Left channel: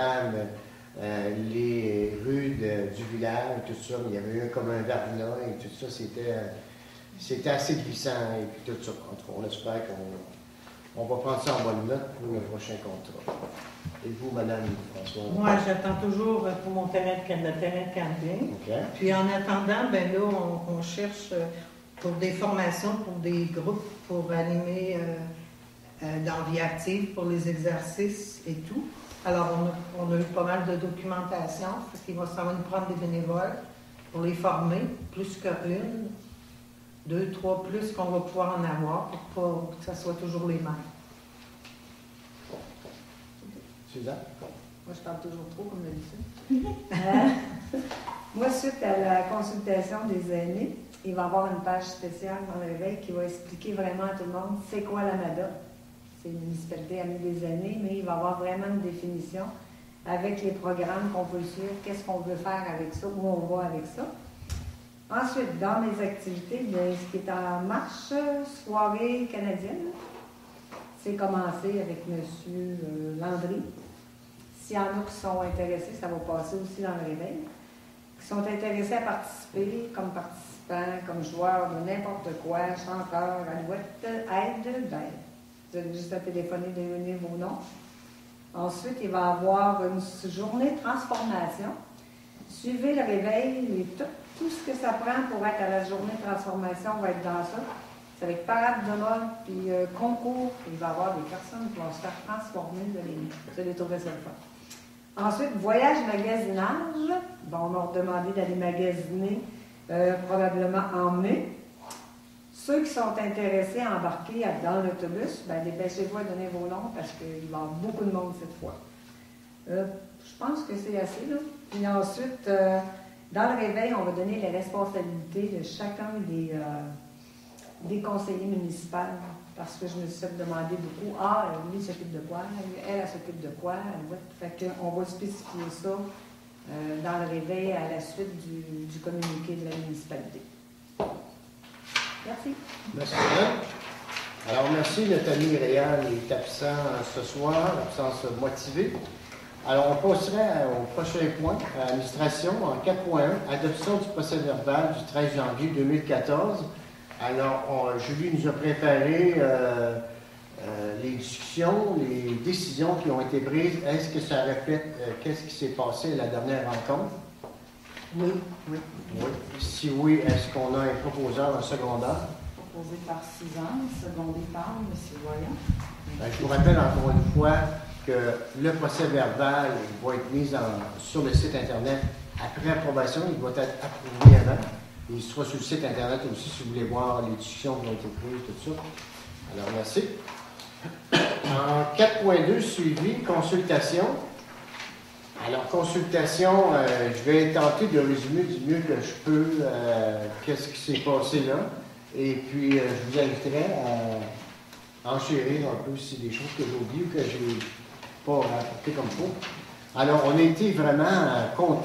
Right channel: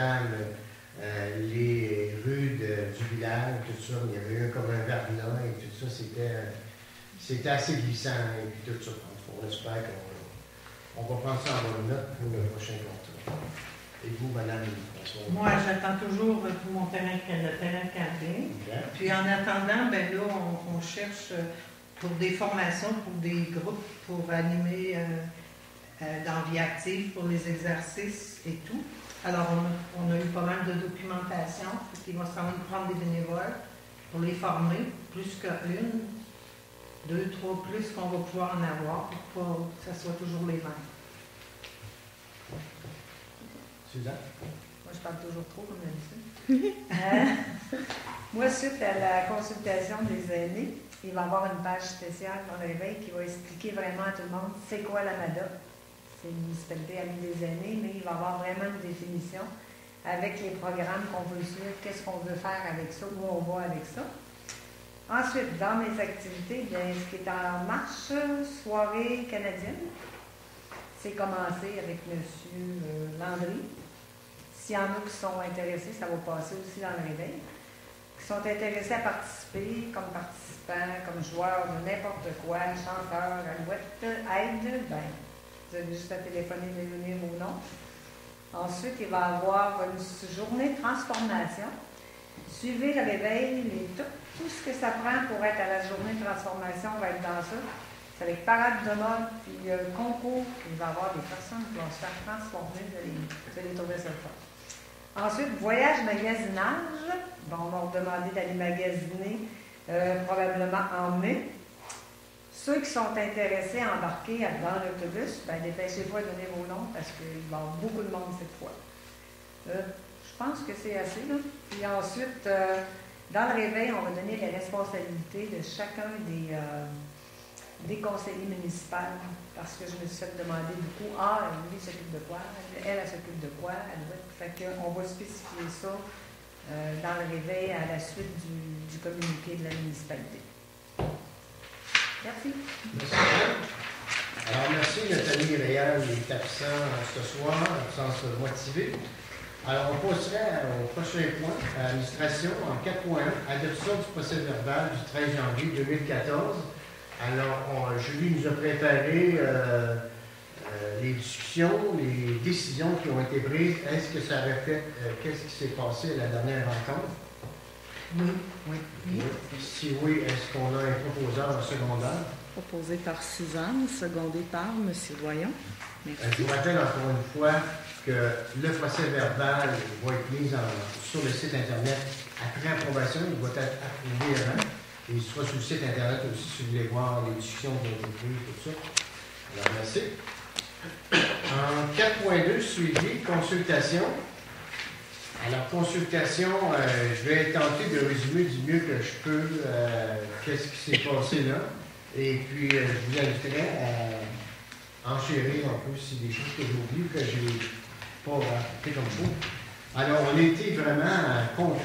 entame les rues du village, tout ça. Il y avait eu comme un verglas et tout ça. C'était assez glissant et puis tout ça. En tout cas, on espère qu'on va prendre ça en bonne note pour le prochain contrat. Et vous, madame François? Moi, j'attends toujours pour mon terrain de camping. Okay. Puis en attendant, ben là, on cherche pour des formations, pour des groupes, pour animer dans vie active, pour les exercices et tout. Alors, on a eu pas mal de documentation. Il va falloir nous prendre des bénévoles pour les former, plus qu'une, 2, 3 plus qu'on va pouvoir en avoir, pour que ça soit toujours les mêmes. Suzanne? Moi, je parle toujours trop, comme d'habitude. Moi, suite à la consultation des aînés, il va y avoir une page spéciale dans le réveil qui va expliquer vraiment à tout le monde c'est quoi l'AMADA. C'est une municipalité amie des aînés, mais il va y avoir vraiment une définition avec les programmes qu'on veut suivre, qu'est-ce qu'on veut faire avec ça, où on va avec ça. Ensuite, dans les activités, bien, ce qui est en marche, soirée canadienne. C'est commencé avec M. Landry. S'il y en a qui sont intéressés, ça va passer aussi dans le réveil. Qui sont intéressés à participer comme participants, comme joueurs de n'importe quoi, chanteurs, alouettes, aide, ben, vous avez juste à téléphoner, donner vos noms. Ensuite, il va y avoir une journée de transformation. Suivez le réveil, tout ce que ça prend pour être à la journée de transformation va être dans ça. C'est avec parade de mode, puis concours, puis il va y avoir des personnes qui vont se faire transformer. Vous allez trouver ça le fun. Ensuite, voyage magasinage. Bon, on m'a demandé d'aller magasiner probablement en mai. Ceux qui sont intéressés à embarquer dans l'autobus, ben, dépêchez-vous à donner vos noms parce qu'il va y avoir beaucoup de monde cette fois. Je pense que c'est assez, là. Puis ensuite, dans le réveil, on va donner les responsabilités de chacun des conseillers municipaux. Parce que je me suis fait demander beaucoup, lui s'occupe de quoi, elle s'occupe de quoi. Fait qu'on va spécifier ça dans le réveil à la suite du communiqué de la municipalité. Merci. Merci, madame. Alors, merci, notre ami Réal est absent ce soir, absence motivée. Alors, on passerait au prochain point, à l'administration, en 4.1, adoption du procès-verbal du 13 janvier 2014. Alors, Julie nous a préparé les discussions, les décisions qui ont été prises. Est-ce que ça répète qu'est-ce qui s'est passé à la dernière rencontre? Oui. Si oui, est-ce qu'on a un proposeur en secondaire? Proposé par Suzanne, secondé par M. Voyon. Je vous rappelle encore une fois que le procès-verbal va être mis sur le site Internet après approbation. Il va être approuvé avant. Et il sera sur le site Internet aussi si vous voulez voir les discussions qui ont été prises, tout ça. Alors, merci. En 4.2, suivi, consultation. Alors, consultation, je vais tenter de résumer du mieux que je peux qu'est-ce qui s'est passé là. Et puis, je vous inviterai à enchérir un peu si des choses que j'ai oubliées ou que je n'ai pas rapportées comme il faut. Alors, on a été vraiment contents.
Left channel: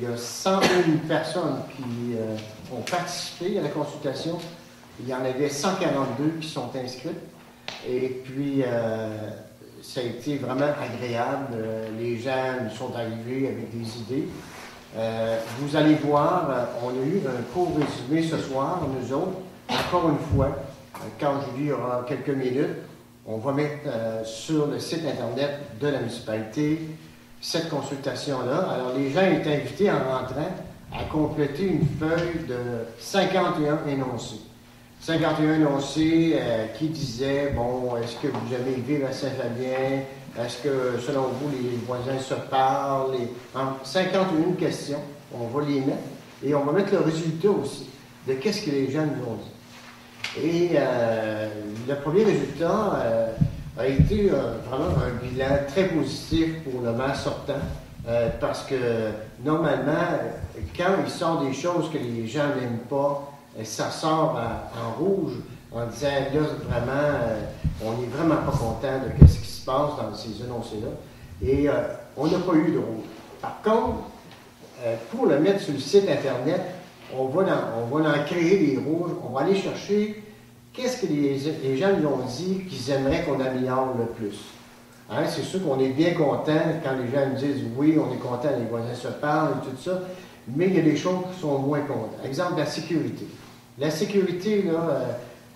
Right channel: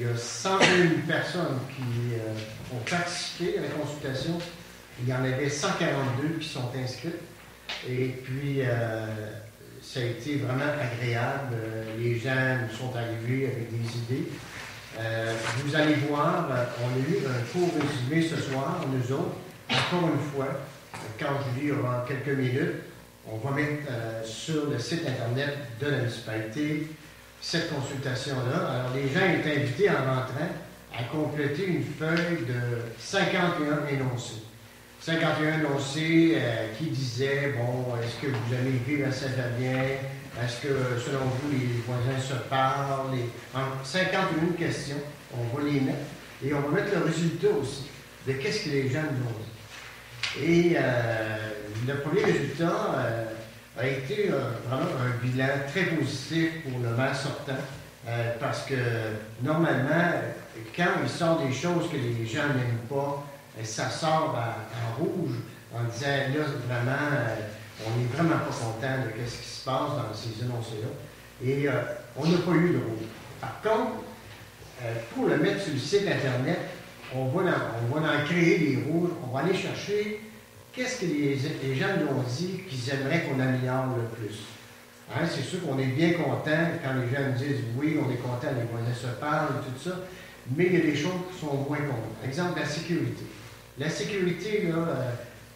Il y a 101 personnes qui ont participé à la consultation. Il y en avait 142 qui sont inscrites. Et puis, ça a été vraiment agréable. Les gens nous sont arrivés avec des idées. Vous allez voir, on a eu un court résumé ce soir, nous autres. Encore une fois, quand Julie aura quelques minutes, on va mettre sur le site Internet de la municipalité cette consultation-là. Alors, les gens étaient invités en rentrant à compléter une feuille de 51 énoncés. 51 énoncés qui disaient, bon, est-ce que vous aimez vivre à Saint-Fabien? Est-ce que, selon vous, les voisins se parlent? 51 questions, on va les mettre. Et on va mettre le résultat aussi de qu'est-ce que les gens nous ont dit. Et le premier résultat a été vraiment un bilan très positif pour le maire sortant, parce que normalement, quand il sort des choses que les gens n'aiment pas, ça sort en rouge en disant là, vraiment, on n'est vraiment pas content de ce qui se passe dans ces énoncés-là. Et on n'a pas eu de rouge. Par contre, pour le mettre sur le site Internet, on va en créer des rouges, on va aller chercher qu'est-ce que les gens nous ont dit qu'ils aimeraient qu'on améliore le plus. Hein, c'est sûr qu'on est bien content quand les gens nous disent oui, on est content, les voisins se parlent et tout ça, mais il y a des choses qui sont moins contents. Exemple, la sécurité. La sécurité, là,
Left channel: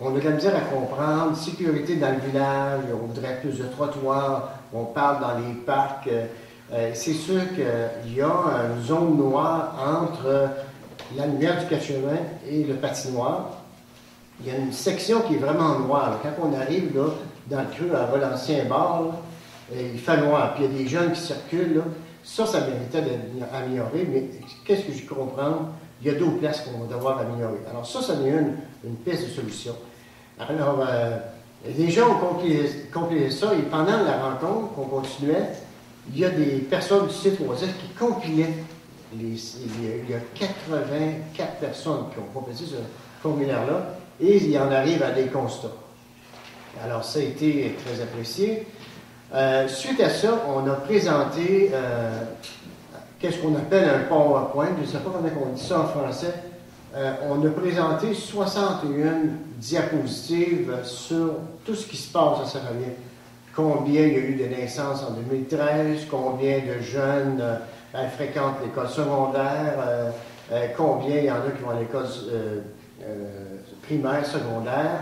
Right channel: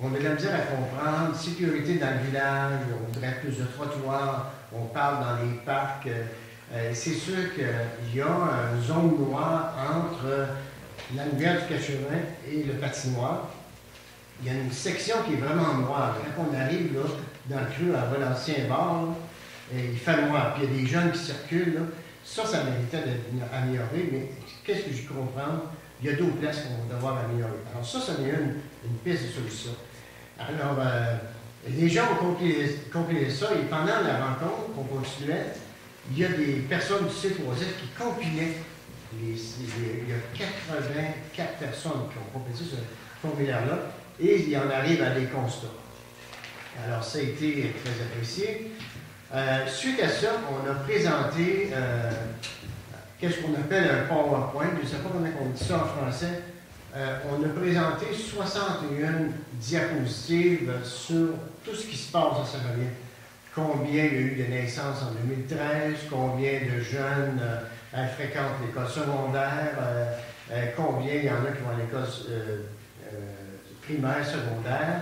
on a de la misère à comprendre. Sécurité dans le village, on voudrait plus de trottoirs, on parle dans les parcs. C'est sûr qu'il y a une zone noire entre la lumière du cachemin et le patinoire. Il y a une section qui est vraiment noire. Quand on arrive là, dans le creux à l'ancien bar, là, il fait noir. Puis il y a des jeunes qui circulent. Là. Ça méritait d'être amélioré. Mais qu'est-ce que je comprends? Il y a d'autres places qu'on va devoir améliorer. Alors ça en est une piste de solution. Alors, les gens ont compilé ça. Et pendant la rencontre qu'on continuait, il y a des personnes du site OASIS qui compilaient. Il y a 84 personnes qui ont complété ce formulaire-là. Et il en arrive à des constats. Alors, ça a été très apprécié. Suite à ça, on a présenté qu'est-ce qu'on appelle un PowerPoint. Je ne sais pas comment on dit ça en français. On a présenté 61 diapositives sur tout ce qui se passe à Saint-Fabien. Combien il y a eu de naissances en 2013, combien de jeunes fréquentent l'école secondaire, combien il y en a qui vont à l'école primaire, secondaire.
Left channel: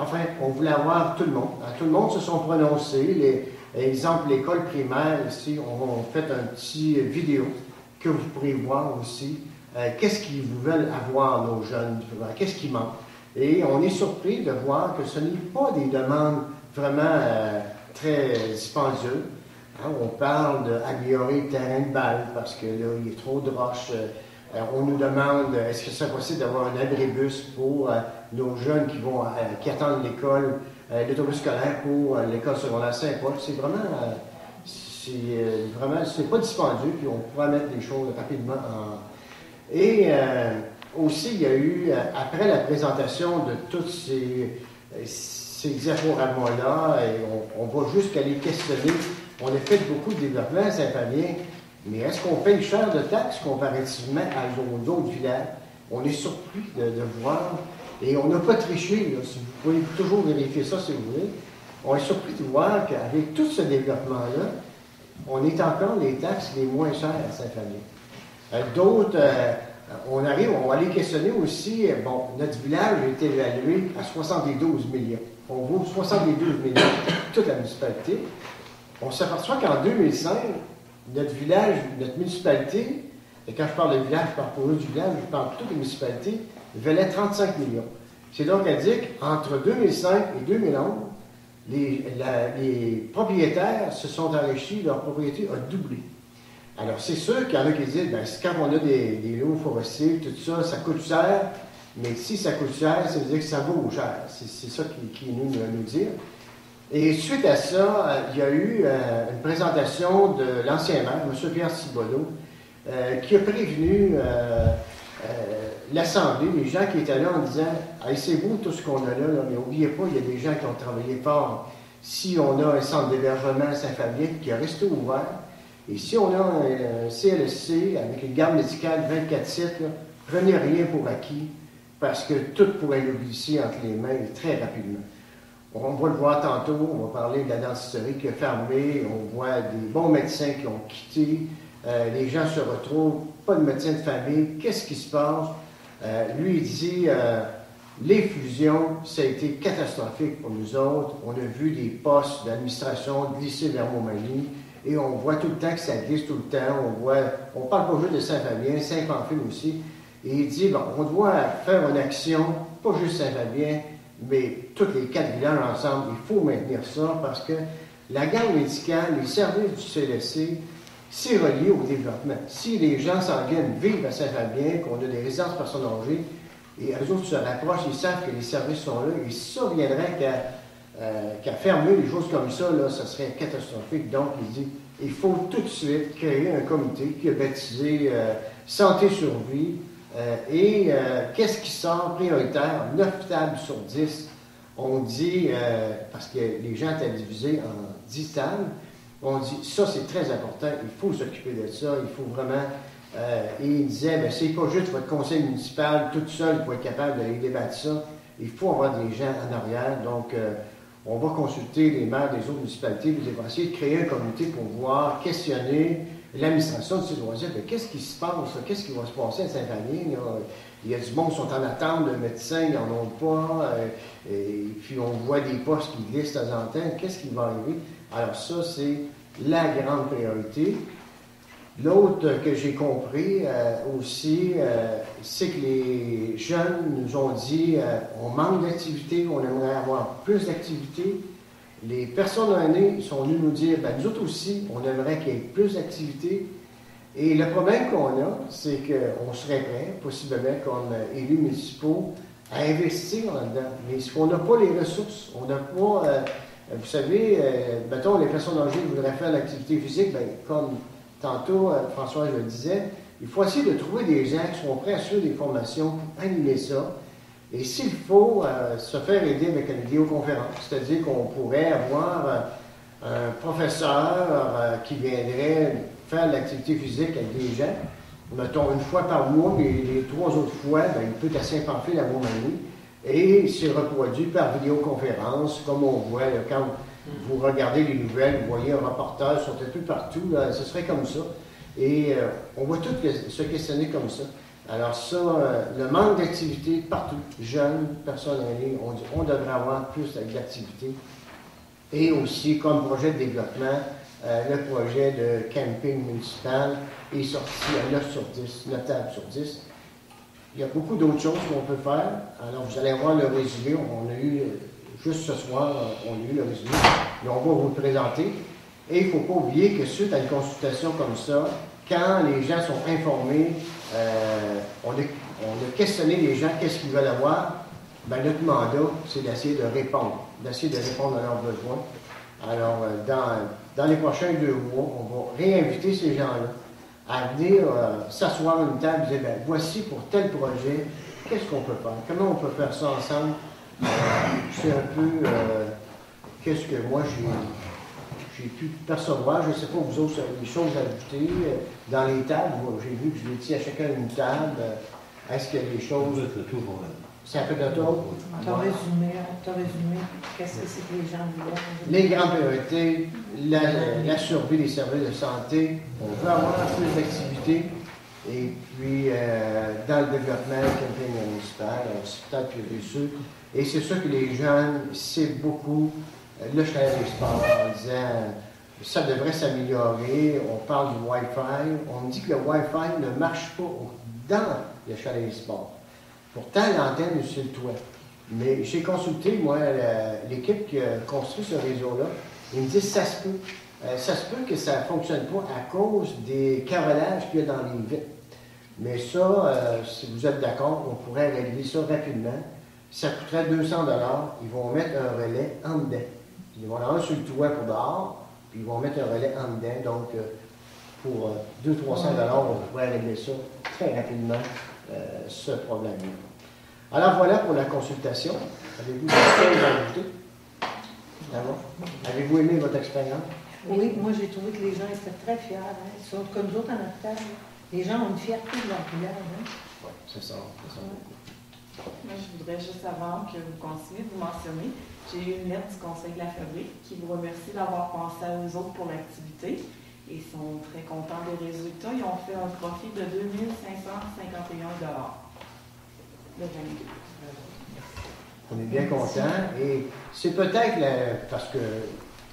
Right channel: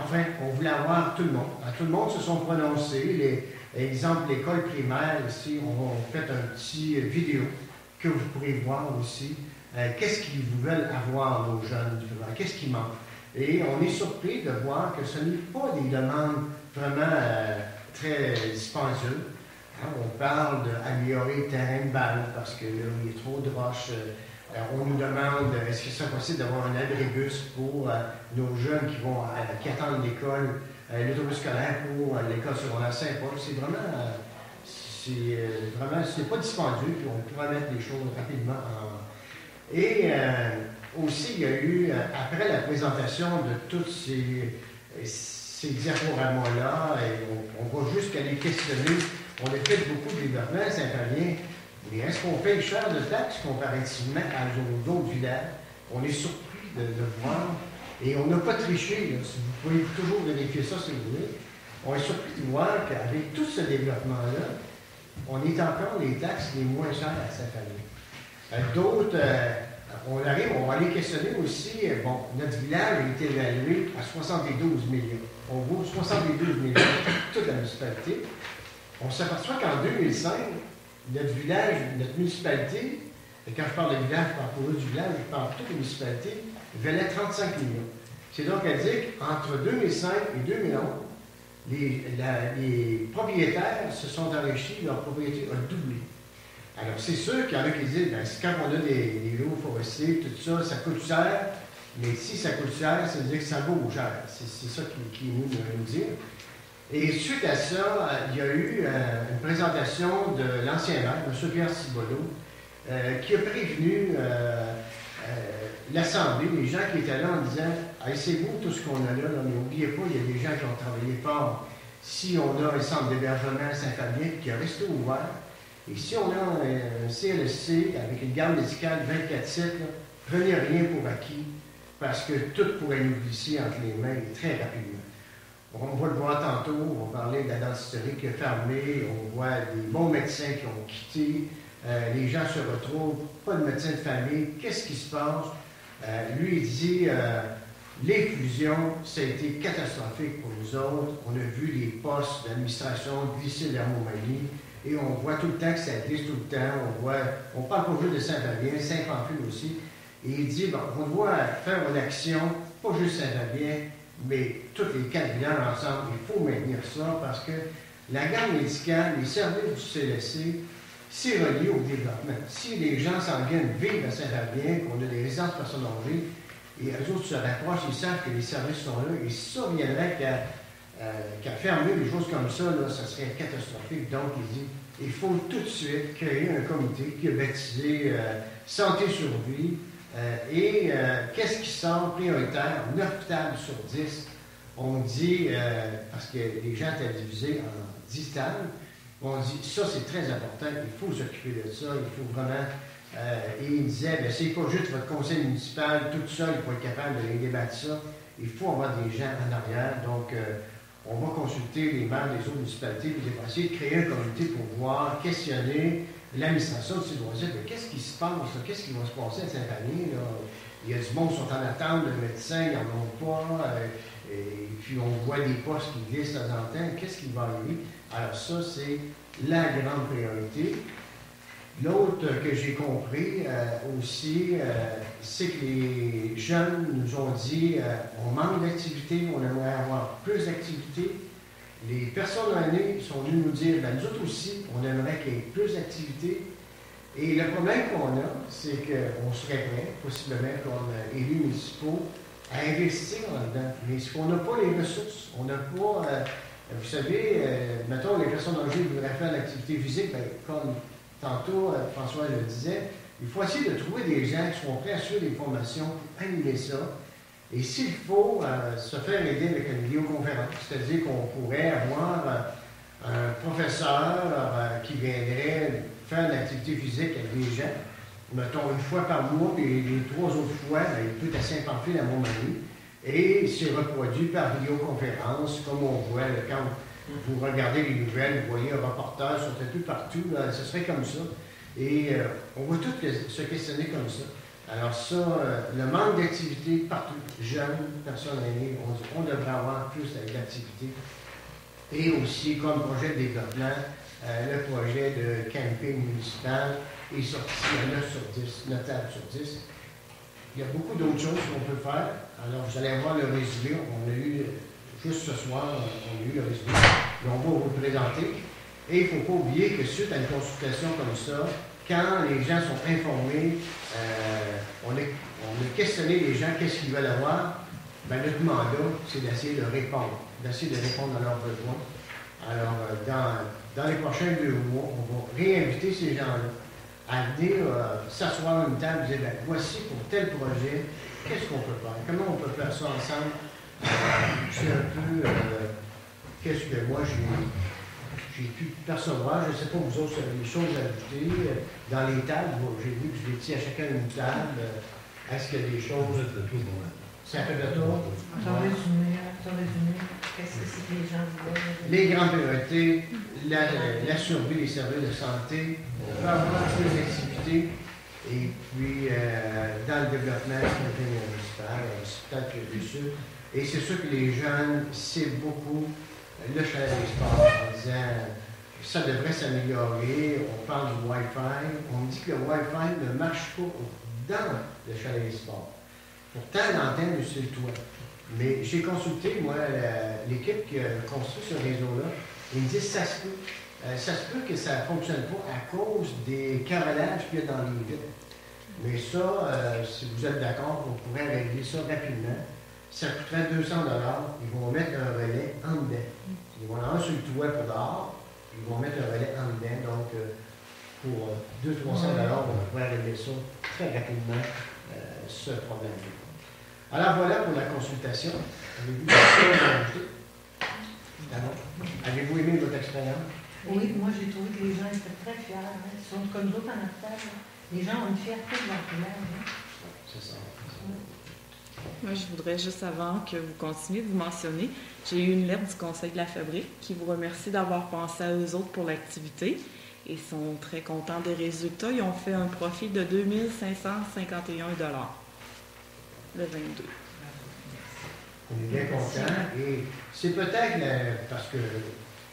Enfin, on voulait avoir tout le monde. Tout le monde se sont prononcés. Exemple, l'école primaire ici, on fait un petit vidéo que vous pourrez voir aussi. Qu'est-ce qu'ils veulent avoir, nos jeunes? Qu'est-ce qui manque? Et on est surpris de voir que ce n'est pas des demandes vraiment très dispendieuses. Hein, on parle d'améliorer le terrain de balle parce que là, il est trop de roches. On nous demande est-ce que c'est possible d'avoir un abribus pour nos jeunes qui attendent l'école, l'autobus scolaire pour l'école secondaire Saint-Paul. C'est pas dispendieux, puis on pourra mettre les choses rapidement en. Et aussi, il y a eu, après la présentation de tous ces diaporamas-là, on va jusqu'à les questionner. On a fait beaucoup de développement à Saint-Fabien. Mais est-ce qu'on paye cher de taxes comparativement aux autres villages? On est surpris de voir. Et on n'a pas triché. Là. Si vous pouvez toujours vérifier ça si vous voulez. On est surpris de voir qu'avec tout ce développement-là, on est encore les taxes les moins chères à Saint-Fabien. D'autres, on va aller questionner aussi. Bon, notre village a été évalué à 72 millions. On vaut 72 millions toute la municipalité. On s'aperçoit qu'en 2005, notre village, notre municipalité, et quand je parle de village, je parle pour eux du village, je parle pour toutes les municipalités, valait 35 millions. C'est donc à dire qu'entre 2005 et 2011, les propriétaires se sont enrichis, leur propriété a doublé. Alors, c'est sûr qu'il y en a qui disent, bien, quand on a des lots forestiers, tout ça, ça coûte cher, mais si ça coûte cher, ça veut dire que ça vaut cher. C'est ça qui nous dire. Et suite à ça, il y a eu une présentation de l'ancien maire, M. Pierre Cibolo, qui a prévenu l'Assemblée, les gens qui étaient là en disant « Hey, c'est beau tout ce qu'on a là, mais n'oubliez pas, il y a des gens qui ont travaillé fort. Si on a un centre d'hébergement à Saint-Fabien qui a resté ouvert, et si on a un CLSC avec une garde médicale 24/7, prenez rien pour acquis, parce que tout pourrait nous glisser entre les mains très rapidement. » On va le voir tantôt, on va parler de la dentisterie qui a fermé, on voit des bons médecins qui ont quitté, les gens se retrouvent, pas de médecin de famille, qu'est-ce qui se passe? Lui, il dit, les fusions, ça a été catastrophique pour nous autres, on a vu des postes d'administration glisser vers Montmagny, et on voit tout le temps que ça glisse tout le temps, on parle pas juste de Saint-Fabien, Saint-Pamphile aussi, et il dit, bon, on doit faire une action, pas juste Saint-Fabien, mais tous les 4 villages ensemble, il faut maintenir ça parce que la garde médicale, les services du CLSC, c'est relié au développement. Si les gens s'en viennent vivre à Saint-Fabien, qu'on a des résidences personnes âgées, et eux autres se rapprochent, ils savent que les services sont là, et si ça viendrait qu'à fermer des choses comme ça, là, ça serait catastrophique. Donc, il dit, il faut tout de suite créer un comité qui est baptisé Santé Survie. Qu'est-ce qui sort prioritaire? 9 tables sur 10. On dit, parce que les gens étaient divisés en 10 tables, on dit, ça c'est très important, il faut s'occuper de ça, il faut vraiment... et il disait, bien, c'est pas juste votre conseil municipal tout seul pour être capable de débattre ça, il faut avoir des gens en arrière. Donc, On va consulter les maires des autres municipalités, puis on va essayer de créer un comité pour voir, questionner l'administration de ces loisirs. Mais qu'est-ce qui se passe, là? Qu'est-ce qui va se passer à Saint-Denis? Il y a du monde qui sont en attente de médecins, ils n'en ont pas. Et puis on voit des postes qui glissent de temps en temps. Qu'est-ce qui va arriver? Alors ça, c'est la grande priorité. L'autre que j'ai compris aussi, c'est que les jeunes nous ont dit on manque d'activité, on aimerait avoir plus d'activité. Les personnes âgées sont venues nous dire ben, nous autres aussi, on aimerait qu'il y ait plus d'activité. Et le problème qu'on a, c'est qu'on serait prêt, possiblement comme élus municipaux, à investir là-dedans. Mais on n'a pas les ressources, on n'a pas, vous savez, mettons, les personnes âgées voudraient faire l'activité physique, bien, comme tantôt François le disait, il faut essayer de trouver des gens qui sont prêts à suivre des formations pour animer ça. Et s'il faut se faire aider avec une vidéoconférence, c'est-à-dire qu'on pourrait avoir un professeur qui viendrait faire de l'activité physique avec des gens, mettons une fois par mois, les 3 autres fois, bien, il peut être à Saint-Pamphile à Montmagny, et c'est reproduit par vidéoconférence, comme on voit quand vous regardez les nouvelles, vous voyez un reportage sur un peu partout, ce serait comme ça. Et on va tous se questionner comme ça. Alors ça, le manque d'activité partout, jeunes, personnes âgées, on devrait avoir plus d'activité. Et aussi, comme projet de développement, le projet de camping municipal est sorti à 9 sur 10, notable sur 10. Il y a beaucoup d'autres choses qu'on peut faire. Alors, vous allez voir le résumé. On a eu, juste ce soir, on a eu le résumé. Mais on va vous le présenter. Et il ne faut pas oublier que suite à une consultation comme ça, quand les gens sont informés, on a questionné les gens, qu'est-ce qu'ils veulent avoir. Bien, notre mandat, c'est d'essayer de répondre à leurs besoins. Alors, dans les prochains 2 mois, on va réinviter ces gens-là à venir s'asseoir à une table et dire, bien, voici pour tel projet, qu'est-ce qu'on peut faire? Comment on peut faire ça ensemble? C'est un peu qu'est-ce que moi j'ai pu percevoir. Je ne sais pas, vous autres, des choses à ajouter dans les tables. Moi, j'ai vu que je l'ai dit à chacun une table. Est-ce qu'il y a des choses... C'est un peu de tour. T'as résumé, qu'est-ce que c'est que les gens voulaient? Les grandes priorités, la survie des services de santé, on peut avoir plus d'activités, et puis dans le développement, le camping municipal, c'est peut-être plus sûr. Et c'est sûr que les jeunes, c'est beaucoup le chalet des sports, en disant ça devrait s'améliorer, on parle du Wi-Fi, on me dit que le Wi-Fi ne marche pas dans le chalet des sports. Pourtant, l'antenne est sur le toit. Mais j'ai consulté, moi, l'équipe qui a construit ce réseau-là. Ils me disent ça se peut. Ça se peut que ça ne fonctionne pas à cause des carrelages qu'il y a dans les vitres. Mais ça, si vous êtes d'accord, on pourrait régler ça rapidement. Ça coûterait 200 $. Ils vont mettre un relais en dedans. Ils vont en avoir sur le toit pour dehors. Ils vont mettre un relais en dedans. Donc, pour 200-300 $, on pourrait régler ça très rapidement, ce problème-là. Alors voilà pour la consultation. Avez-vous des choses à ajouter? D'abord, avez-vous aimé votre expérience? Oui, moi j'ai trouvé que les gens étaient très fiers. Hein. Ils sont comme d'autres en affaires. Les gens ont une fierté de leur village. Hein. C'est ça. Moi, je voudrais juste avant que vous continuiez de vous mentionner, j'ai eu une lettre du Conseil de la Fabrique qui vous remercie d'avoir pensé à eux autres pour l'activité et sont très contents des résultats. Ils ont fait un profit de 2 551 $ le 22. On est bien contents et c'est peut-être, parce que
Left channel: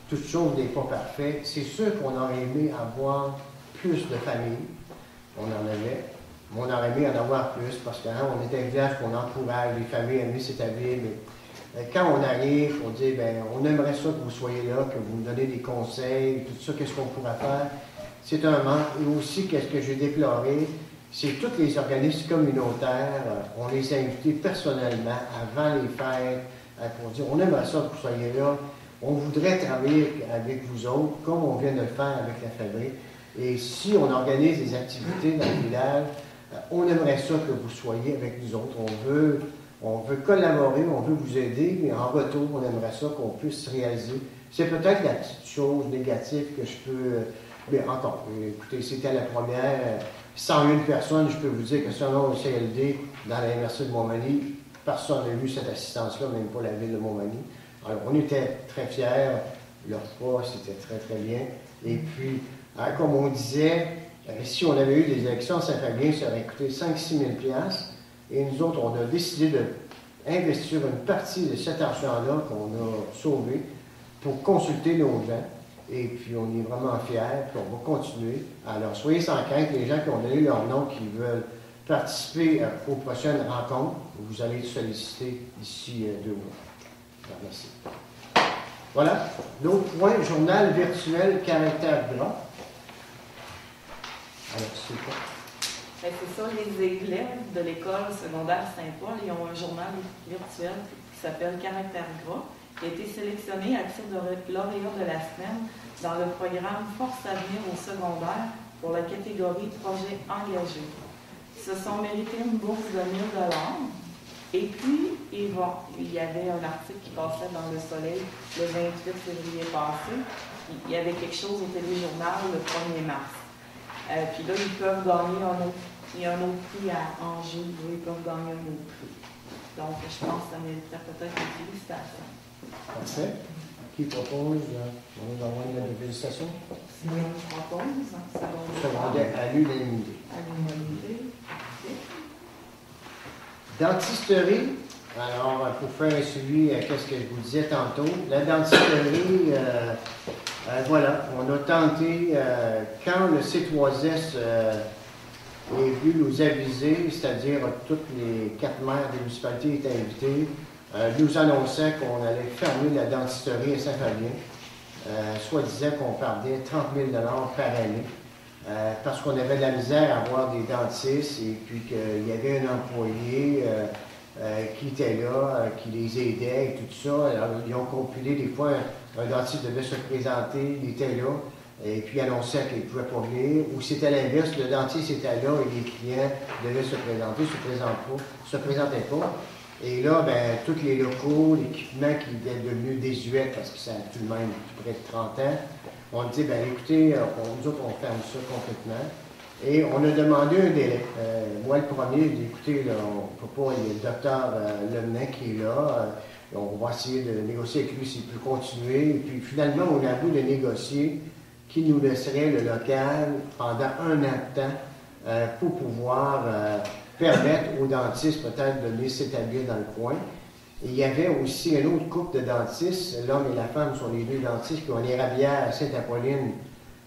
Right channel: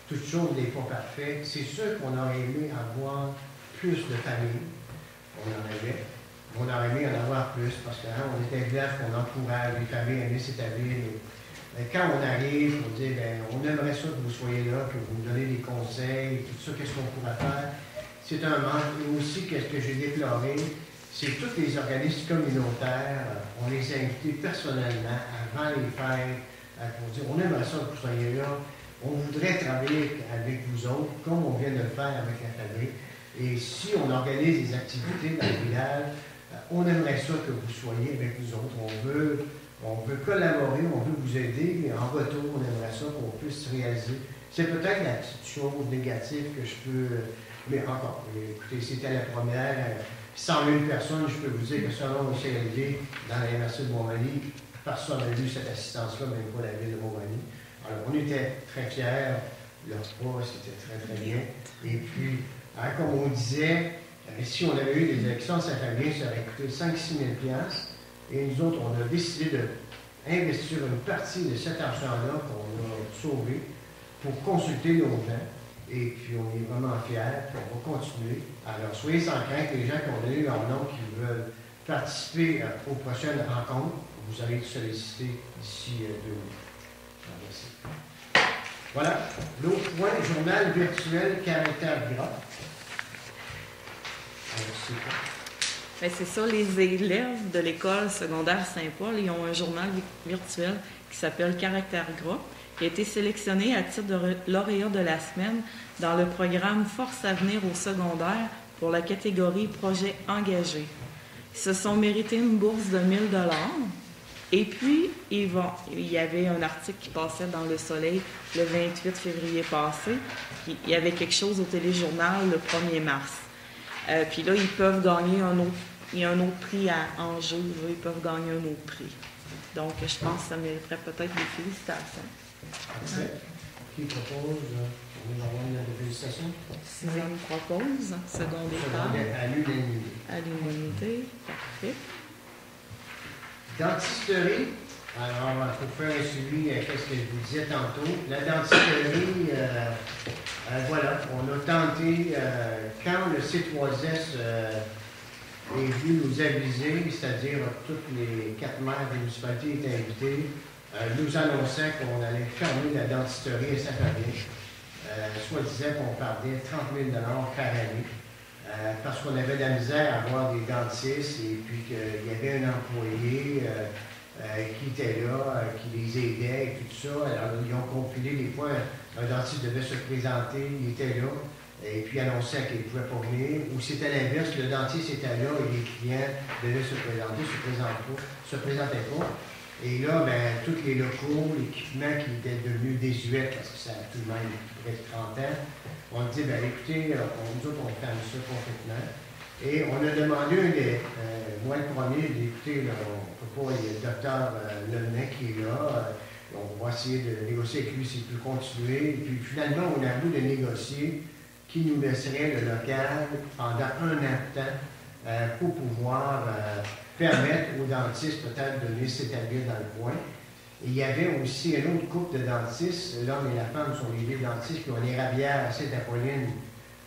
toute chose n'est pas parfaite, c'est sûr qu'on aurait aimé avoir plus de familles. On en avait. On aurait aimé en avoir plus parce qu'on est un village qu'on encourage les familles à aimer s'établir. Mais quand on arrive, on dit, bien, on aimerait ça que vous soyez là, que vous nous donnez des conseils, tout ça, qu'est-ce qu'on pourrait faire. C'est un manque. Et aussi, qu'est-ce que j'ai déploré, c'est tous les organismes communautaires, on les a invités personnellement avant les fêtes pour dire, on aimerait ça que vous soyez là, on voudrait travailler avec vous autres, comme on vient de le faire avec la fabrique. Et si on organise des activités dans le village, on aimerait ça que vous soyez avec nous autres. On veut collaborer, on veut vous aider, mais en retour, on aimerait ça qu'on puisse réaliser. C'est peut-être la petite chose négative que je peux... Mais encore, écoutez, c'était la première. 100 000 personnes, je peux vous dire que selon le CLD, dans la MRC de Montmagny, personne n'a eu cette assistance-là, même pas la ville de Montmagny. Alors, on était très fiers. Leur pas, c'était très, très bien. Et puis, hein, comme on disait, si on avait eu des élections à Saint-Fabien, ça aurait coûté 5-6 000 $. Et nous autres, on a décidé d'investir une partie de cet argent-là qu'on a sauvé pour consulter nos gens. Et puis, on est vraiment fiers, puis on va continuer. Alors, soyez sans crainte, les gens qui ont donné leur nom, qui veulent participer aux prochaines rencontres, vous allez être sollicités d'ici 2 mois. Merci. Voilà. L'autre point, journal virtuel caractère gras. Alors, c'est quoi? Bien, c'est ça, les élèves de l'école secondaire Saint-Paul, ils ont un journal virtuel qui s'appelle Caractère gras, qui a été sélectionné à titre de lauréat de la semaine dans le programme Force à venir au secondaire pour la catégorie Projet engagé. Ils se sont mérités une bourse de 1 000 $. Et puis, il y avait un article qui passait dans Le Soleil le 28 février passé. Il y avait quelque chose au téléjournal le 1er mars. Puis là, ils peuvent gagner il y a un autre prix à enjeu. Là, ils peuvent gagner un autre prix. Donc, je pense que ça mériterait peut-être des félicitations. Parfait. Qui propose? On va avoir une félicitations. Si on propose, Secondaire à l'unanimité. À l'unanimité. Parfait. Dentisterie. Alors, pour faire un suivi à ce que je vous disais tantôt, la dentisterie, voilà, on a tenté, quand le C3S est venu nous aviser, c'est-à-dire toutes les 4 maires des municipalités étaient invitées, nous annonçait qu'on allait fermer la dentisterie à Saint-Fabien, soit disait qu'on perdait 30 000 $ par année, parce qu'on avait de la misère à avoir des dentistes et puis qu'il y avait un employé qui était là, qui les aidait et tout ça. Alors, ils ont compilé des fois, un dentiste devait se présenter, il était là, et puis annonçait qu'il ne pouvait pas venir. Ou c'était l'inverse, le dentiste était là et les clients devaient se présenter, se présentaient pas. Et là, ben, tous les locaux, l'équipement qui était devenu désuet, parce que ça a tout de même près de 30 ans, on dit, ben écoutez, nous autres, on ferme ça complètement. Et on a demandé un délai. Moi, le premier, j'ai dit, écoutez, là, on ne peut pas, il y a le docteur Lemenet qui est là, on va essayer de négocier avec lui s'il peut continuer. Et puis finalement, on a voulu de négocier qui nous laisserait le local pendant 1 an de temps pour pouvoir permettre aux dentistes peut-être de venir s'établir dans le coin. Et il y avait aussi un autre couple de dentistes, l'homme et la femme sont les 2 dentistes qui ont les Rabières à Sainte-Apolline.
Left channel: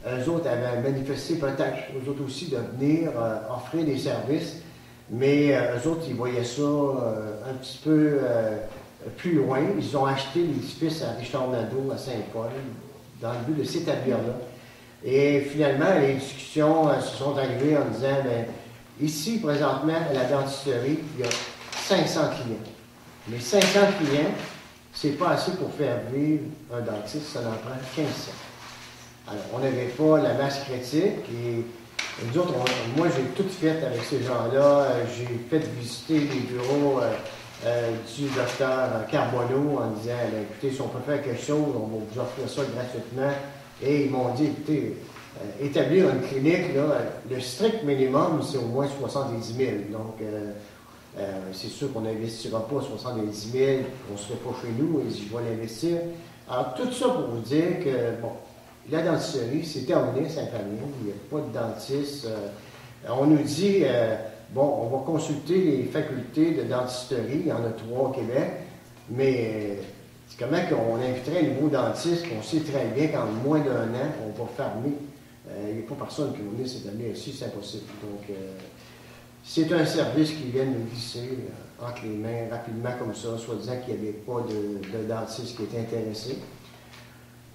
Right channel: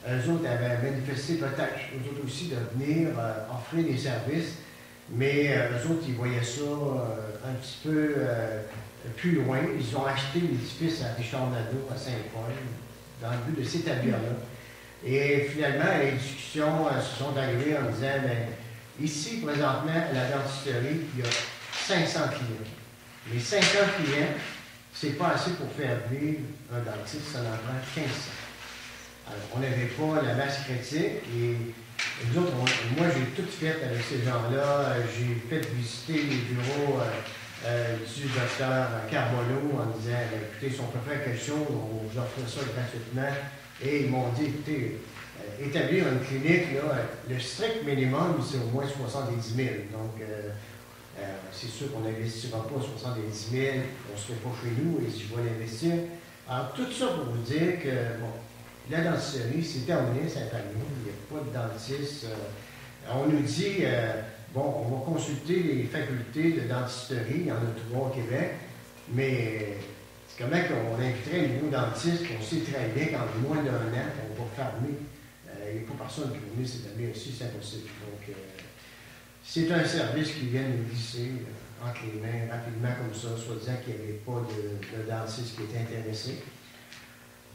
Eux autres avaient manifesté peut-être, eux autres aussi, de venir offrir des services, mais eux autres, ils voyaient ça un petit peu plus loin. Ils ont acheté l'édifice à Richard-Nadeau, à Saint-Paul, dans le but de s'établir là. Et finalement, les discussions se sont arrivées en disant, bien, ici, présentement, à la dentisterie, il y a 500 clients. Mais 500 clients, c'est pas assez pour faire vivre un dentiste, ça en prend 1500. Alors, on n'avait pas la masse critique et nous autres, moi, j'ai tout fait avec ces gens-là. J'ai fait visiter les bureaux du docteur Carbonneau en disant, écoutez, si on peut faire quelque chose, on va vous offrir ça gratuitement. Et ils m'ont dit, écoutez, établir une clinique, là, le strict minimum, c'est au moins 70 000. Donc, c'est sûr qu'on n'investira pas 70 000, on ne se fait pas chez nous, et je vais l'investir. Alors, tout ça pour vous dire que, bon, la dentisterie, c'est terminé, Saint-Fabien, il n'y a pas de dentiste. On nous dit, bon, on va consulter les facultés de dentisterie, il y en a 3 au Québec, mais c'est comment qu'on inviterait un nouveau dentiste, qu'on sait très bien qu'en moins d'1 an, on va fermer. Il n'y a pas personne qui va venir s'établir ici, c'est impossible. Donc, c'est un service qui vient nous glisser entre les mains rapidement comme ça, soit disant qu'il n'y avait pas de dentiste qui était intéressé.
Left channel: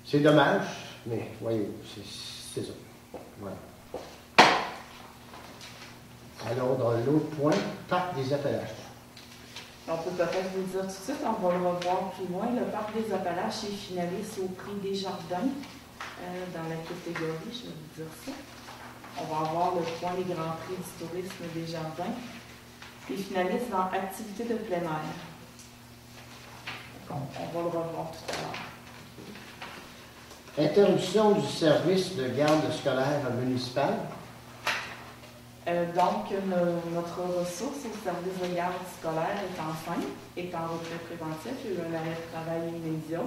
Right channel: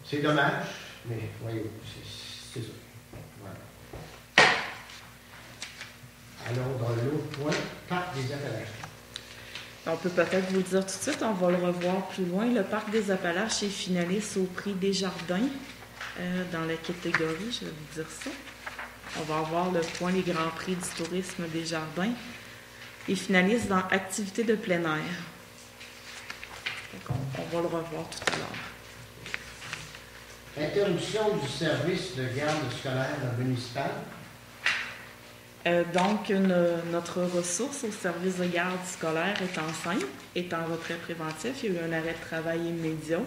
C'est dommage, mais voyez, c'est ça. Voilà. Alors, dans l'autre point, Parc des Appalaches. On peut peut-être vous dire tout de suite, on va le revoir plus loin. Le Parc des Appalaches est finaliste au prix Desjardins dans la catégorie, je vais vous dire ça. On va avoir le point les Grands Prix du tourisme Desjardins et finaliste dans Activités de plein air. Donc, on va le revoir tout à l'heure. Interruption du service de garde scolaire municipal. Donc, notre ressource au service de garde scolaire est enceinte, est en retrait préventif. Il y a eu un arrêt de travail immédiat.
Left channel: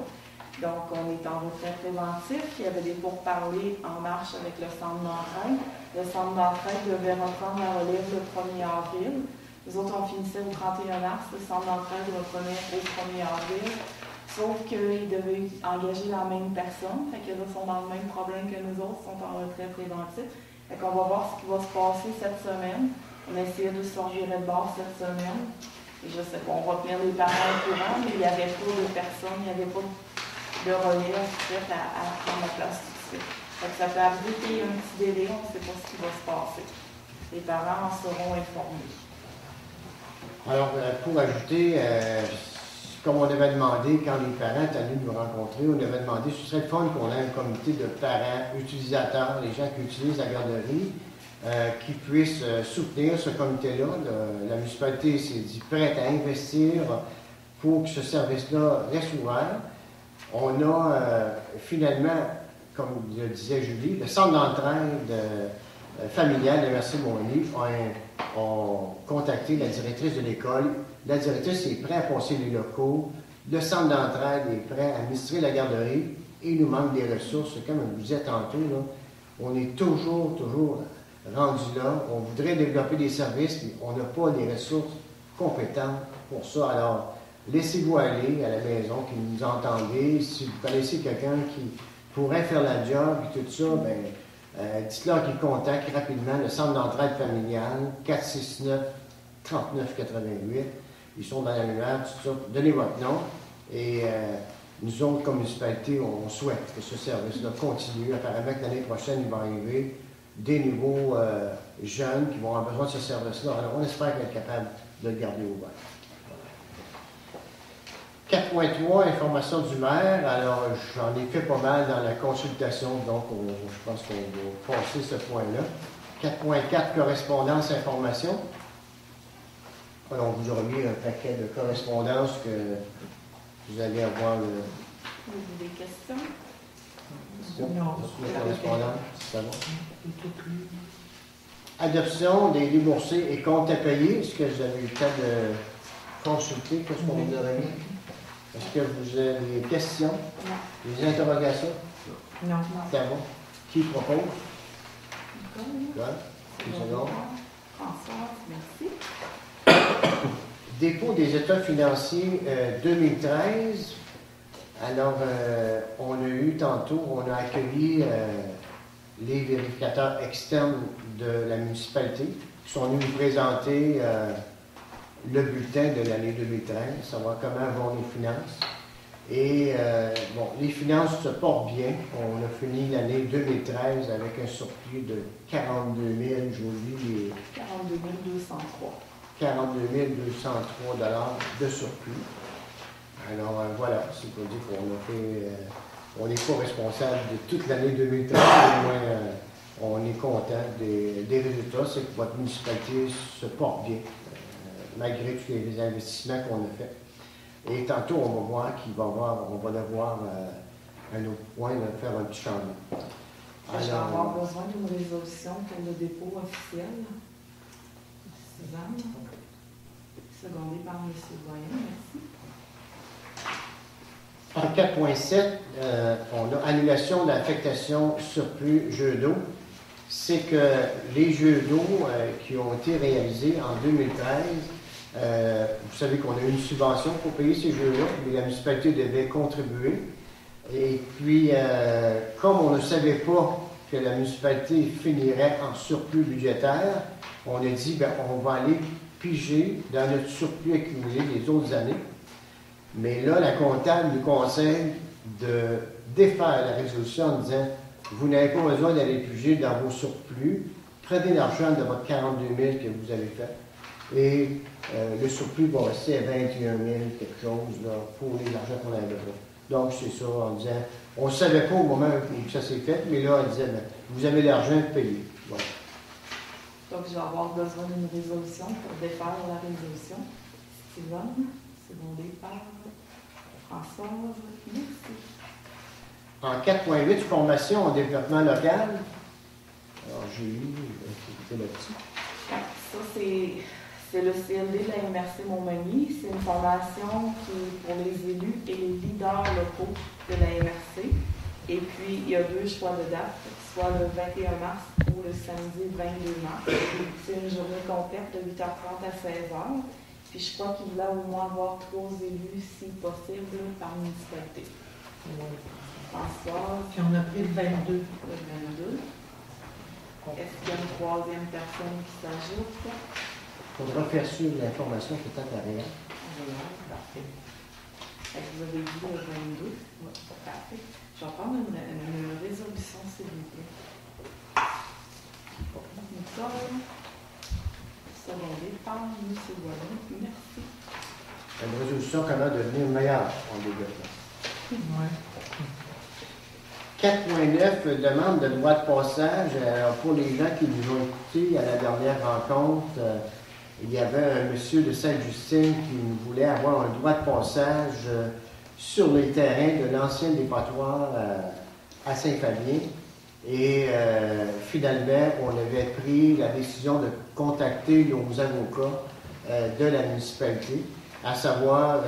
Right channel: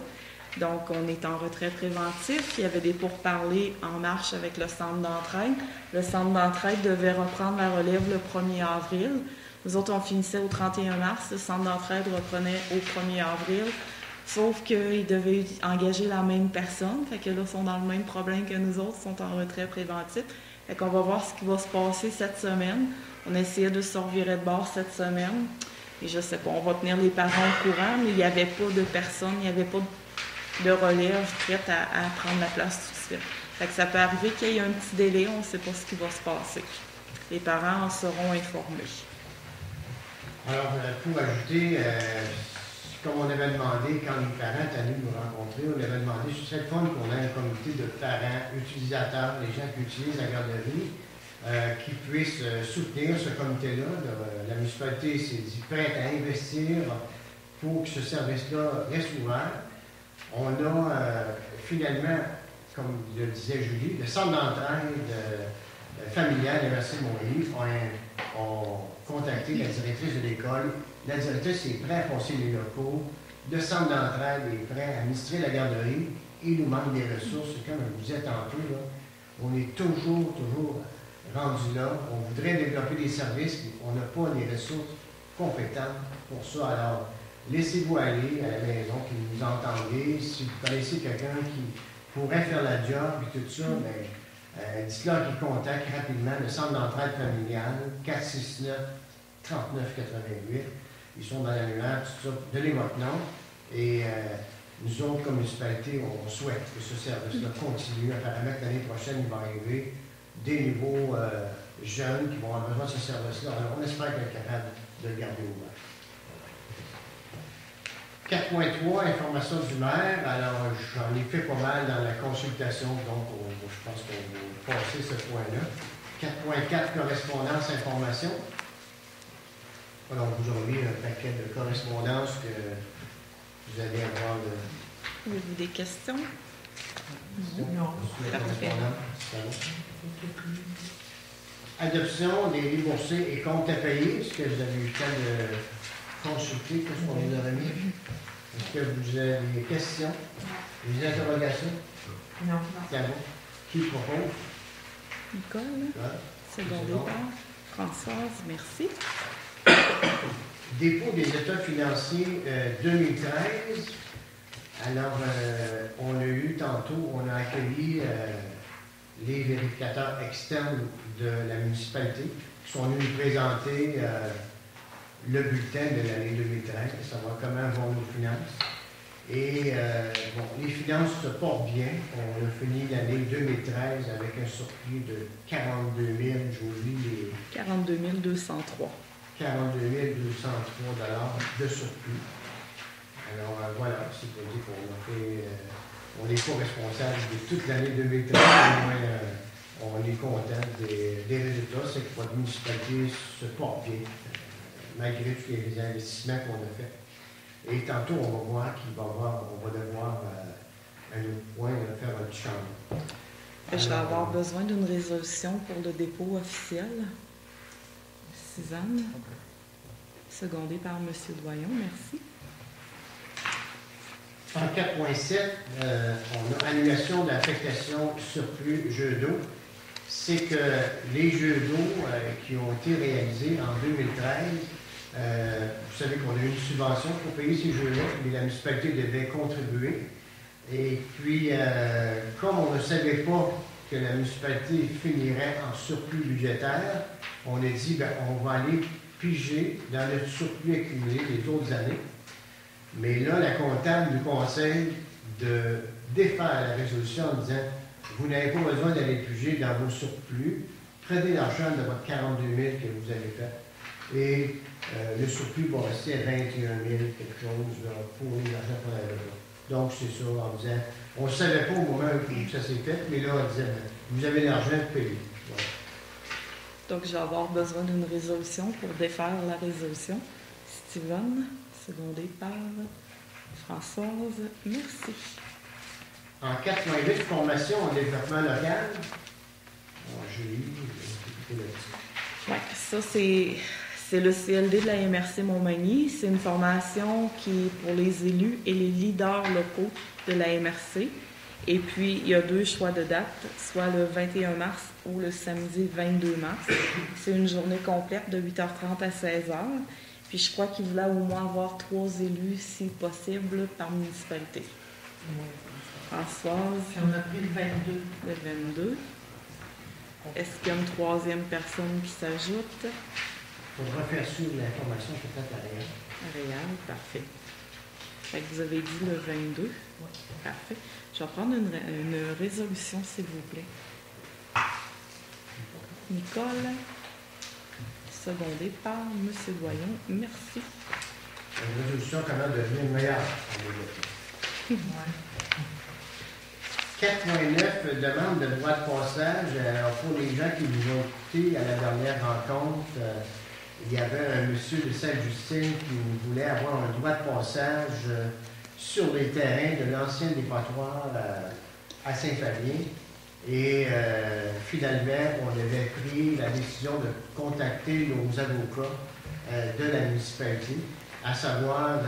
Donc, on est en retrait préventif. Il y avait des pourparlers en marche avec le centre d'entraide. Le centre d'entraide devait reprendre la relève le 1er avril. Nous autres, on finissait au 31 mars. Le centre d'entraide reprenait au 1er avril. Sauf qu'ils devaient engager la même personne. Fait que là, ils sont dans le même problème que nous autres, ils sont en retrait préventif. Fait qu'on va voir ce qui va se passer cette semaine. On essayait de se revirer de bord cette semaine. Et je sais pas, on va tenir les parents au courant, mais il n'y avait pas de personne, il n'y avait pas de relève prête à prendre la place tout de suite. Fait que ça peut arriver qu'il y ait un petit délai, on ne sait pas ce qui va se passer. Les parents en seront informés. Alors, pour ajouter, comme on avait demandé, quand les parents étaient venus nous rencontrer, on avait demandé, ce serait le fun qu'on ait un comité de parents, utilisateurs, les gens qui utilisent la garderie, qui puissent soutenir ce comité-là. La municipalité s'est dit prête à investir pour que ce service-là reste ouvert. On a finalement, comme le disait Julie, le centre d'entraide familiale de Mercier-Montigny ont contacté la directrice de l'école. La directrice est prête à passer les locaux. Le centre d'entraide est prêt à administrer la garderie. Il nous manque des ressources. Comme je vous disais tantôt, là, on est toujours rendu là. On voudrait développer des services, mais on n'a pas des ressources compétentes pour ça. Alors, laissez-vous aller à la maison, qui nous entendez. Si vous connaissez quelqu'un qui pourrait faire la job et tout ça, bien, dites-leur qu'ils contactent rapidement le centre d'entraide familiale, 469-3988. Ils sont dans la lumière, tout ça. Donnez votre nom. Et nous autres, comme municipalité, on souhaite que ce service-là continue. Apparemment que l'année prochaine, il va arriver des nouveaux jeunes qui vont avoir besoin de ce service-là. Alors, on espère qu'on est capable de le garder ouvert. 4.3, information du maire. Alors, j'en ai fait pas mal dans la consultation, donc je pense qu'on va passer ce point-là. 4.4, correspondance, information. Alors, on vous aura mis un paquet de correspondances que vous allez avoir. Des questions? Non. Adoption des déboursés et comptes à payer. Est-ce que vous avez eu le temps de consulter? Qu'est-ce qu'on vous aurait mis? Est-ce que vous avez des questions? Des interrogations? Non. C'est bon. Qui propose? Nicole? Nicole. C'est bon. Françoise, merci. Dépôt des états financiers 2013. Alors, on a eu tantôt, on a accueilli les vérificateurs externes de la municipalité qui sont venus nous présenter le bulletin de l'année 2013, savoir comment vont nos finances. Et bon, les finances se portent bien. On a fini l'année 2013 avec un surplus de 42 000, je vous dis, les 42 203. 42 203 de surplus. Alors voilà, c'est pour dire qu'on a fait, on n'est pas responsable de toute l'année 2013, mais on est content des résultats. C'est que votre municipalité se porte bien, malgré tous les investissements qu'on a faits. Et tantôt, on va voir qu'il va avoir, on va devoir un autre point, faire un petit changement. Je vais avoir besoin d'une résolution pour le dépôt officiel. Suzanne, secondée par M. Doyon, merci. En 4.7, on a annulation de l'affectation surplus jeux d'eau. C'est que les jeux d'eau qui ont été réalisés en 2013, vous savez qu'on a eu une subvention pour payer ces jeux-là, mais la municipalité devait contribuer. Et puis, comme on ne savait pas que la municipalité finirait en surplus budgétaire, on a dit, bien, on va aller piger dans notre surplus accumulé des autres années. Mais là, la comptable nous conseille de défaire la résolution en disant, vous n'avez pas besoin d'aller piger dans vos surplus, prenez l'argent de votre 42 000 que vous avez fait. Et le surplus va rester à 21 000 quelque chose là, pour l'argent qu'on avait pas. Donc, c'est ça, en disant, on ne savait pas au moment où ça s'est fait, mais là, on disait, ben, vous avez l'argent, payez. Voilà. Donc, je vais avoir besoin d'une résolution pour défaire la résolution. Steven, secondé par Françoise, merci. En 4.8, formation en développement local. Alors, j'ai eu, écoutez là-dessus. Ouais, ça, c'est le CLD de la MRC Montmagny. C'est une formation qui est pour les élus et les leaders locaux de la MRC. Et puis, il y a 2 choix de date, soit le 21 mars ou le samedi 22 mars. C'est une journée complète de 8h30 à 16h. Puis, je crois qu'il voulait au moins avoir 3 élus, si possible, par municipalité. Françoise. Puis on a pris le 22. Le 22. Est-ce qu'il y a une 3e personne qui s'ajoute? Il faudra faire suivre l'information peut-être à rien. Réal, parfait. Fait que vous avez dit le 22? Oui. Parfait. Je vais prendre une résolution, s'il vous plaît. Nicole, secondée par M. Doyon. Merci. Une résolution comment devenir meilleure en développement. Oui. 4.9, demande de droit de passage. Alors, pour les gens qui nous ont écoutés à la dernière rencontre, il y avait un monsieur de Sainte-Justine qui voulait avoir un droit de passage sur les terrains de l'ancien dépotoir à Saint-Fabien. Et finalement, on avait pris la décision de contacter nos avocats de la municipalité, à savoir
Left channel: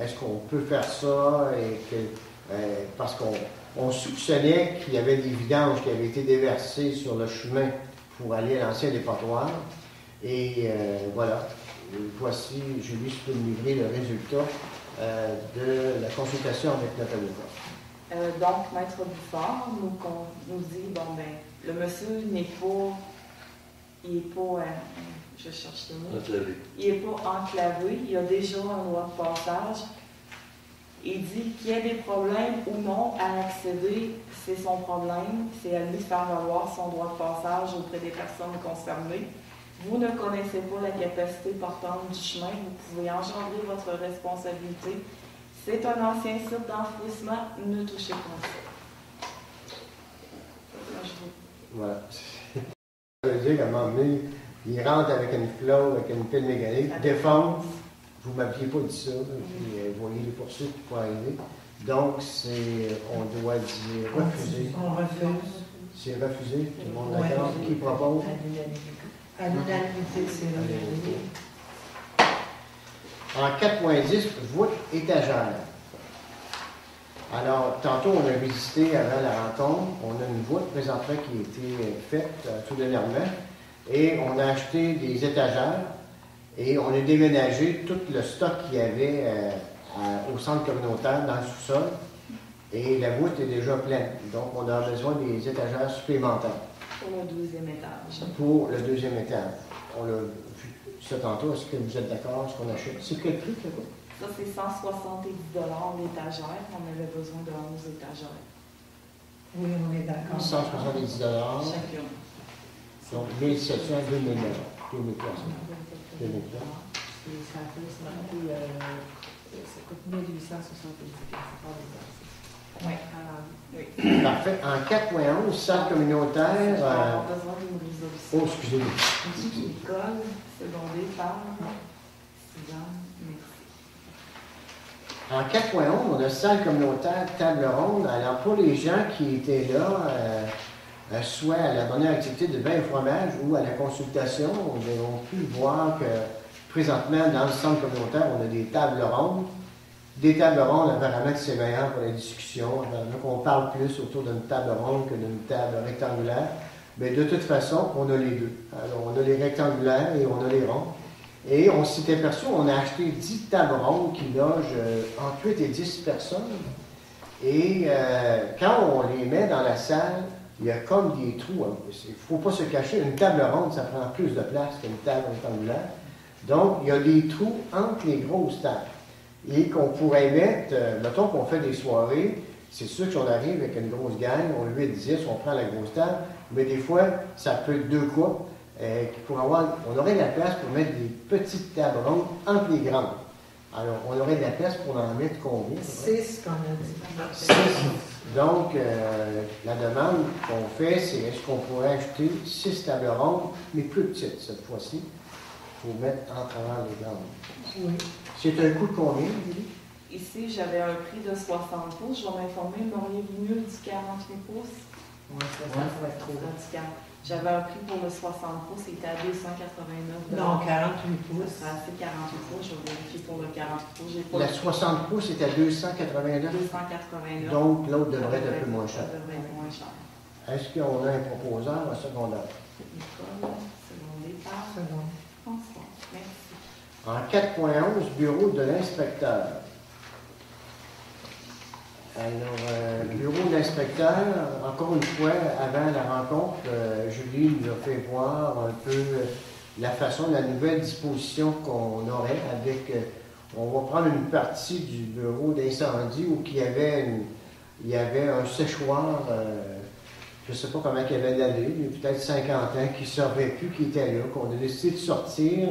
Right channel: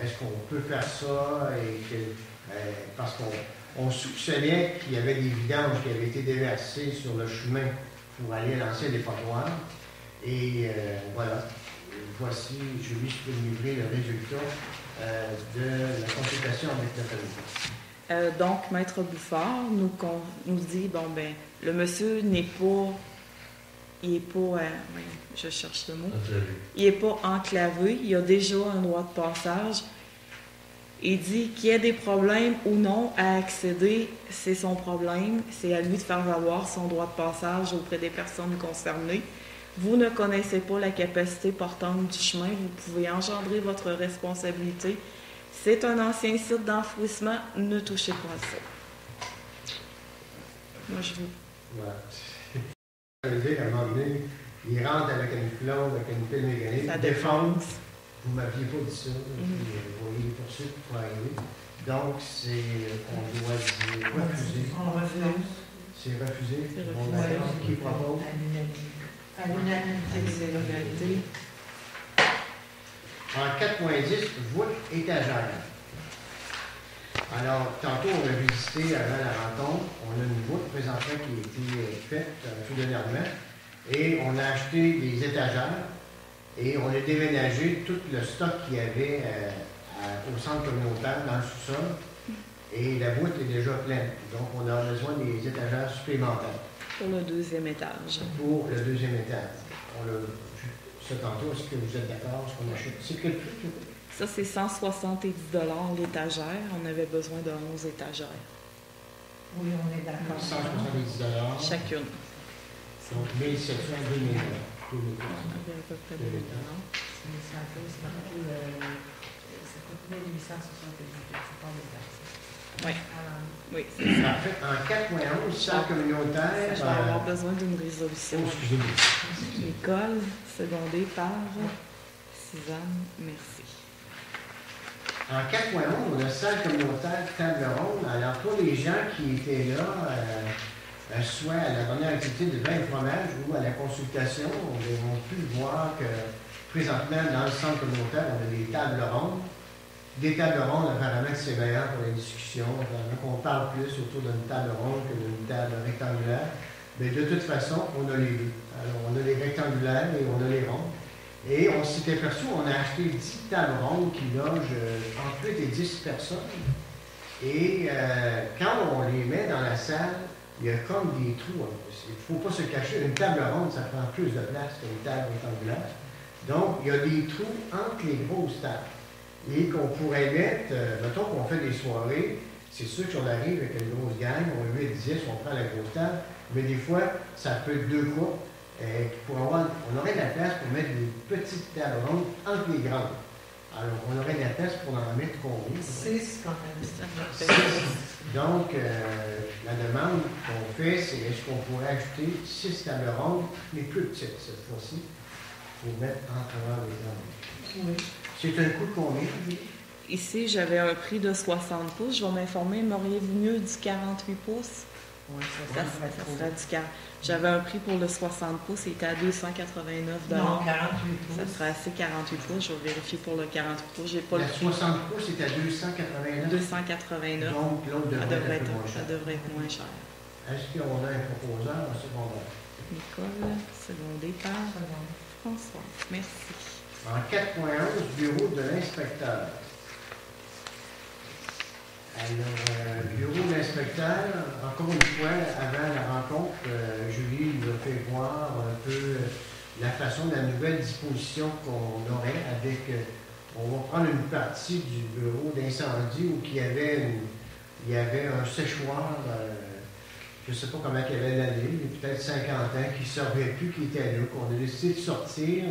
est-ce qu'on peut faire ça et que, parce qu'on soupçonnait qu'il y avait des vidanges qui avaient été déversées sur le chemin pour aller à l'ancien dépotoir. Et voilà, voici, Julie, je peux me livrer le résultat de la consultation avec notre avocat. Donc, Maître Bouffard nous dit, bon, ben, le monsieur n'est pas, il n'est pas, je cherche le mot, Enclavé. Il n'est pas enclavé, il a déjà un droit de passage. Il dit qu'il y ait des problèmes ou non à accéder, c'est son problème, c'est à lui de faire valoir son droit de passage auprès des personnes concernées. Vous ne connaissez pas la capacité portante du chemin, vous pouvez engendrer votre responsabilité. C'est un ancien site d'enfouissement, ne touchez pas à ça. Moi, je vous... Voilà. Ça veut dire qu'à un moment donné, il rentre avec une clause, avec une pile mécanique, La défense. Vous ne m'aviez pas dit ça, puis vous voyez les poursuites pour arriver. Donc, c'est, on doit dire refuser. On refuse. C'est refusé. C'est Tout le monde refusé. d'accord? Qui propose? À l'unanimité, c'est l'unanimité. En 4.10, voûte étagère. Alors, tantôt, on a visité avant la rencontre, on a une voûte présentement qui a été faite tout dernièrement, et on a acheté des étagères, et on a déménagé tout le stock qu'il y avait au centre communautaire dans le sous-sol, et la voûte est déjà pleine. Donc, on a besoin des étagères supplémentaires Pour le 2e étage. pour le 2e étage. On a vu ça tantôt, est-ce que vous êtes d'accord? Est-ce qu'on achète? C'est quel prix, là? Ça, c'est 170 l'étagère. On avait besoin de 11 étagères. Oui, on est d'accord. 170 Chacune. Donc, 1700, 2000 2000 On avait à peu près 2 000 $. Ça coûte 1870. Oui. Alors, Oui. Parfait. En 4.11, centre communautaire. Je vais avoir besoin d'une résolution. Oh, excusez-moi. École, secondée par Suzanne. Merci. En 4.11, on a salle communautaire, table ronde. Alors, pour les gens qui étaient là, soit à la dernière activité de vin et fromage ou à la consultation, on a pu voir que présentement, dans le centre communautaire, on a des tables rondes. Des tables rondes, apparemment, c'est meilleur pour la discussion. Apparemment qu'on parle plus autour d'une table ronde que d'une table rectangulaire. Mais de toute façon, on a les deux. Alors, on a les rectangulaires et on a les ronds. Et on s'est aperçu, on a acheté 10 tables rondes qui logent entre 8 et 10 personnes. Et quand on les met dans la salle, il y a comme des trous. Il ne faut pas se cacher, une table ronde, ça prend plus de place qu'une table rectangulaire. Donc, il y a des trous entre les grosses tables. Et qu'on pourrait mettre, mettons qu'on fait des soirées, c'est sûr que si on arrive avec une grosse gang, on est 8-10, on prend la grosse table, mais des fois, ça peut être 2 coupes. On aurait de la place pour mettre des petites tables rondes entre les grandes. Alors, on aurait de la place pour en mettre combien? 6 qu'on a dit. 6. Donc, la demande qu'on fait, c'est est-ce qu'on pourrait ajouter 6 tables rondes, mais plus petites cette fois-ci, pour mettre en travers les grandes. Oui. C'est un coût de combien, Julie? Ici, j'avais un prix de 60 pouces. Je vais m'informer, m'auriez-vous mieux du 48 pouces? Ça serait du 40. J'avais un prix pour le 60 pouces, il était à 289 Non, 48 Ça pouces. serait assez 48 pouces. Je vais vérifier pour le 48 pouces. J'ai pas La le 60 pouces est à 289. 289. Donc, l'autre Ça devrait devrait être un peu moins ça cher. devrait être moins cher. Est-ce qu'on a un proposeur en secondaire? Nicole, secondé par François. Merci. En 4.11, bureau de l'inspecteur. Alors, bureau de l'inspecteur, encore une fois, avant la rencontre, Julie nous a fait voir un peu la façon, la nouvelle disposition qu'on aurait avec, on va prendre une partie du bureau d'incendie où il y avait un séchoir, je ne sais pas comment il y avait l'allée, mais peut-être 50 ans, qui ne savait plus qui était là, qu'on a décidé de sortir,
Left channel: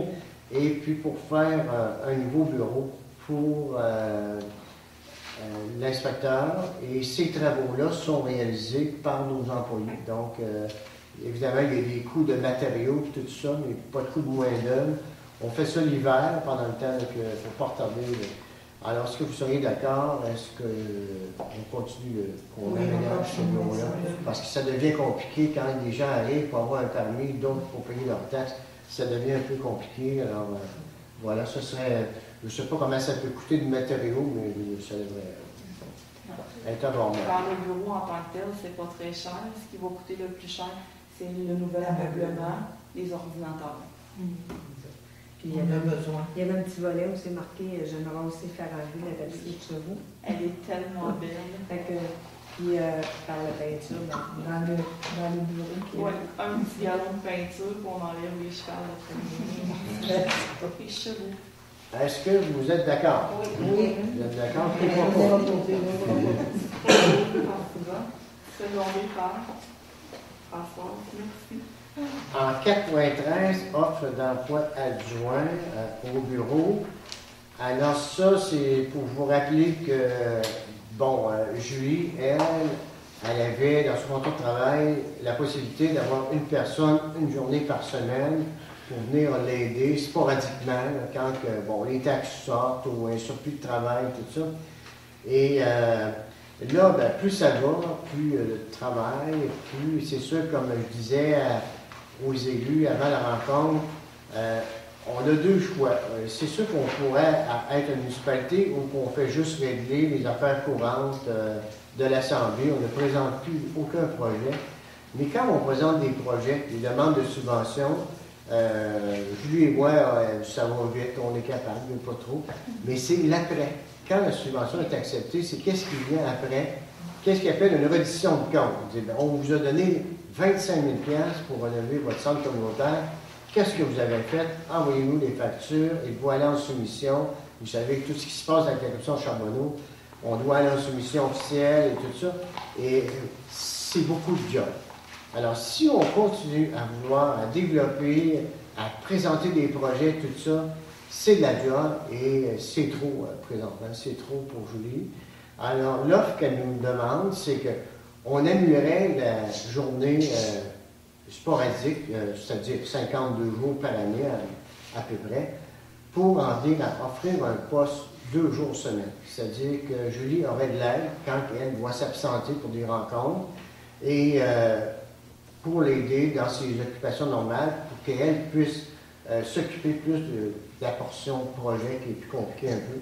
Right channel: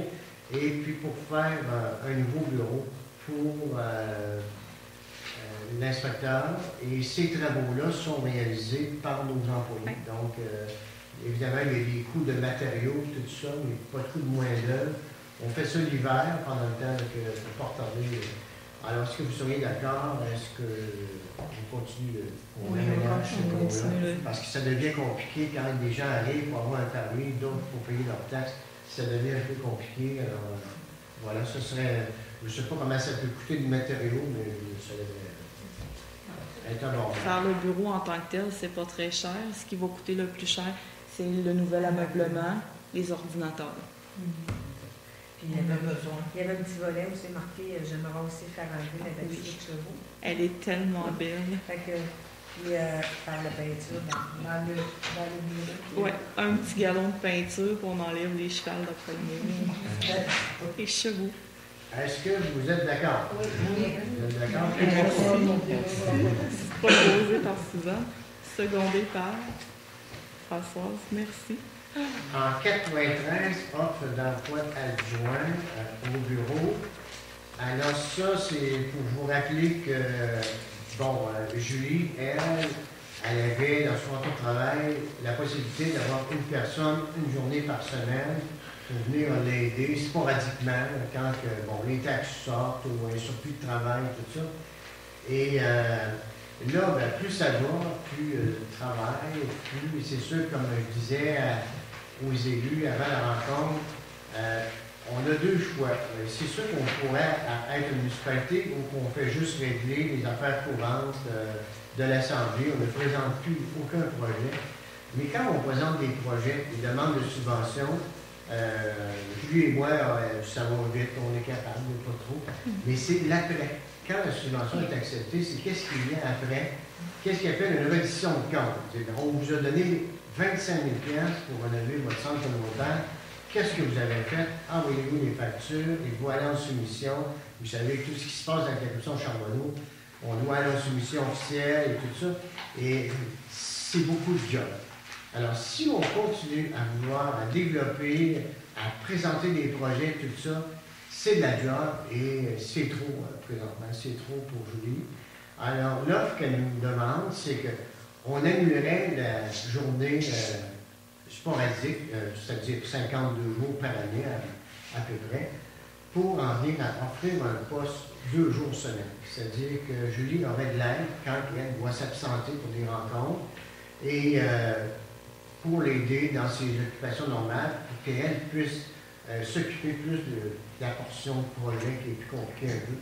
et puis pour faire un nouveau bureau pour l'inspecteur, et ces travaux-là sont réalisés par nos employés. Donc, évidemment, il y a des coûts de matériaux, tout ça, mais pas de coûts de main-d'œuvre. On fait ça l'hiver, pendant le temps que pour pas retarder. Alors, est-ce que vous seriez d'accord? Est-ce qu'on continue qu'on Oui, aménage ce on bureau-là? continue. Parce que ça devient compliqué quand des gens arrivent pour avoir un permis, d'autres pour payer leurs taxes. Ça devient un peu compliqué. Alors, voilà, ce serait. Je ne sais pas comment ça peut coûter de matériaux, mais ça devrait être abordable. Faire le bureau en tant que tel, c'est pas très cher. Ce qui va coûter le plus cher, c'est le nouvel ameublement, les ordinateurs. Puis On a besoin. il y avait un petit volet où c'est marqué j'aimerais aussi faire enlever la tapisserie de chevaux. Elle est tellement belle. Fait que, puis par la peinture, Dans le bureau. Ouais, un petit galon de peinture pour on enlève les chevals de premier. Les chevaux. Est-ce que vous êtes d'accord? Oui. Vous êtes d'accord? Pas posé par Suzanne, secondé par Françoise. Merci. En 4.13, offre d'emploi adjoint au bureau. Alors ça, c'est pour vous rappeler que, bon, Julie, elle avait dans son contrat de travail la possibilité d'avoir une personne, une journée par semaine pour venir l'aider sporadiquement quand bon, les taxes sortent ou un surplus de travail, tout ça. Et là, ben, plus ça va, plus de travail, plus c'est sûr, comme je disais aux élus avant la rencontre, on a deux choix. C'est sûr qu'on pourrait être une municipalité où on fait juste régler les affaires courantes de l'Assemblée. On ne présente plus aucun projet. Mais quand on présente des projets, des demandes de subventions, Julie et moi, ça va vite, on est capable, mais pas trop. Mais c'est l'après. Quand la subvention est acceptée, c'est qu'est-ce qui vient après? Qu'est-ce qu'il appelle une reddition de compte? On vous a donné 25 000 $ pour rénover votre centre communautaire. Qu'est-ce que vous avez fait? Envoyez-nous les factures et voilà en soumission. Vous savez, tout ce qui se passe avec la corruption Charbonneau, on doit aller en soumission officielle et tout ça. Et c'est beaucoup de job. Alors, si on continue à vouloir, à développer, à présenter des projets, tout ça, c'est de la job et c'est trop présentement, c'est trop pour Julie. Alors, l'offre qu'elle nous demande, c'est qu'on annulerait la journée sporadique, c'est-à-dire 52 jours par année à peu près, pour en venir à offrir un poste 2 jours semaine. C'est-à-dire que Julie aurait de l'aide quand elle doit s'absenter pour des rencontres et pour l'aider dans ses occupations normales pour qu'elle puisse s'occuper plus de la portion projet qui est plus compliquée un peu.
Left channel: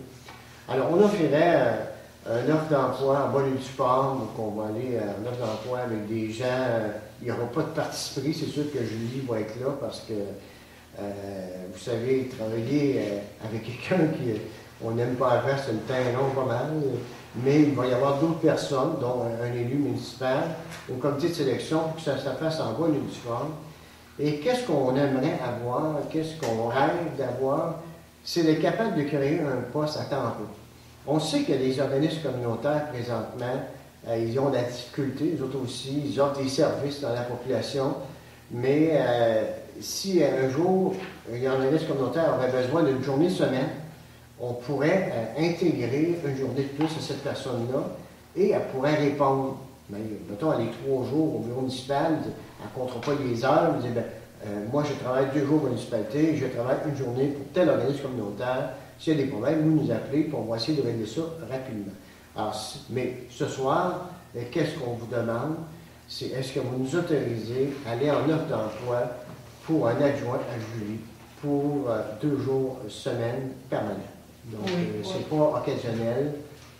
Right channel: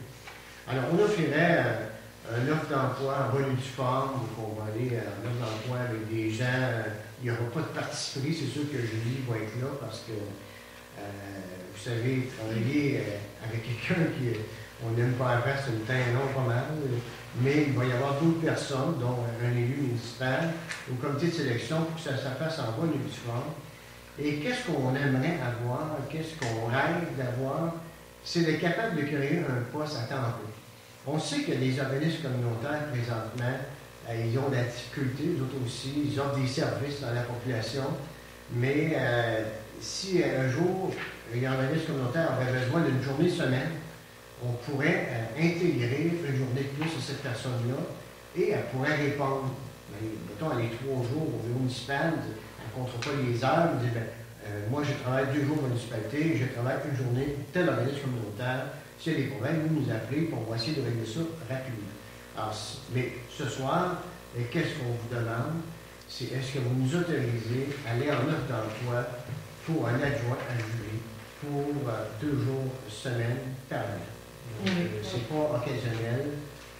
Alors, on offrirait une offre d'emploi en bonne et due forme, donc on va aller en offre d'emploi avec des gens, il n'y aura pas de parti pris, c'est sûr que Julie va être là parce que, vous savez, travailler avec quelqu'un qu'on n'aime pas faire, c'est une teinte longue pas mal, mais il va y avoir d'autres personnes, dont un élu municipal, au comité de sélection, pour que ça se fasse en bonne et due forme. Et qu'est-ce qu'on aimerait avoir, qu'est-ce qu'on rêve d'avoir, c'est d'être capable de créer un poste à temps plein. On sait que les organismes communautaires, présentement, ils ont de la difficulté, les autres aussi, ils offrent des services dans la population, mais si un jour, un organisme communautaire aurait besoin d'une journée semaine, on pourrait intégrer une journée de plus à cette personne-là et elle pourrait répondre. Mais, mettons, elle est 3 jours au bureau municipal, elle ne comptera pas les heures, elle dit, moi je travaille 2 jours à la municipalité, je travaille une journée pour tel organisme communautaire. S'il y a des problèmes, vous nous appelez, puis on va essayer de régler ça rapidement. Alors, mais ce soir, qu'est-ce qu'on vous demande? c'est est-ce que vous nous autorisez à aller en offre d'emploi pour un adjoint à jury pour 2 jours semaine permanent. Donc, c'est pas occasionnel,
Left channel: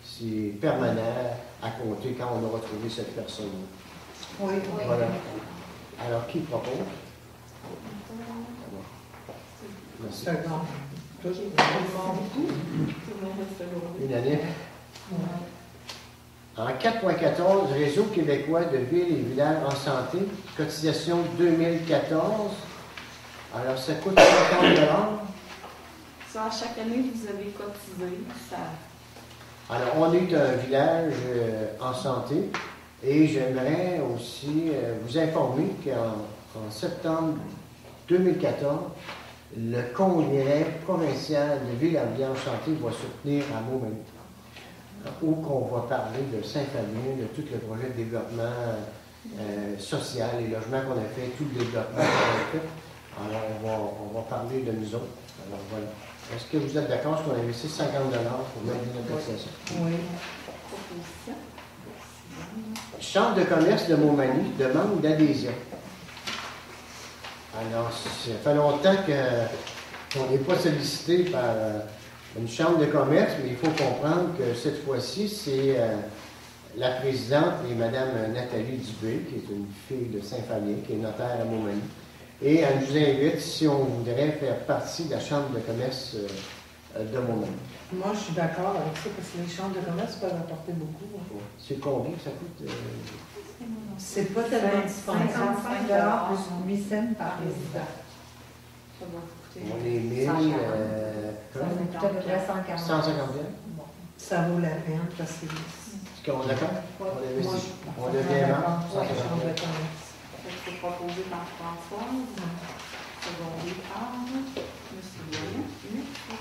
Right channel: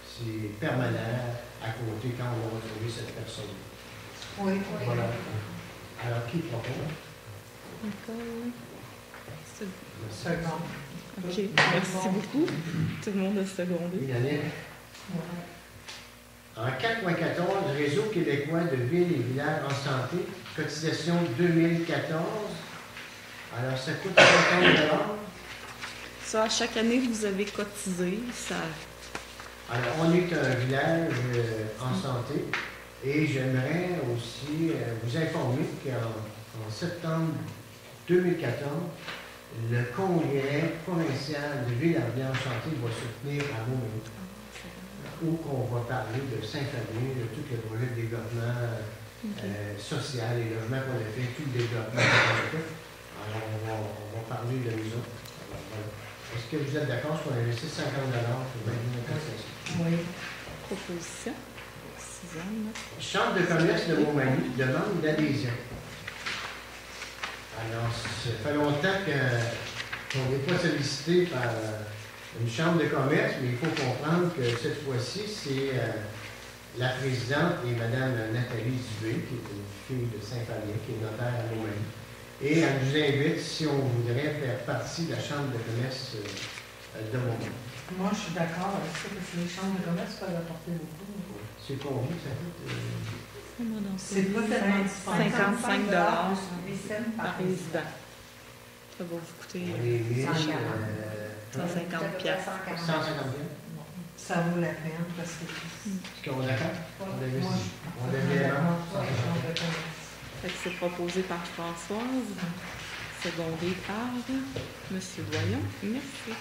c'est permanent à compter quand on aura trouvé cette personne-là. Oui. Voilà. Alors, qui propose? Merci. Second. OK, merci beaucoup. Tout le monde a secondé. Unanime. En 4.14, Réseau québécois de villes et villages en santé, cotisation 2014. Alors, ça coûte 50 $. Ça, à chaque année que vous avez cotisé, ça... Alors, on est un village en santé et j'aimerais aussi vous informer qu'en septembre 2014, le congrès provincial de villes et villages en santé va se tenir à Montmagny, où on va parler de Saint-Fabien, de tout le projet de développement social et logement qu'on a fait, tout le développement qu'on a fait. Alors, on va parler de nous autres. Alors, voilà. Est-ce que vous êtes d'accord qu'on investisse 50 $ pour aider nos cotisations? Oui. Proposition. Chambre de commerce de Montmagny demande d'adhésion. Alors, ça fait longtemps qu'on n'est pas sollicité par une chambre de commerce, mais il faut comprendre que cette fois-ci, c'est la présidente et Mme Nathalie Dubé, qui est une fille de Saint-Fabien, qui est notaire à Montmagny. Et elle nous invite si on voudrait faire partie de la chambre de commerce de Montmagny. Moi, je suis d'accord avec ça, parce que les chambres de commerce peuvent apporter beaucoup. C'est combien ça coûte? C'est pas tellement disponible. 55 plus 8 cents par par résident. résident. Ça va vous coûter On est 1000, 150 piastres. 150 $. Ça vaut la peine, parce que... Est-ce qu'on est d'accord? On investit. On On devient là, ouais, 150 chambre de $. commerce. Fait que c'est proposé par Françoise, secondé par M. Boyan. Merci.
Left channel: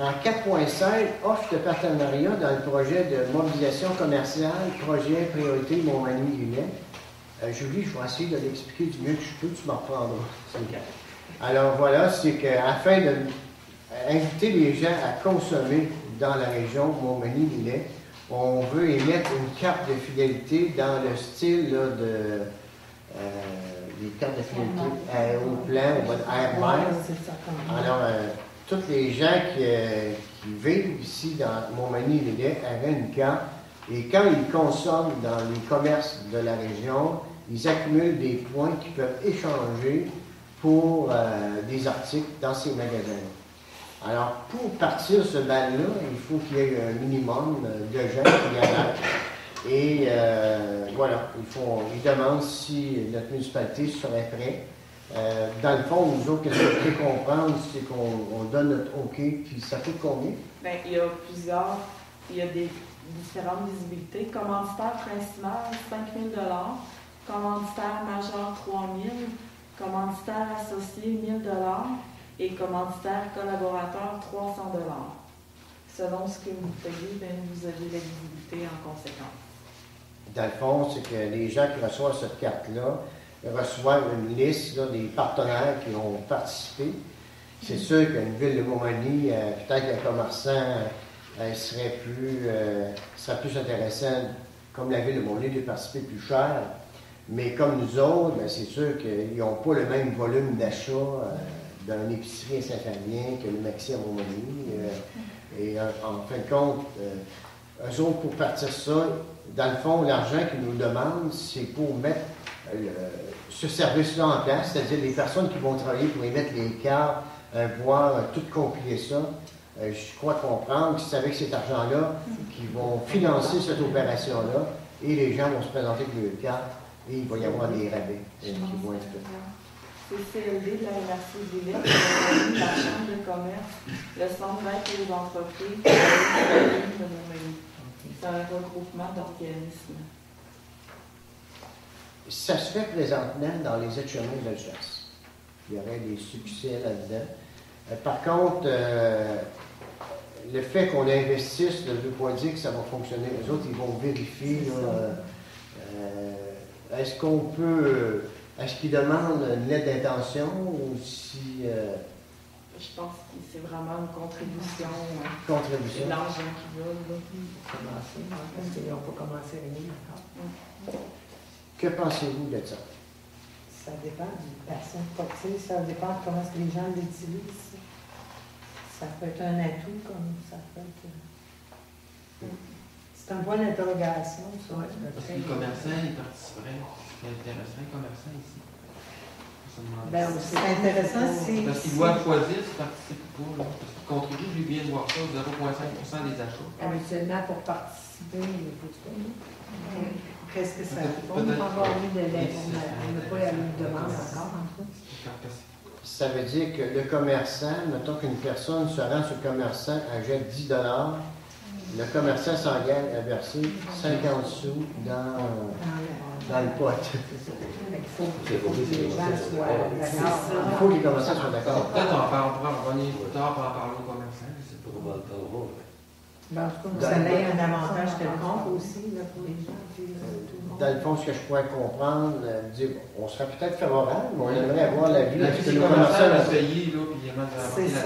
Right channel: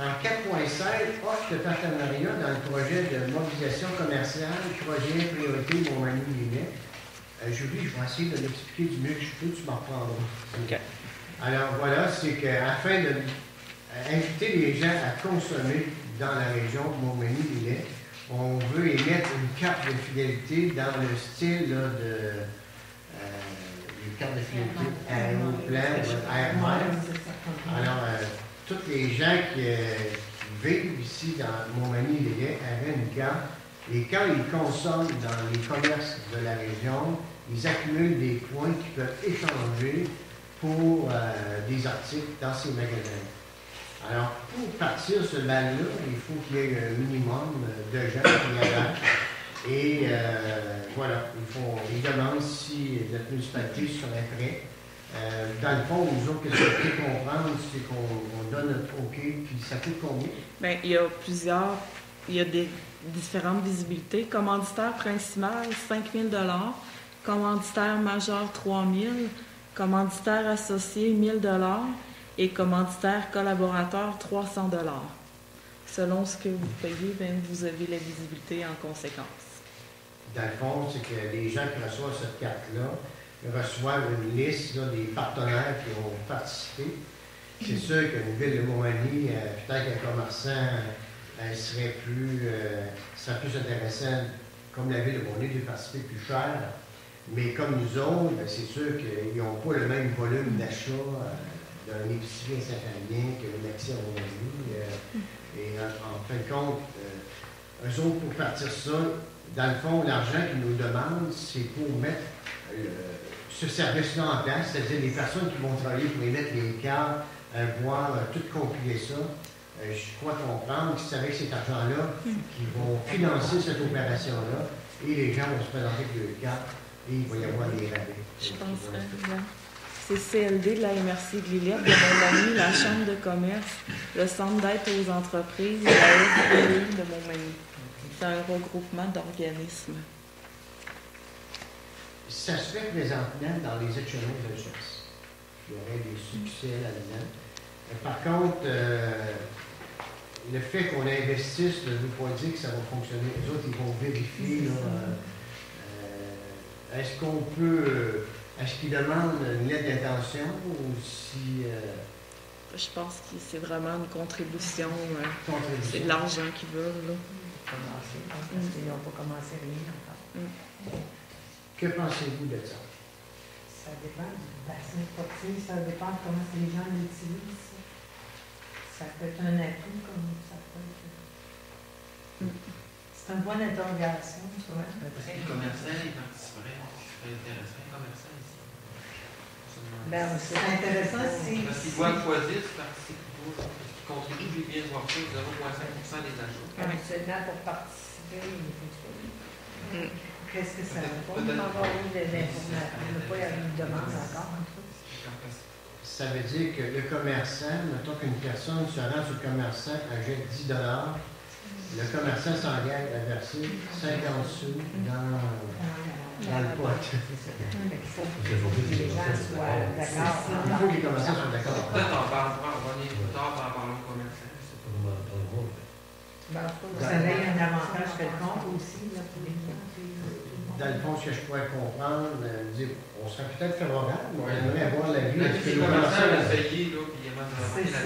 En 4.5, offre de partenariat dans le projet de mobilisation commerciale, projet priorité Montmagny-Lillet. Julie, je vais essayer de l'expliquer du mieux que je peux, tu m'en reprendras. Okay. Alors voilà, c'est qu'afin d'inviter les gens à consommer dans la région Montmagny-Lillet, on veut émettre une carte de fidélité dans le style là, des cartes de fidélité aéroplan, air-mer. Alors, tous les gens qui vivent ici dans Montmagny-Lillet avaient une carte et quand ils consomment dans les commerces de la région, ils accumulent des points qu'ils peuvent échanger pour des articles dans ces magasins. Alors, pour partir ce bal-là, il faut qu'il y ait un minimum de gens qui y adhèrent. Et voilà, ils demandent si notre municipalité serait prête. Dans le fond, nous autres, ce qu'il faut comprendre, c'est qu'on donne notre OK, puis ça coûte combien? Bien, il y a des différentes visibilités. Commanditaire principal, 5 000 $. Commanditaire majeur, 3 000 $. Commanditaire associé, 1 000 $. Et commanditaire collaborateur, 300 $. Selon ce que vous payez, bien, vous avez la visibilité en conséquence. Dans le fond, c'est que les gens qui reçoivent cette carte-là reçoivent une liste là, des partenaires qui vont participer. C'est sûr qu'une ville de Montmagny, peut-être qu'un commerçant serait plus intéressant, comme la ville de Montmagny, de participer plus cher. Mais comme nous autres, bien, c'est sûr qu'ils n'ont pas le même volume d'achat d'un épicerie à Saint-Fabien que le Maxi à Montmagny. Et en fin de compte, eux autres, pour partir ça, dans le fond, l'argent qu'ils nous demandent, c'est pour mettre ce service-là en place, c'est-à-dire les personnes qui vont travailler pour émettre les cartes, voir tout compiler ça. Je crois comprendre que c'est avec cet argent-là qu'ils vont financer cette opération-là et les gens vont se présenter pour leurs cartes et il va y avoir des rabais. Je pense que c'est CLD de la MRC de Lillet, de Montmagny, la Chambre de commerce, le Centre d'aide aux entreprises et la Ligue de Montmagny. C'est un regroupement d'organismes. Ça se fait présentement dans les échelons de chasse. Il y aurait des succès là-dedans. Par contre, le fait qu'on investisse ne veut pas dire que ça va fonctionner. Les autres, ils vont vérifier. Est-ce qu'on peut... Est-ce qu'ils demandent une lettre d'intention ou si... Je pense que c'est vraiment une contribution. Contribution. C'est de l'argent qu'ils veulent. Là. Parce qu'ils n'ont pas commencé rien. Que pensez-vous de ça? Ça dépend du bassin sportif, ça dépend de comment les gens l'utilisent. Ça peut être un atout, comme ça peut être. C'est un point d'interrogation, ça. Est-ce que les commerçants y participeraient? Ça intéresserait les commerçants ici? Ben, c'est intéressant si. Parce qu'ils doivent choisir si participent ou pas. Parce qu'ils contribuent, je viens de voir ça, 0,5% des achats. Habituellement, pour participer, Qu'est-ce que ça on peut avoir eu de l'information. On n'a pas eu une demande encore, en tout. Ça veut dire que le commerçant, mettons qu'une personne se rend sur le commerçant, achète 10 $, le commerçant s'engage à verser 50 sous dans le pot. Il faut que les gens soient d'accord. Il faut que les commerçants soient d'accord. Peut-être on va revenir plus tard pour en parler aux commerçants. Je sais pas. Vous avez un avantage quelconque aussi là, pour les gens. Dans le fond, ce que je pourrais comprendre, dire, on serait peut-être favorable, mais on aimerait avoir l'avis de Est-ce que le les commerçants commerçant. vont payer, là, puis ils vont C'est ça.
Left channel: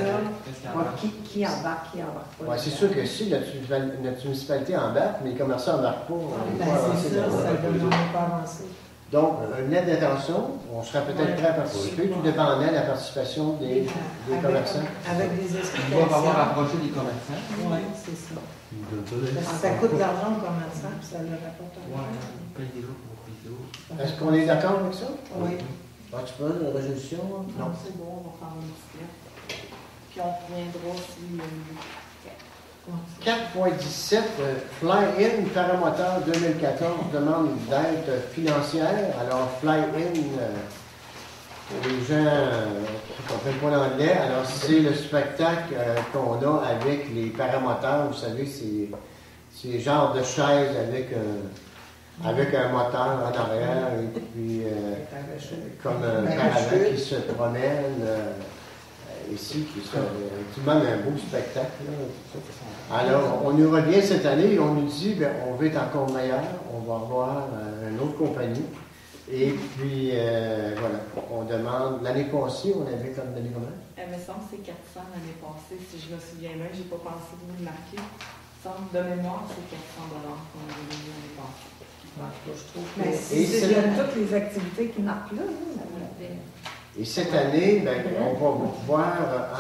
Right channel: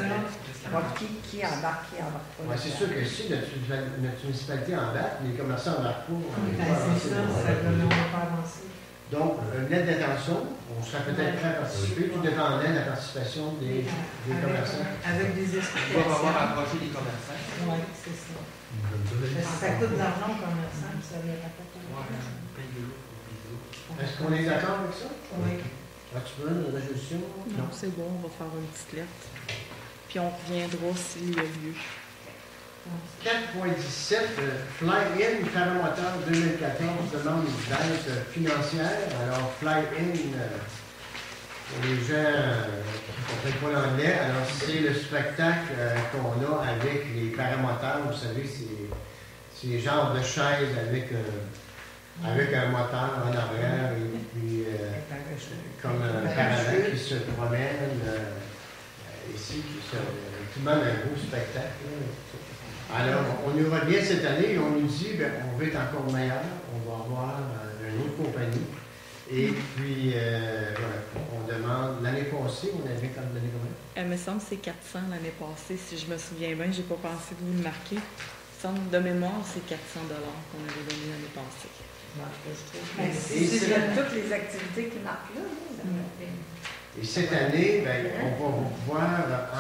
Qui embarque, qui embarque pas. Ouais, c'est sûr que si notre municipalité embarque, mais les commerçants n'embarquent pas, on Ben, va avancer c'est ça, dans ça le ne projet. va pas avancer. Donc, une lettre d'intention, on serait peut-être prêt à participer, tout dépendant de la participation des commerçants. Avec des On va explications. avoir approché les commerçants. Oui, c'est ça. Parce que ça coûte de l'argent aux commerçants, puis ça leur apporte un Ouais, argent. payez-le pour les Est-ce qu'on est d'accord avec ça? Oui. As-tu besoin de résolution? Non, c'est bon, on va faire une petite lettre. Puis on reviendra s'il y a lieu. 4.17, Fly-In Paramoteur 2014 demande d'aide financière. Alors, Fly-In, pour les gens qui ne comprennent pas l'anglais, alors c'est le spectacle qu'on a avec les paramoteurs. Vous savez, c'est le genre de chaise avec un moteur en arrière et puis comme un caravane qui se promène ici, qui demande un beau spectacle. Là, alors, on nous revient cette année et on nous dit on veut être encore meilleur, on va avoir une autre compagnie. Et puis, voilà, on demande. L'année passée, on avait comme donné combien? Elle me semble que c'est 400 l'année passée, si je me souviens bien. Je n'ai pas pensé de vous le marquer. Il semble de mémoire, c'est 400 qu'on avait donné l'année passée. Mais si c'est toutes les activités qui marquent là, ça me fait. Et cette année, on va pouvoir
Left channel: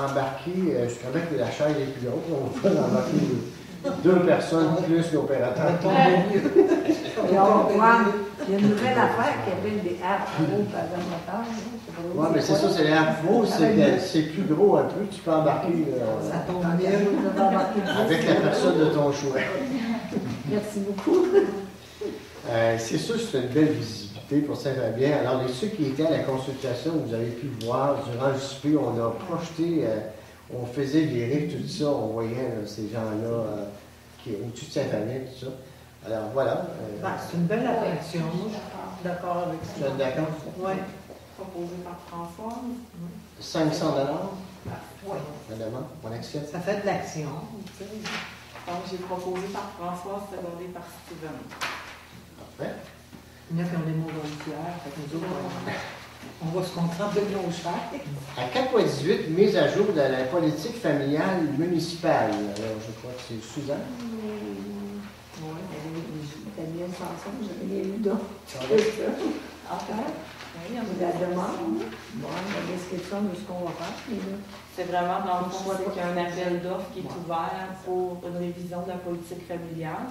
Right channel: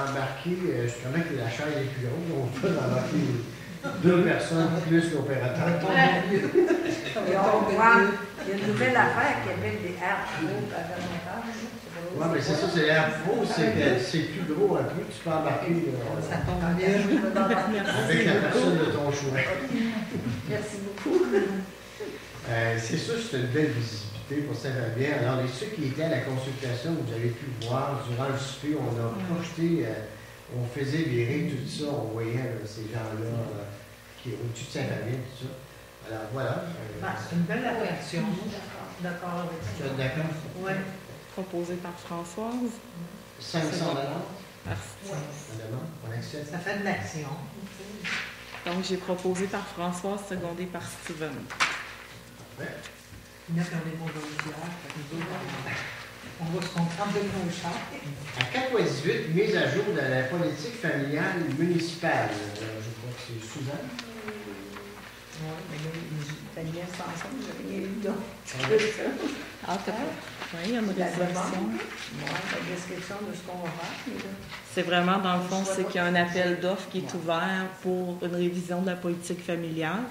embarquer, justement que la chaise est plus grosse, on peut embarquer 2 personnes plus l'opérateur. Et on va voir, il y a une nouvelle affaire qui appelle des arbres paramoteur. Oui, mais c'est ça, c'est l'air faux, c'est que c'est plus gros un peu, tu peux embarquer Ça tombe bien. avec la personne de ton choix. Merci beaucoup. C'est sûr, c'est une belle visibilité pour Saint-Fabien. Alors, ceux qui étaient à la consultation, vous avez pu voir, durant le souper, on a projeté, on faisait virer tout ça, on voyait ces gens-là qui est au-dessus de Saint-Fabien, tout ça. Alors, voilà. C'est une belle attraction. D'accord avec Tu ça. es d'accord? Oui. Proposé par Françoise. 500 $. Merci. Madame, on accepte. Ça fait de l'action. Donc, j'ai proposé par Françoise, secondé par Steven. Parfait. Il y en a comme les mots volontaires, nous autres, on va se concentrer sur nos chats. À 4.18, mise à jour de la politique familiale municipale. Alors, je crois que c'est Suzanne. Oui, elle est bien chanson, j'ai rien lu donc. Ah, peut-être. Oui, il y en a La des demande, la description de ce qu'on va faire. C'est vraiment, dans le fond, c'est qu'il y a un appel d'offres qui est ouvert pour une révision de la politique familiale.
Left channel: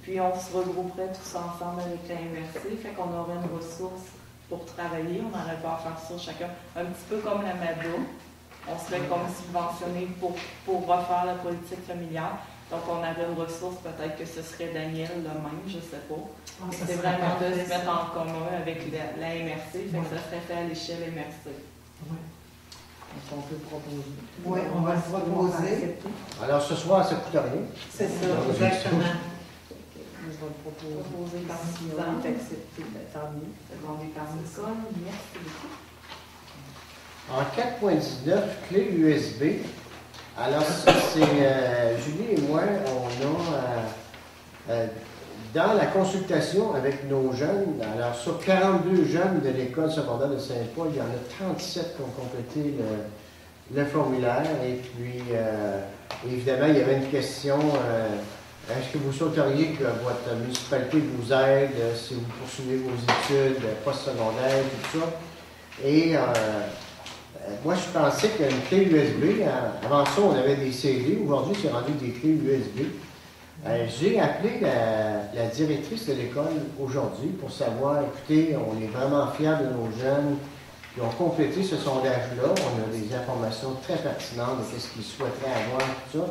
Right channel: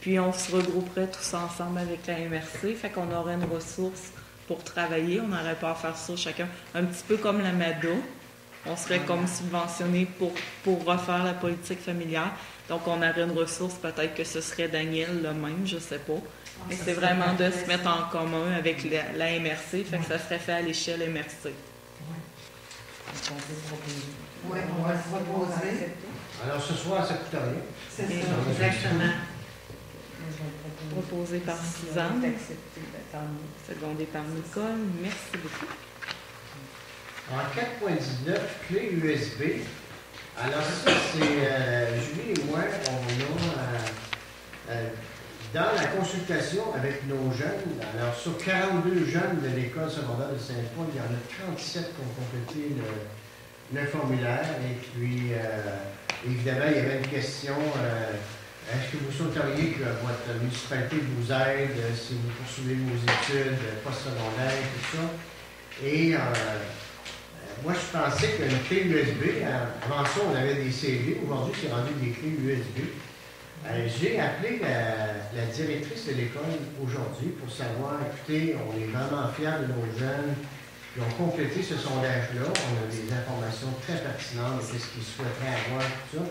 Puis on se regrouperait tous ensemble avec la MRC, fait qu'on aurait une ressource pour travailler. On n'aurait pas à faire ça chacun. Un petit peu comme la MADA. On serait comme subventionné pour refaire la politique familiale. Donc on aurait une ressource, peut-être que ce serait Daniel le même, je ne sais pas. Mais c'est vraiment de se mettre en commun avec la MRC, fait que ça serait fait à l'échelle MRC. Oui, on va le proposer. Alors, ce soir, ça ne coûte rien. C'est ça, exactement. Proposé par Suzanne, secondé par Nicole. Merci beaucoup. En 4.19, clé USB. Alors ça, c'est Julie et moi, on a dans la consultation avec nos jeunes, alors sur 42 jeunes de l'école secondaire de Saint-Paul, il y en a 37 qui ont complété le formulaire. Et puis, évidemment, il y avait une question est-ce que vous souhaiteriez que votre municipalité vous aide si vous poursuivez vos études postsecondaires, tout ça? Et moi, je pensais qu'une clé USB, avant ça, on avait des CD, aujourd'hui, c'est rendu des clés USB. J'ai appelé la directrice de l'école aujourd'hui pour savoir, écoutez, on est vraiment fiers de nos jeunes qui ont complété ce sondage-là. On a des informations très pertinentes de ce qu'ils souhaiteraient avoir, tout ça.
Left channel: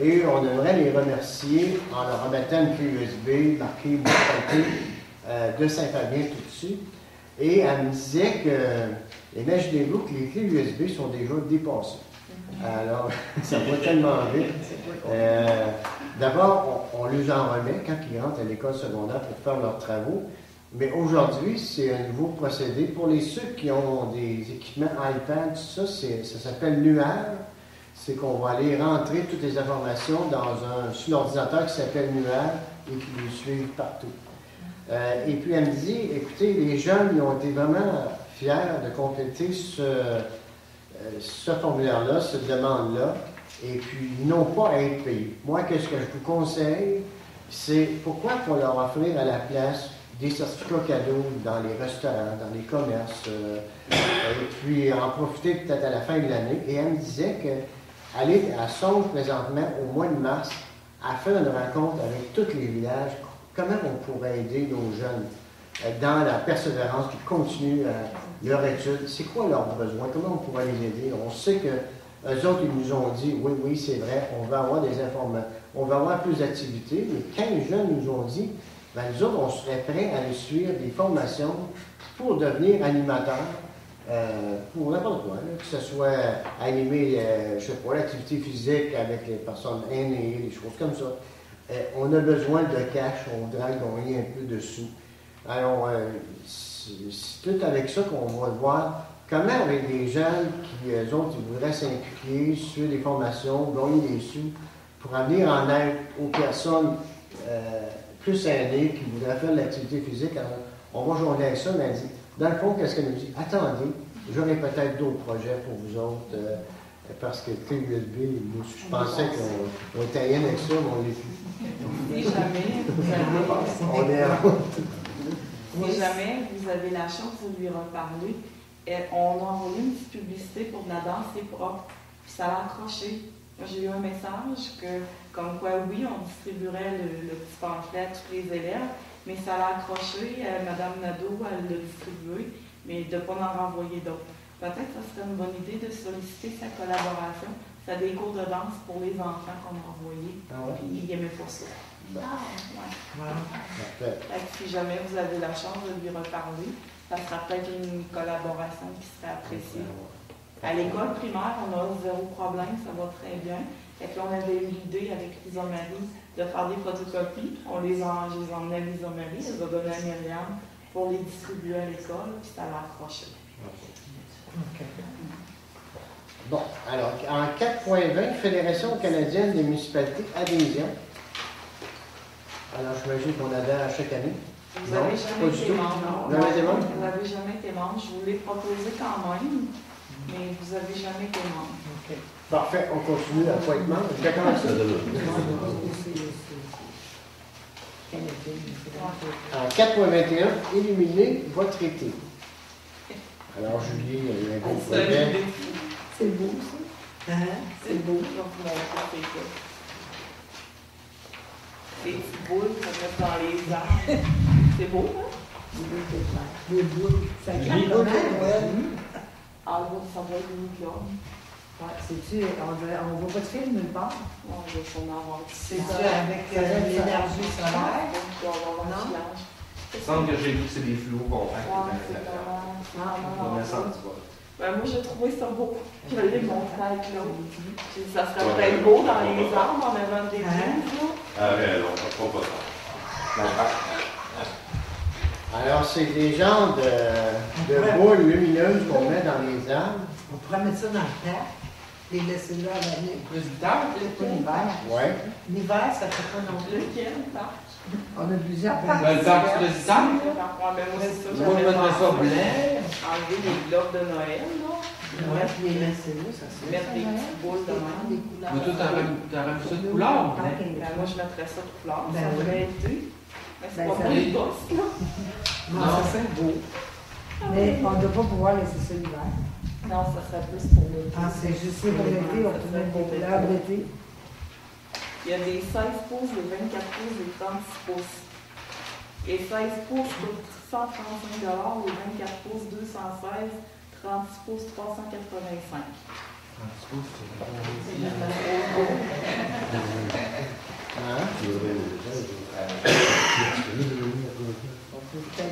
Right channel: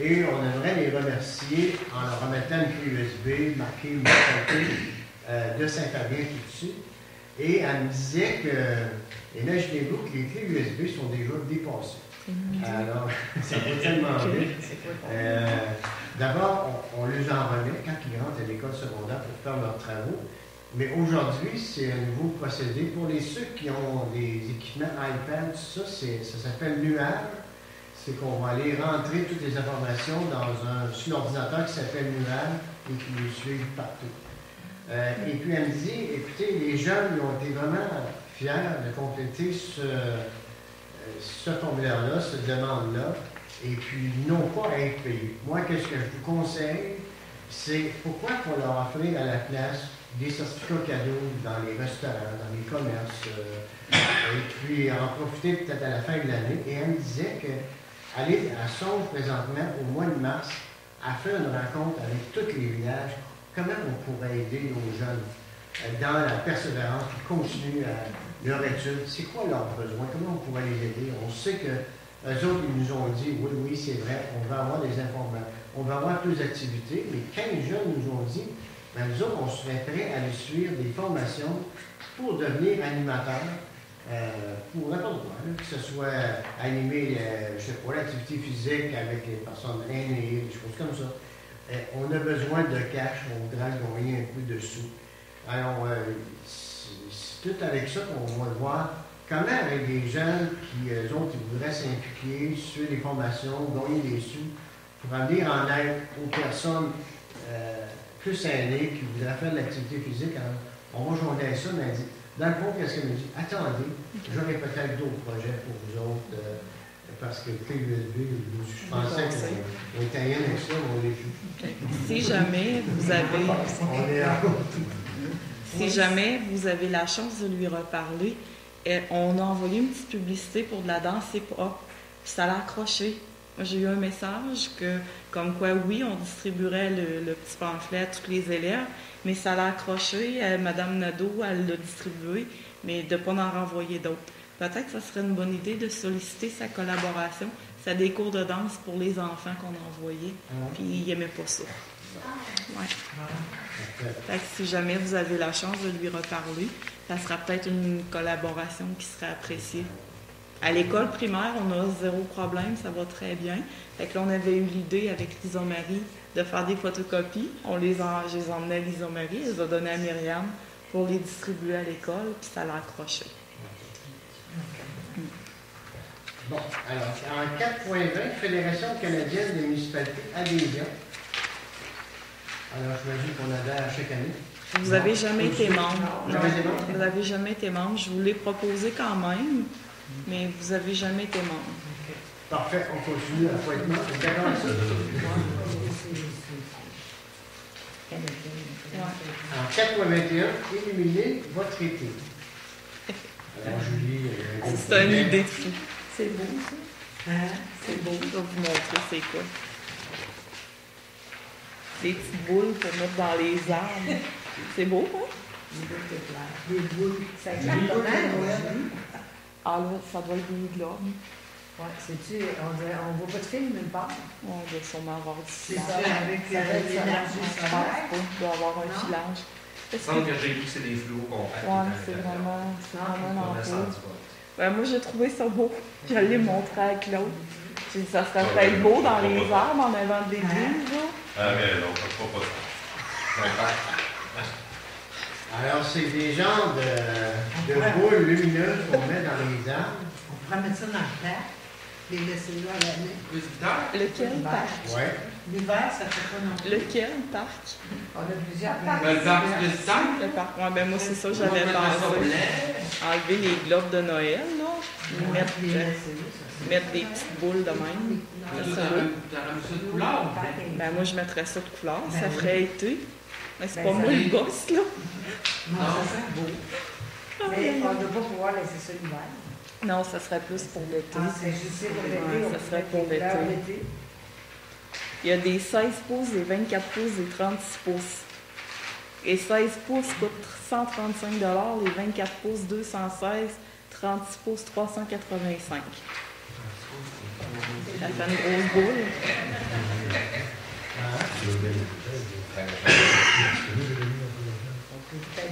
Et on aimerait les remercier en leur remettant une clé USB marquée municipalité de Saint-Fabien tout dessus. Et elle me disait que, imaginez-vous que les clés USB sont déjà dépassées. Alors, ça va tellement vite. D'abord, on les en remet quand ils rentrent à l'école secondaire pour faire leurs travaux. Mais aujourd'hui, c'est un nouveau procédé. Pour ceux qui ont des équipements iPad, tout ça, ça s'appelle Nuage. C'est qu'on va aller rentrer toutes les informations sur l'ordinateur qui s'appelle Nuage et qui nous suivent partout. Et puis elle me dit, écoutez, les jeunes ils ont été vraiment fiers de compléter ce formulaire-là, cette demande-là, et puis ils n'ont pas à être payés. Moi, qu'est-ce que je vous conseille, c'est pourquoi pour leur offrir à la place des certificats cadeaux dans les restaurants, dans les commerces, et puis en profiter peut-être à la fin de l'année. Et elle me disait qu'elle songe présentement au mois de mars à faire une rencontre avec tous les villages. Comment on pourrait aider nos jeunes dans la persévérance, qui continuent leur étude? C'est quoi leurs besoins? Comment on pourrait les aider? On sait que eux autres, ils nous ont dit, oui, c'est vrai, on va avoir des informations, on va avoir plus d'activités, mais quand les jeunes nous ont dit, ben, nous autres, on serait prêts à aller suivre des formations pour devenir animateurs, pour n'importe quoi, là, que ce soit animer, je sais pas, l'activité physique avec les personnes aînées, des choses comme ça. On a besoin de cash, on voudrait gagner un peu de sous. Alors, c'est tout avec ça qu'on va voir comment avec des jeunes qui, eux autres, ils voudraient s'impliquer, suivre des formations, gagner des sous, pour amener en aide aux personnes plus aînées qui voudraient faire de l'activité physique. Alors, on va joindre avec ça, mais elle dit, dans le fond, qu'est-ce qu'elle nous dit? Attendez, j'aurai peut-être d'autres projets pour vous autres, parce que clé USB, je pensais qu'on était rien avec ça, mais on l'est plus. Si jamais vous avez la chance de lui reparler, on a envoyé une petite publicité pour de la danse hip-hop, puis ça l'a accroché. Moi, j'ai eu un message comme quoi, oui, on distribuerait le petit pamphlet à tous les élèves, mais ça l'a accroché. Mme Nadeau, elle l'a distribué, mais de ne pas en renvoyer d'autres. Peut-être que ce serait une bonne idée de solliciter sa collaboration. C'est des cours de danse pour les enfants qu'on a envoyés, puis ils n'aimaient pas ça. Ouais. Fait que si jamais vous avez la chance de lui reparler, ça sera peut-être une collaboration qui serait appréciée. À l'école primaire, on a zéro problème, ça va très bien. Fait que là, on avait eu l'idée avec Lisa-Marie de faire des photocopies. Je les ai emmenés à Lisa-Marie, je les ai donnés à Myriam pour les distribuer à l'école, puis ça l'a accroché. Bon, alors, en 4.20, Fédération canadienne des municipalités, adhésion. Alors, j'imagine qu'on adhère à chaque année. Vous n'avez jamais été membre. Jamais été membre? Vous n'avez jamais été membre. Je vous l'ai proposé quand même, mais vous n'avez jamais été membre. Okay. Parfait, on continue à pas être membre. Exactement ça. En 4.21, éliminer votre été. Alors, Julie, il y a un beau c'est une idée de fou. C'est beau, ça. C'est beau, je vais vous montrer c'est quoi. Des petites boules pour mettre dans les arbres. C'est beau, hein? Des boules. Ça Des garde boules. Ah, là, ça va être une globe. Ouais, c'est-tu, on voit pas de film nulle part. On va sûrement avoir C'est ça, avec l'énergie solaire. On va avoir un filage. Il semble que j'ai lu que c'est des fluos qu'on fait. Ouais, c'est vraiment. On a senti pas. Ben, moi, j'ai trouvé ça beau. Je l'ai montré à Claude. J'ai dit, ça serait peut-être beau dans les arbres en avant des livres. Ah oui, non, ça ne pas ça. Alors, c'est des genres de boules lumineuses qu'on met dans les arbres. On pourrait mettre ça dans le terre. les laisser là à l'année. Résultat? Lequel parc? Ouais. L'hiver, ça fait pas non plus. Lequel parc? On a plusieurs Ah, Ben, le parc du président. Le parc. Ouais, ben moi, c'est ça, On va j'avais mettre ça pensé. blanc. Enlever les globes de Noël, là. Mettre, Les laisser là, ça se mettre des petites boules de même. Mais toi, t'aurais mis ça de couleur. Ben, moi, je mettrais ça de couleur. Ça Ben, ferait été. Ben, c'est Ben, pas ça moi, fait- les gosses, là. Non, ça fait beau. Mais on ne doit pas pouvoir laisser ça l'hiver. Non, ça serait plus pour l'été. Ah, c'est juste C'est pour l'été, on ça peut serait mettre pour des couleurs l'été. d'été. Il y a des 16 pouces, des 24 pouces, des 36 pouces. Les 16 pouces coûtent 135 $, les 24 pouces 216, 36 pouces 385. La famille rose gold. Hein?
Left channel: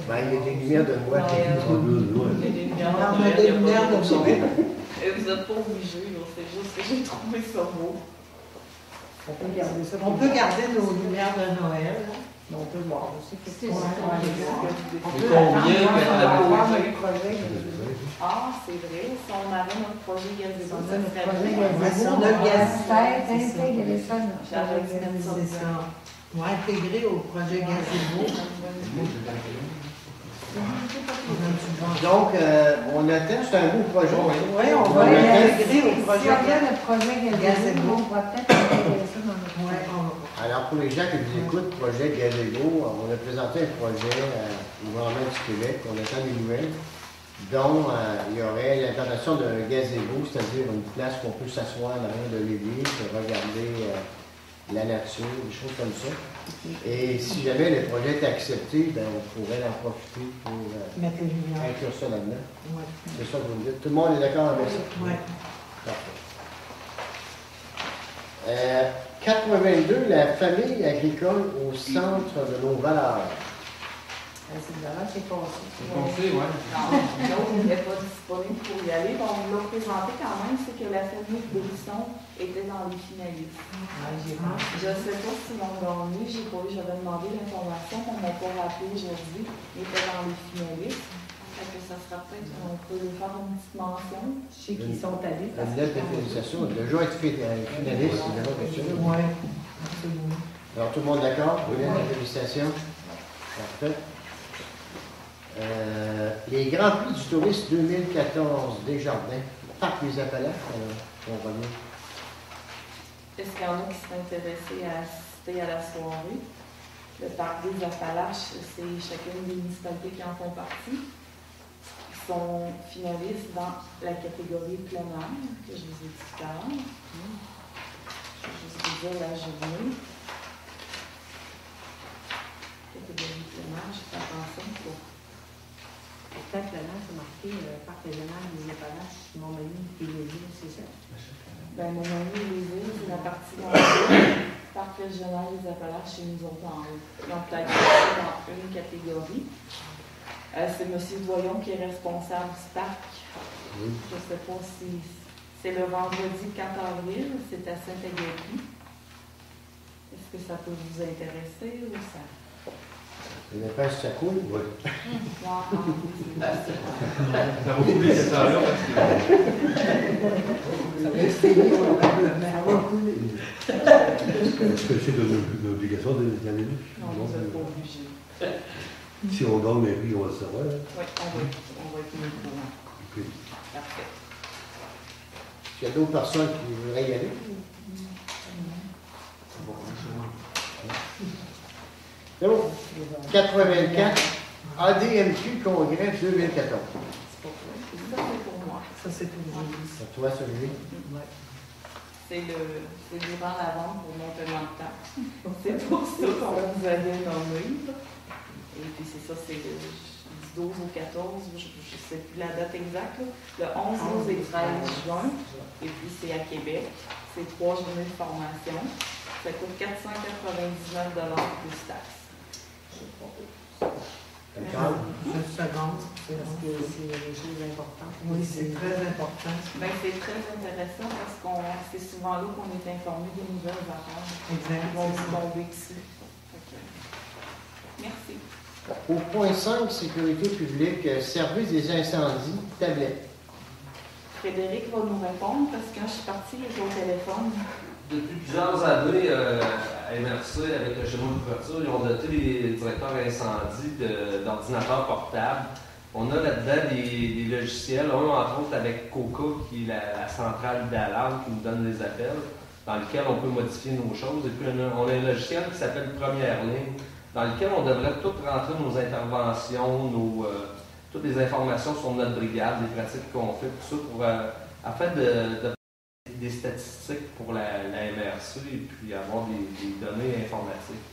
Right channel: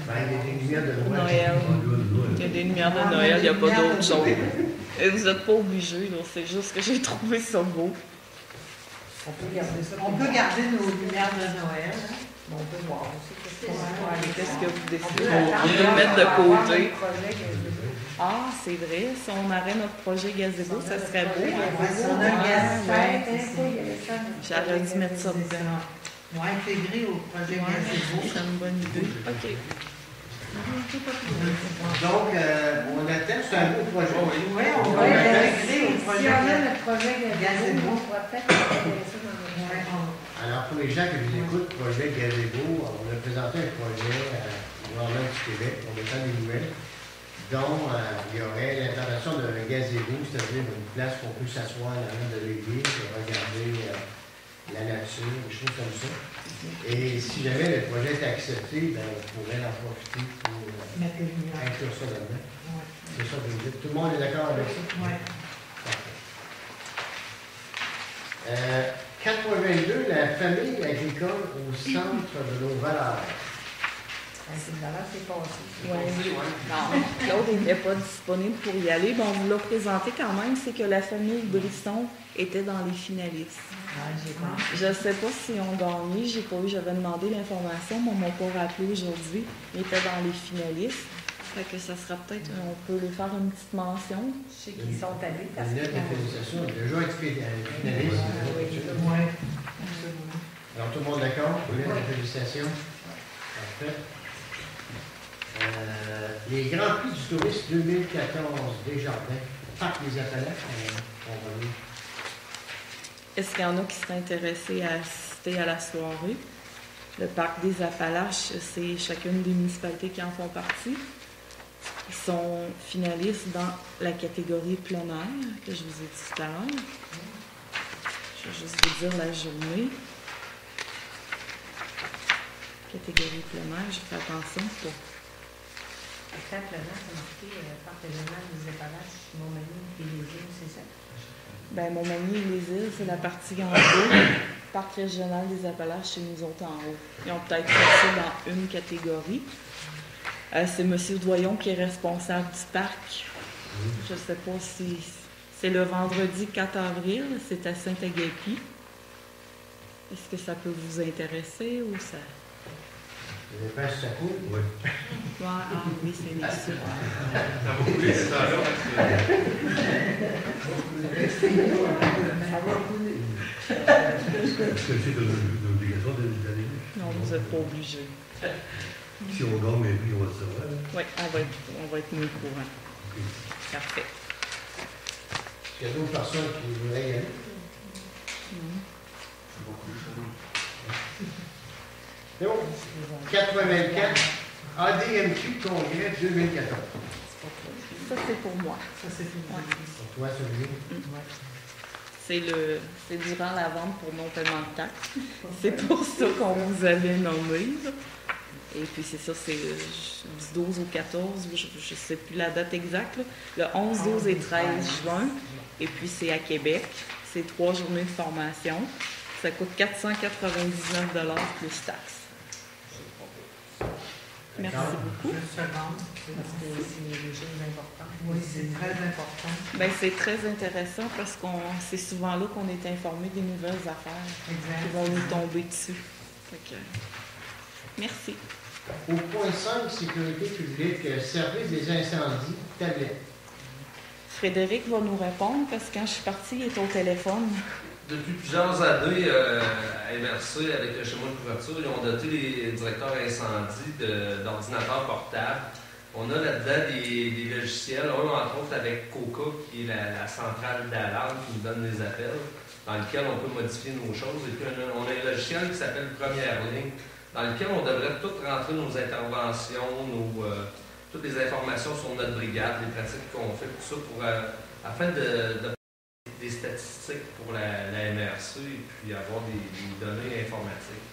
Ben, il y a des lumières de Noël. Noël. Il y a des lumières de Noël, il n'y a pas d'autre chose. Et vous n'êtes pas obligés, là, c'est juste que j'ai trouvé ça beau. On peut garder nos lumières de Noël. On peut voir aussi. Qu'est-ce Qu'est-ce que vous on décidez? peut attendre Mettre de d'avoir côté. un projet que- Ah, c'est vrai, si on avait notre projet gazebo, ça serait projet beau. Ouais, si on a le gaz, gaz, intégrer ça. J'aurais dû mettre ça C'est dedans. ça. On va intégrer au projet gazebo. C'est une bonne idée. OK. Donc, on attend, c'est un beau projet. Oui, on va Ouais, l'intégrer au si projet on a gazebo. le projet Gazebo. gazebo, on pourra peut-être intégrer ça dans notre Ouais, projet. Alors, pour les gens qui vous écoutent, projet Gazebo, on a présenté un projet au gouvernement du Québec, on attend des nouvelles, dont il y aurait l'implantation d'un gazebo, c'est-à-dire une place où on peut s'asseoir dans de l'église, regarder la nature, des choses comme ça. Et si jamais le projet est accepté, ben, on pourrait en profiter pour Mettre les lumières. inclure ça là-dedans. Ouais. C'est ça que vous dites. Tout le monde est d'accord avec ça? Ouais. Parfait. 82, la famille agricole au centre de nos valeurs. C'est une valeur, c'est passé. Foncé, ouais. Non, l'autre n'était pas disponible pour y aller. Bon, on vous l'a présenté quand même, c'est que la famille Brisson était dans les finalistes. Ah, j'ai marre. Je ne sais pas si on gagné, j'ai pas eu, j'avais demandé l'information, mais on m'a pas rappelé aujourd'hui. Il était dans les finalistes. Fait que ça sera peut-être, on peut faire une petite mention. Je sais qu'ils sont allés. Une lettre de félicitations. Il a déjà été finaliste. Ouais, absolument. Alors, tout le monde d'accord? Une lettre de félicitations. Parfait. Les Grands Prix du tourisme 2014 Desjardins, Parc des Appalaches, on revient. Est-ce qu'il y en a qui seraient intéressés à assister à la soirée? Le parc des Appalaches, c'est chacune des municipalités qui en font partie. Ils sont finalistes dans la catégorie plein air, que je vous ai dit tout à l'heure. Je vais juste vous dire la journée. Catégorie plein air, je fais attention pour... Simplement, c'est marqué Parc régional des Appalaches, Montmagny et les îles, c'est ça? Ben, Montmagny et les îles, c'est la partie en haut. Parc régional des Appalaches, c'est nous autres en haut. Ils ont peut-être passé dans une catégorie. C'est M. Doyon qui est responsable du parc. Je ne sais pas si c'est le vendredi 4 avril, c'est à Saint-Agapi. Est-ce que ça peut vous intéresser ou ça? Je ne sais pas si ça coule. Oui. Ah, oui, c'est bien ça. Ça va couler ce temps-là Est-ce que c'est une obligation d'aller Non, vous n'êtes pas obligé. Si on gagne, mais oui, on va le savoir. Hein. Oui, on va être mis au courant. Ok. Parfait. Il y a d'autres personnes qui voudraient y aller. C'est bon. 84, ADMQ Congrès 2014. Ça, c'est pour moi. Ça, c'est tout. Pour toi, celui C'est durant la vente pour mon paiement de taxes. C'est pour ça qu'on vous avait nommé. Et puis c'est ça, c'est du 12 au 14, je ne sais plus la date exacte, là. Le 11, 12 et 13 juin. Et puis c'est à Québec. C'est 3 journées de formation. Ça coûte 499 $ plus taxes. Merci. Une seconde. C'est des choses importantes. Oui, c'est très important. Ben, c'est très intéressant parce qu'on c'est souvent là qu'on est informé des nouvelles affaires qui vont nous tomber dessus. Fait que, merci. Au point 5, sécurité publique, service des incendies, tablette. Frédéric va nous répondre parce que quand je suis partie, il est au téléphone. Depuis plusieurs années, à MRC, avec le schéma de couverture, ils ont doté les directeurs incendie d'ordinateurs portables. On a là-dedans des logiciels, entre autres avec Coca, qui est la centrale d'alarme qui nous donne les appels, dans lequel on peut modifier nos choses. Et puis on a un logiciel qui s'appelle Première Ligne, dans lequel on devrait tout rentrer nos interventions, toutes les informations sur notre brigade, les pratiques qu'on fait, tout ça, afin de des statistiques pour la MRC et puis avoir des données informatiques.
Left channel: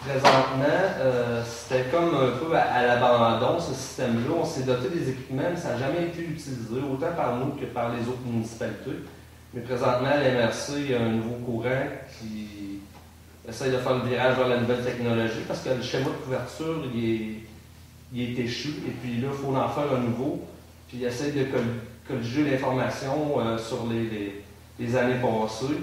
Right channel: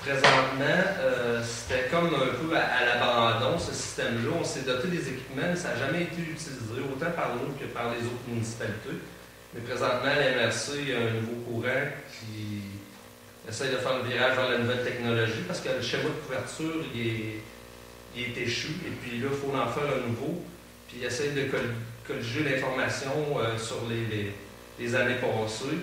Présentement, c'était comme un peu à l'abandon, ce système-là. On s'est doté des équipements, mais ça n'a jamais été utilisé, autant par nous que par les autres municipalités. Mais présentement, à la MRC, il y a un nouveau courant qui essaye de faire le virage vers la nouvelle technologie parce que le schéma de couverture, il est échu. Et puis là, il faut en faire un nouveau. Puis il essaye de colliger l'information sur les années passées.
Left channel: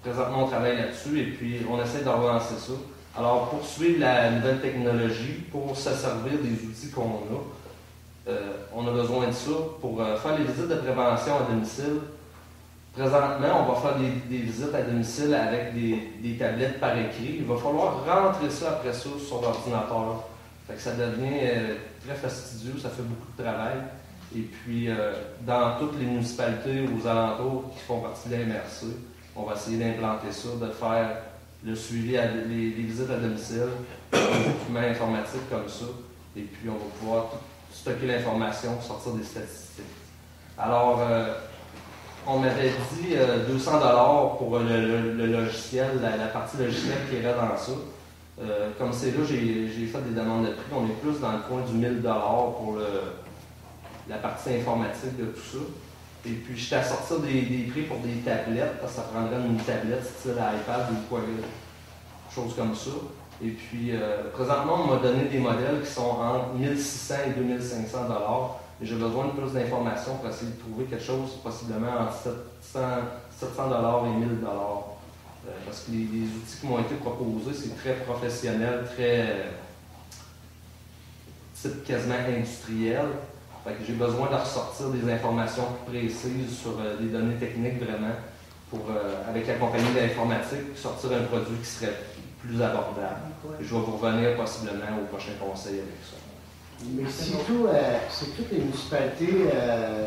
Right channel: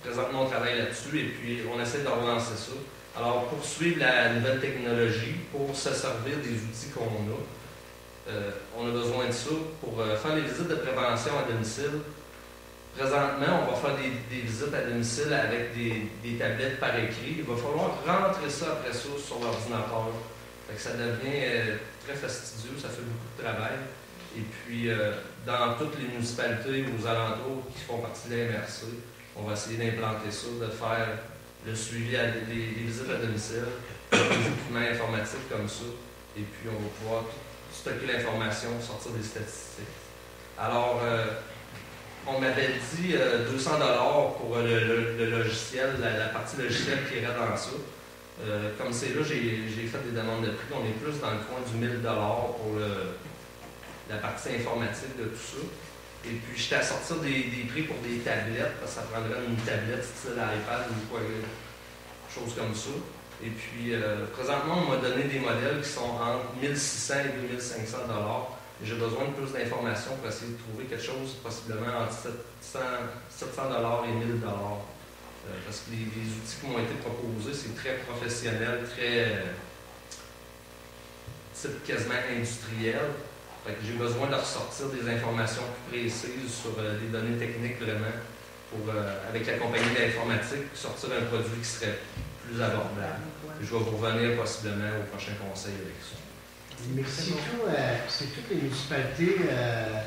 Présentement, on travaille là-dessus et puis on essaie de relancer ça. Alors, pour suivre la nouvelle technologie, pour se servir des outils qu'on a, on a besoin de ça pour faire les visites de prévention à domicile. Présentement, on va faire des visites à domicile avec des tablettes par écrit. Il va falloir rentrer ça après ça sur l'ordinateur. Fait que ça devient très fastidieux, ça fait beaucoup de travail. Et puis, dans toutes les municipalités aux alentours qui font partie de la MRC, on va essayer d'implanter ça, de faire le suivi, les visites à domicile, des équipements informatiques comme ça. Et puis, on va pouvoir tout stocker l'information, sortir des statistiques. Alors, on m'avait dit 200 $ pour le logiciel, la partie logicielle qui irait dans ça. Comme c'est là, j'ai fait des demandes de prix. On est plus dans le coin du 1000 $ pour la partie informatique de tout ça. Et puis, j'étais à sortir des prix pour des tablettes, parce que ça prendrait une tablette style iPad ou quoi, chose comme ça. Et puis, présentement, on m'a donné des modèles qui sont entre 1600 et 2500 $. Et j'ai besoin de plus d'informations pour essayer de trouver quelque chose possiblement entre 700 $ et 1000 $. Parce que les outils qui m'ont été proposés, c'est très professionnel, très type quasiment industriel. Fait que j'ai besoin de ressortir des informations plus précises sur des données techniques vraiment pour, avec la compagnie d'informatique, sortir un produit qui serait plus abordable. Et je vais vous revenir possiblement au prochain conseil avec ça. Mais si toutes les municipalités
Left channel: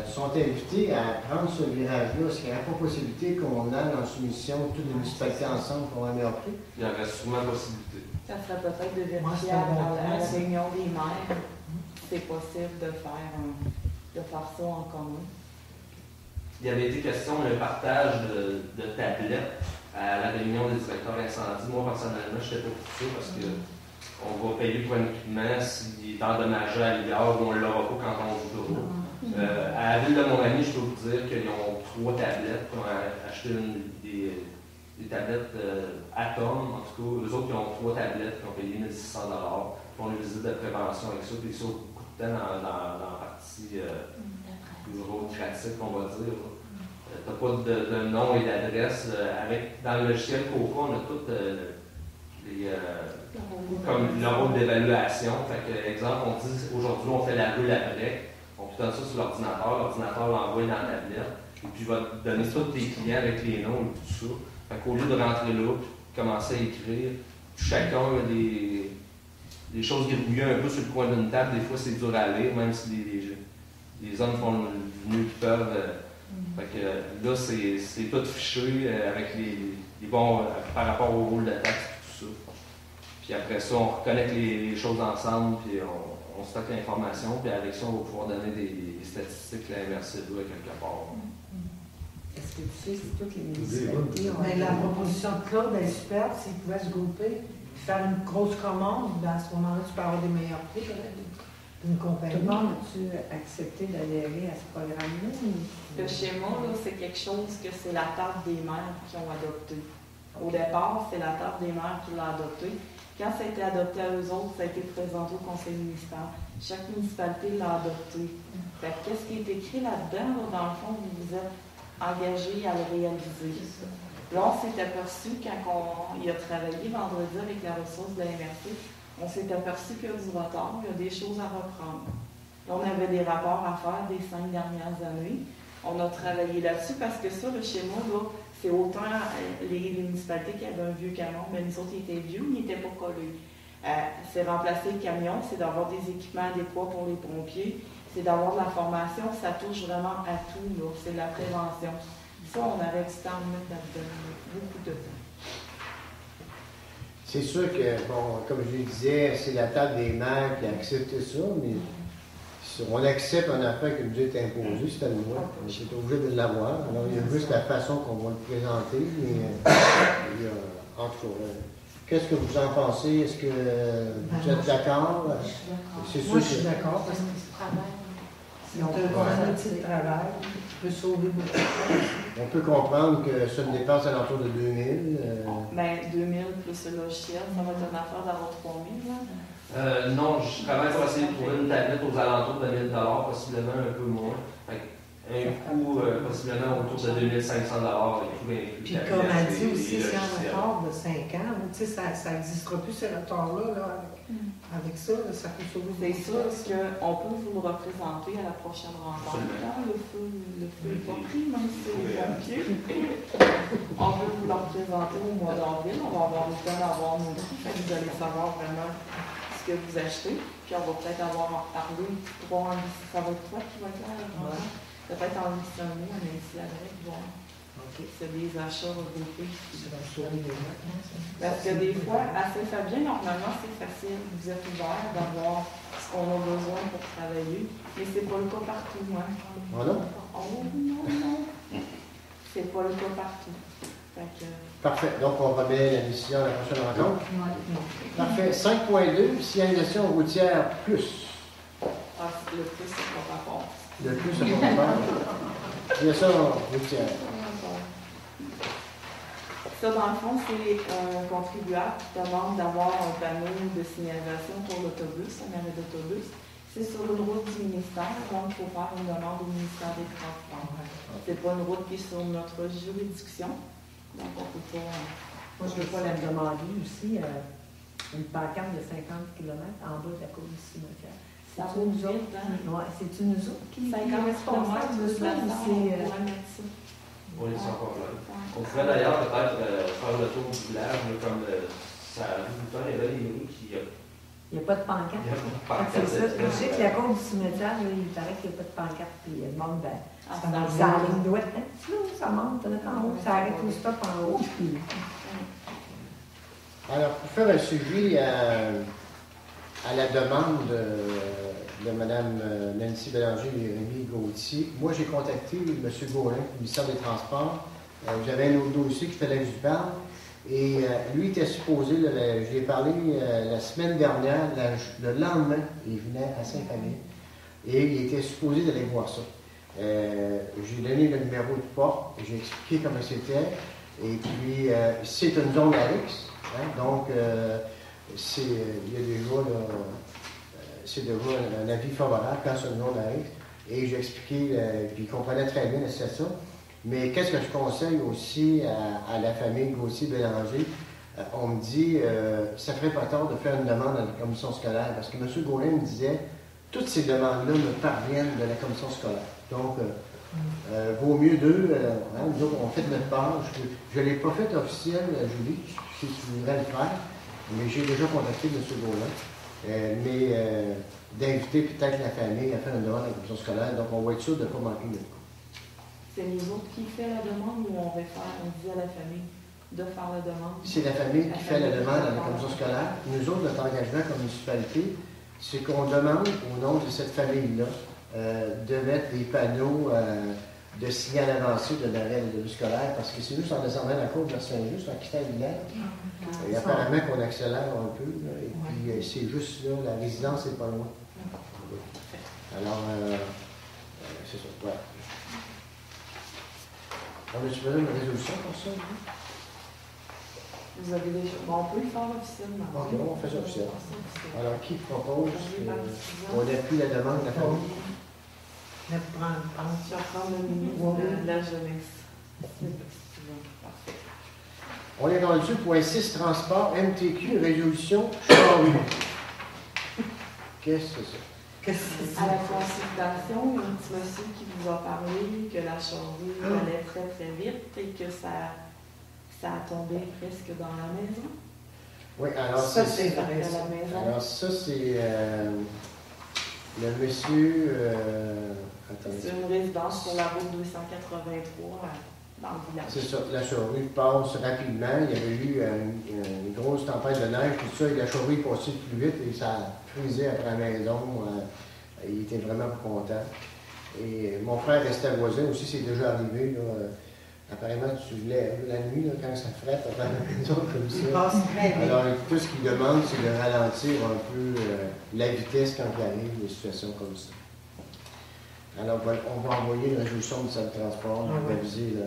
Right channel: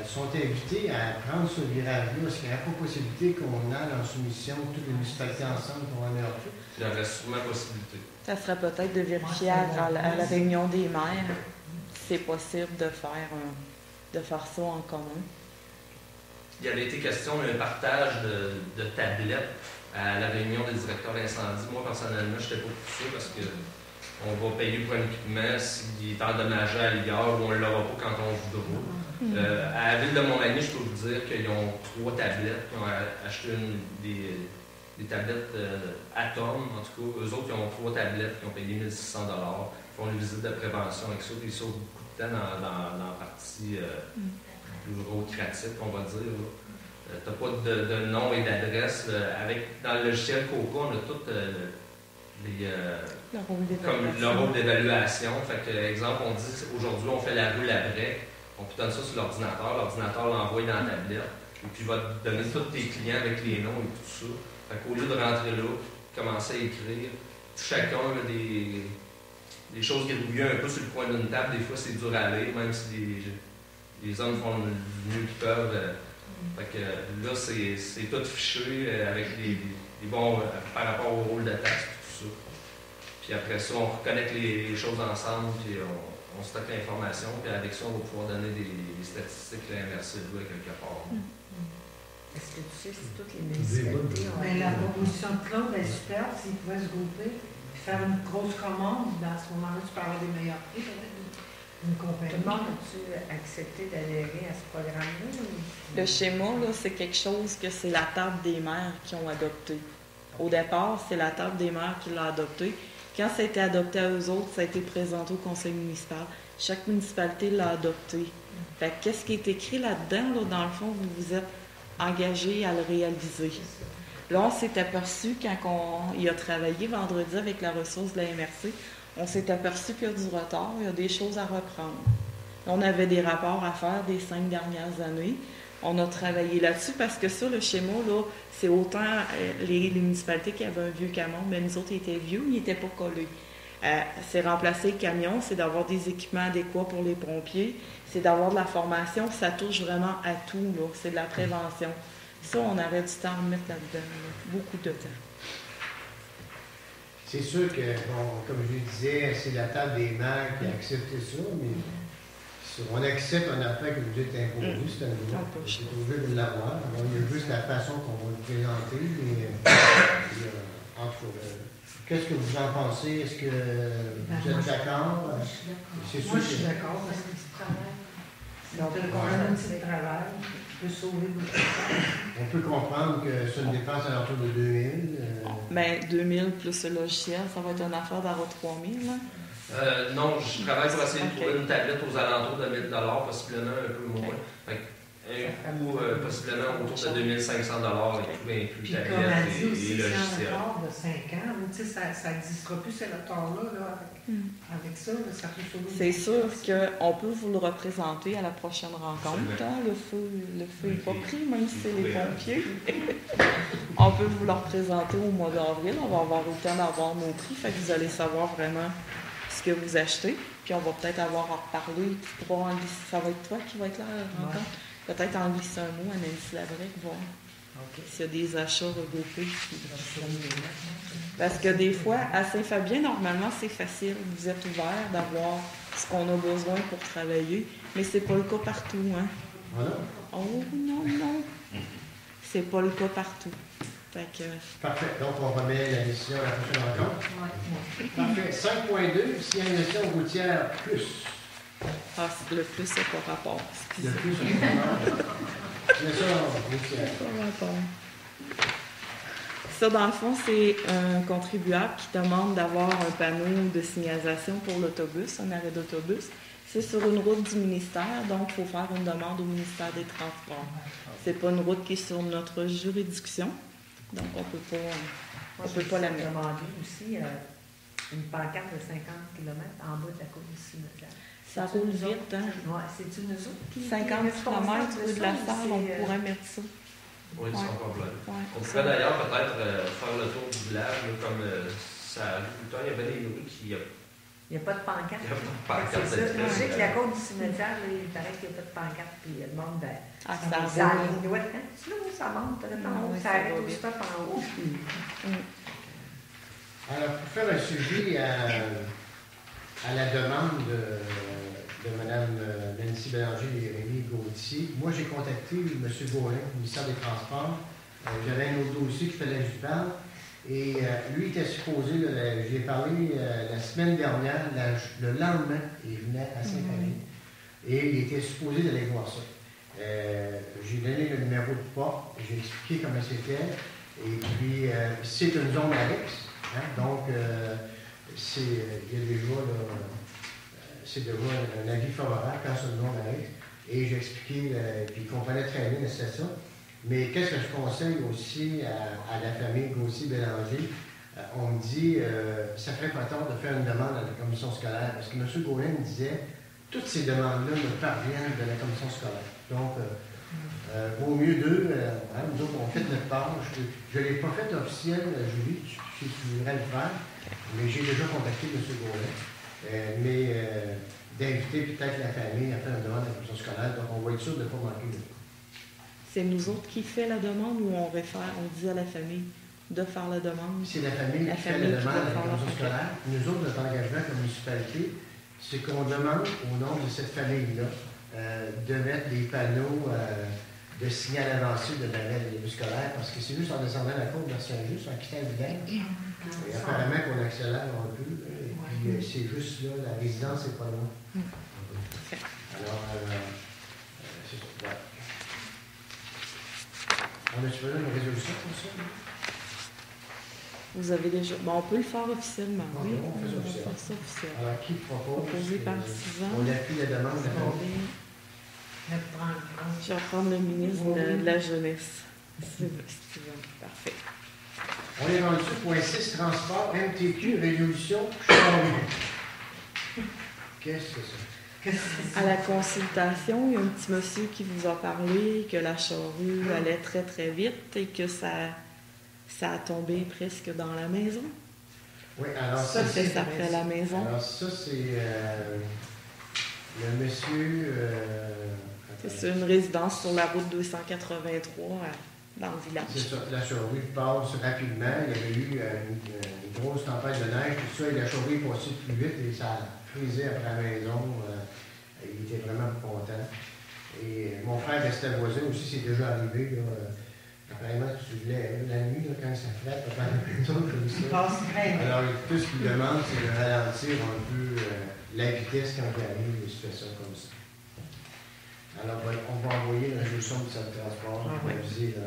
sont invitées à prendre ce virage-là, est-ce qu'il n'y a pas possibilité qu'on aille en soumission toutes les municipalités ensemble pour un meilleur prix? Il y aurait sûrement possibilité. Ça serait peut-être de vérifier à la réunion des maires si c'est possible de faire ça en commun. Il y avait été question d'un partage de tablettes à la réunion des directeurs incendie. Moi, personnellement, je n'étais pas pour ça parce que on va payer pour un équipement s'il est endommagé à l'égard ou on ne l'aura pas quand on voudra. À la ville de Montmagny, je peux vous dire qu'ils ont 3 tablettes, qui ont acheté des tablettes Atom, en tout cas. Eux autres, ils ont 3 tablettes qui ont payé 1600 $. Ils font une visite de prévention avec ça, puis ils sauvent beaucoup de temps dans la partie bureaucratique, on va dire. Tu n'as pas de nom et d'adresse. Dans le logiciel Coca, on a tout comme le rôle d'évaluation. Fait que, exemple, on dit aujourd'hui on fait la rue après, on donne ça sur l'ordinateur l'envoie dans la tablette, et puis il va te donner tous tes clients avec les noms et tout ça. Fait qu'au lieu de rentrer là, commencer à écrire, chacun a des choses grouillées un peu sur le coin d'une table, des fois c'est dur à lire, même si les hommes font le mieux qu'ils peuvent. Fait que là, c'est tout fiché avec les bons par rapport au rôle de taxe. Puis après ça, on reconnecte les choses ensemble, puis on stocke l'information, puis avec ça, on va pouvoir donner des statistiques que la MRC doit quelque part. Est-ce que tu sais si toutes les municipalités ont... Mais la proposition de Claude est super, s'ils pouvaient se grouper, puis faire une grosse commande, dans ce moment-là, tu peux avoir des meilleurs prix, peut-être, une compagnie. Tout le monde a-tu accepté d'adhérer à ce programme-là? Le schéma, là, c'est quelque chose que c'est la table des maires qui ont adopté. Au départ, c'est la table des maires qui l'a adopté. Quand ça a été adopté à eux autres, ça a été présenté au conseil municipal. Chaque municipalité l'a adopté. Fait que qu'est-ce qui est écrit là-dedans, là, dans le fond, vous vous êtes engagé à le réaliser. Là, on s'est aperçu, quand il a travaillé vendredi avec la ressource de la MRC, on s'est aperçu qu'il y a du retard, il y a des choses à reprendre. On avait des rapports à faire des 5 dernières années. On a travaillé là-dessus parce que ça, le schéma, là, c'est autant les municipalités qui avaient un vieux camion, mais nous autres, ils étaient vieux, ils n'étaient pas collés. C'est remplacer le camion, c'est d'avoir des équipements adéquats pour les pompiers, c'est d'avoir de la formation, ça touche vraiment à tout, là. C'est de la prévention. Ça, on aurait du temps à mettre là-dedans, là. Beaucoup de temps. C'est sûr que, bon, comme je le disais, c'est la table des maires qui a accepté ça, mais on accepte un affaire qui nous est imposé, c'est à nous. On est obligé de l'avoir. Alors, il y a juste la façon qu'on va le présenter. Mais, en tout cas, qu'est-ce que vous en pensez? Est-ce que vous êtes d'accord? Je suis d'accord. Moi, je suis d'accord parce que c'est travail. Donc, on a un petit travail, peut sauver beaucoup de choses. On peut comprendre que c'est une dépense à l'entour de 2000. Bien, 2000 plus le logiciel, ça va être une affaire d'avoir 3000. Non, je travaille pour essayer de trouver une tablette aux alentours de 1000 $, possiblement un peu moins. Un coût possiblement autour de 2500 $, et tout inclus. Puis comme elle dit aussi, c'est un retard de 5 ans. Tu sais, ça n'existera plus ces retards-là. Là, avec ça, là, ça peut sauver. C'est sûr qu'on peut vous le représenter à la prochaine rencontre. Hein? Le feu n'est pas pris, même si c'est les pompiers. On peut vous le représenter au mois d'avril. On va avoir le temps d'avoir nos prix. Fait que vous allez savoir vraiment ce que vous achetez. Puis on va peut-être avoir à reparler. Ça va être toi qui va être là à la rencontre. Peut-être en glisser un mot à Nancy Labrec, voir s'il y a des achats regroupés. Parce que des fois, à Saint-Fabien, normalement, c'est facile. Vous êtes ouvert d'avoir ce qu'on a besoin pour travailler, mais c'est pas le cas partout. Hein? Voilà. Oh non. C'est pas le cas partout. Fait que... Parfait. Donc, on remet la décision à la prochaine rencontre. Parfait. 5.2, signalisation routière plus. Ah, le plus, c'est pas rapport. Le plus, c'est pas rapport. Signalisation routière. Ça, dans le fond, c'est un contribuable qui demande d'avoir un panneau de signalisation pour l'autobus, un arrêt d'autobus. C'est sur une route du ministère, donc il faut faire une demande au ministère des Transports. C'est pas une route qui est sur notre juridiction, donc on ne peut pas la demander aussi une pancarte de 50 km en bas de la cour du cimetière. Ça roule vite, hein? Oui, c'est une autres qui 50 km de la salle, on pourrait mettre ça. Oui, ils sont complets. Ouais. On pourrait d'ailleurs peut-être faire le tour du village, comme ça arrive tout le temps. Il y a bien des bruits qui. Il n'y a pas de pancarte. Il n'y a pas de pancarte. C'est ça. Je sais que la cour du cimetière, il paraît qu'il n'y a pas de pancarte. Puis il demande ça la ligne droite. Ça monte en haut, ça arrête au stop en haut. Alors, pour faire un suivi à la demande de Mme Nancy Bélanger et Rémi Gauthier, moi j'ai contacté M. Gaulin, le ministère des Transports. J'avais un autre dossier qu'il fallait que je parle. Et lui était supposé, j'ai parlé la semaine dernière, le lendemain, il venait à Saint-Fabien. Et il était supposé d'aller voir ça. J'ai donné le numéro de porte, j'ai expliqué comment c'était. Et puis, c'est une zone à X. Hein, donc, il y a déjà, c'est déjà un avis favorable quand c'est une zone à X. Et j'ai expliqué, puis il comprenait très bien la situation. Mais qu'est-ce que je conseille aussi à la famille Gauthier-Bélanger? On me dit, ça ferait pas tard de faire une demande à la commission scolaire, parce que M. Gaulin me disait, toutes ces demandes-là me parviennent de la commission scolaire. Donc, vaut mieux d'eux, nous autres, on fait notre part. Je ne l'ai pas fait officiel, Julie, si tu voudrais le faire, mais j'ai déjà contacté M. Gaulin. D'inviter peut-être la famille à faire une demande à la commission scolaire, donc on va être sûr de ne pas manquer de coup. C'est nous autres qui fait la demande ou on dit à la famille de faire la demande? C'est la famille qui fait la demande à la commission scolaire. Nous autres, notre engagement comme municipalité, c'est qu'on demande au nom de cette famille-là de mettre des panneaux de signal avancé de l'arrêt de bus scolaire, parce que c'est juste en descendant la côte vers Saint-Just, en quittant le village. Et apparemment qu'on accélère un peu, là, et puis c'est juste là, la résidence n'est pas loin. Alors, c'est ça. Ouais. On a-tu besoin d'une résolution pour ça? Vous avez déjà... Bon, on peut le faire officiellement. Okay, oui, on fait ça officiellement. Alors, qui propose on appuie la demande de la famille? Je vais prendre le ministre de la Jeunesse. Parfait. On est rendu point 6, transport, MTQ, résolution, Charlie. Qu'est-ce que c'est ça? À la consultation, il y a un petit monsieur qui vous a parlé que la charrue allait très très vite et que ça a tombé presque dans la maison. Oui, alors Ça, c'est c'est Ça fait la maison. alors ça, c'est le monsieur... C'est une résidence sur la route 283 dans le village. C'est ça, la charrue passe rapidement. Il y avait eu une grosse tempête de neige, tout ça, et la charrue est passée plus vite et ça a frisé après la maison. Il était vraiment pas content. Et mon frère restait voisin aussi, c'est déjà arrivé. Là, apparemment, tu lèves la nuit, là, quand ça frette, à la maison comme Il ça. passe très bien. Alors, tout ce qu'il demande, c'est de ralentir un peu la vitesse quand il arrive des situations comme ça. Alors, on va envoyer une résolution du centre de transport pour aviser le...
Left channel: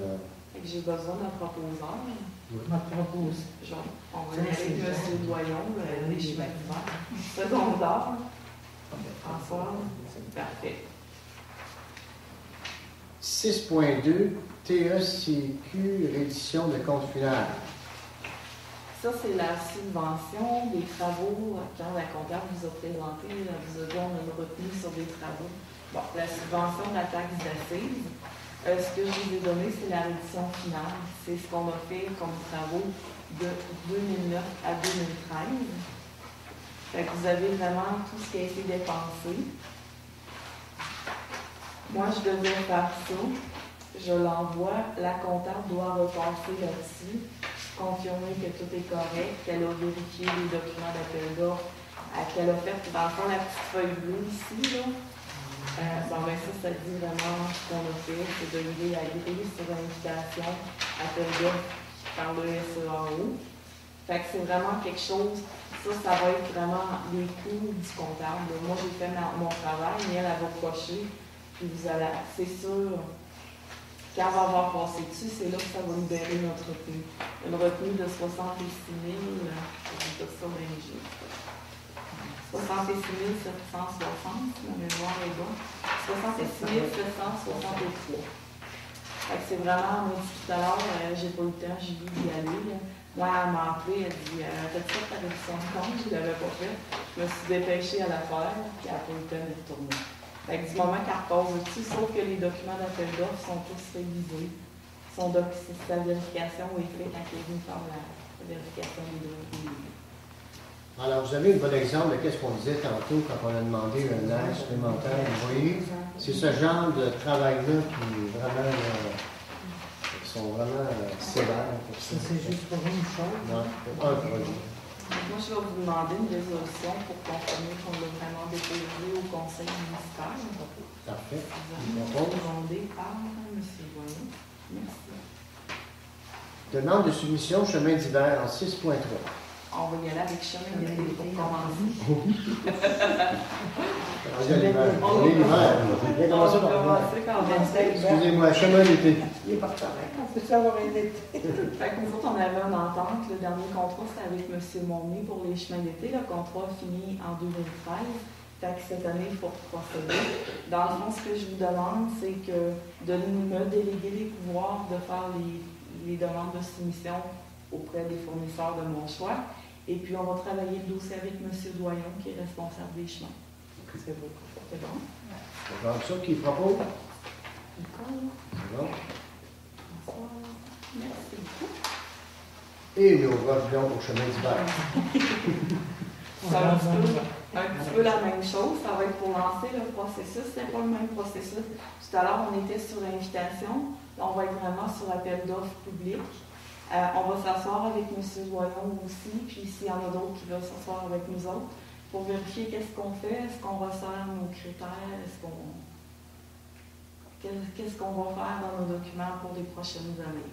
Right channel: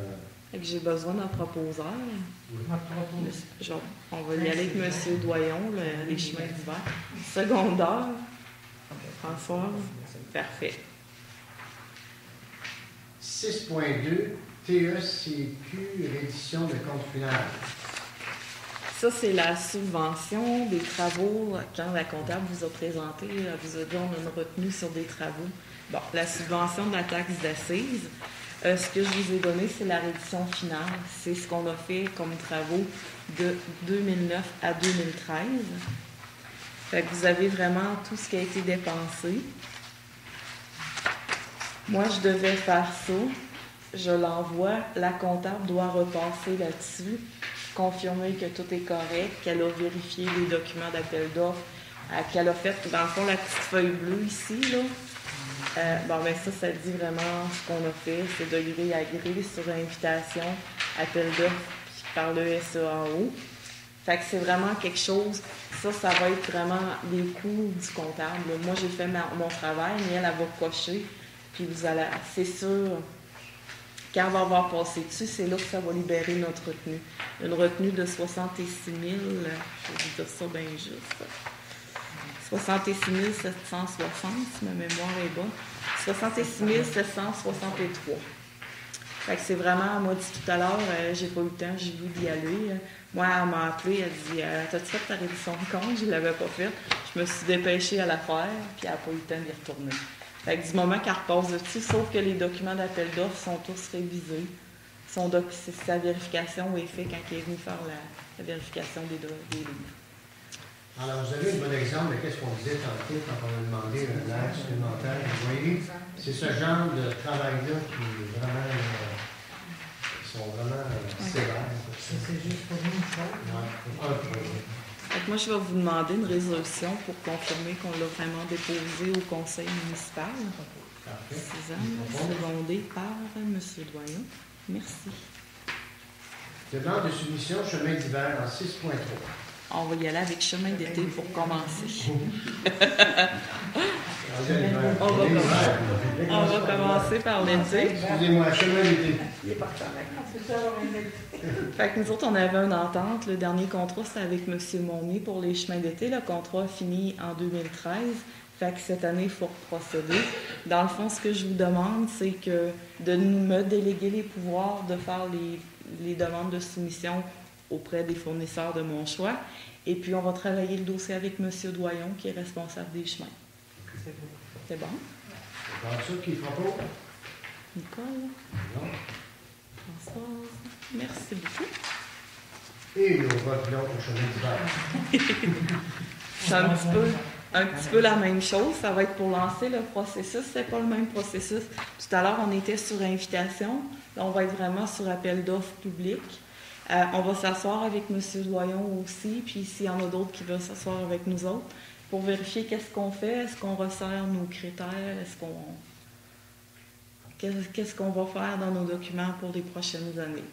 Fait que j'ai besoin d'un proposeur. On propose. On va y aller avec M. Doyon, les chemins d'hiver. Secondaire. Françoise. Parfait. 6.2, TECQ, reddition de compte final. Ça, c'est la subvention des travaux. Quand la comptable vous a présenté, elle vous a dit on a une retenue sur des travaux. Bon, la subvention de la taxe d'assises. Ce que je vous ai donné, c'est la reddition finale. C'est ce qu'on a fait comme travaux de 2009 à 2013. Fait que vous avez vraiment tout ce qui a été dépensé. Moi, je devais faire ça. Je l'envoie. La comptable doit repasser là-dessus, confirmer que tout est correct, qu'elle a vérifié les documents d'appel d'offres, qu'elle a fait, dans le fond, la petite feuille bleue ici, là. Ben ça dit vraiment ce qu'on a fait, c'est de les réagréer sur invitation, appel d'offres par le SEAO. Fait que c'est vraiment quelque chose, ça va être vraiment les coûts du comptable. Moi, j'ai fait mon travail, mais elle va cocher, puis vous allez, c'est sûr, quand elle va avoir passé dessus, c'est là que ça va libérer notre retenue. Une retenue de 66 000, je vais vous dire ça bien juste. 66 760, si ma mémoire est bonne. 66 763. Fait que c'est vraiment, moi, dit tout à l'heure, j'ai pas eu le temps, j'ai voulu y aller. Là. Moi, elle m'a appelé, elle dit t'as-tu fait ta révision de compte? Je ne l'avais pas faite. Je me suis dépêchée à la faire, puis elle n'a pas eu le temps d'y retourner. Fait que du moment qu'elle repasse dessus, sauf que les documents d'appel d'offres sont tous révisés. Sa vérification est faite quand elle est venue faire la vérification des données. Alors, vous avez un bon exemple de ce qu'on disait tantôt quand on a demandé un aide supplémentaire. Vous voyez, c'est ce genre de travail-là qui est vraiment, sont vraiment sévères. Ça, c'est juste pour une chose. Ouais, pour un projet. Moi, je vais vous demander une résolution pour confirmer qu'on l'a vraiment déposé au conseil municipal. Parfait. Secondé par M. Doyon. Merci. Demande de soumission chemin d'hiver en 6.3. On va y aller avec chemin d'été pour commencer. On va commencer par l'été. Excusez-moi, chemin d'été. Il est pas correct. On peut savoir une été. Fait que nous autres, on avait une entente. Le dernier contrat, c'était avec M. Monnier pour les chemins d'été. Le contrat a fini en 2013. Fait que cette année, il faut procéder. Dans le fond, ce que je vous demande, c'est que de me déléguer les pouvoirs de faire les demandes de soumission auprès des fournisseurs de mon choix. Et puis, on va travailler le dossier avec M. Doyon, qui est responsable des chemins. C'est bon? C'est comme ça qu'il propose? Nicole? Non. Françoise? Merci beaucoup. Et nous revenons au chemin d'hiver. C'est un petit peu la même chose. Ça va être pour lancer le processus. C'est pas le même processus. Tout à l'heure, on était sur invitation. Là, on va être vraiment sur appel d'offres public. On va s'asseoir avec M. Doyon aussi, puis s'il y en a d'autres qui veulent s'asseoir avec nous autres, pour vérifier qu'est-ce qu'on fait, est-ce qu'on resserre nos critères, qu'est-ce qu'on va faire dans nos documents pour les prochaines années.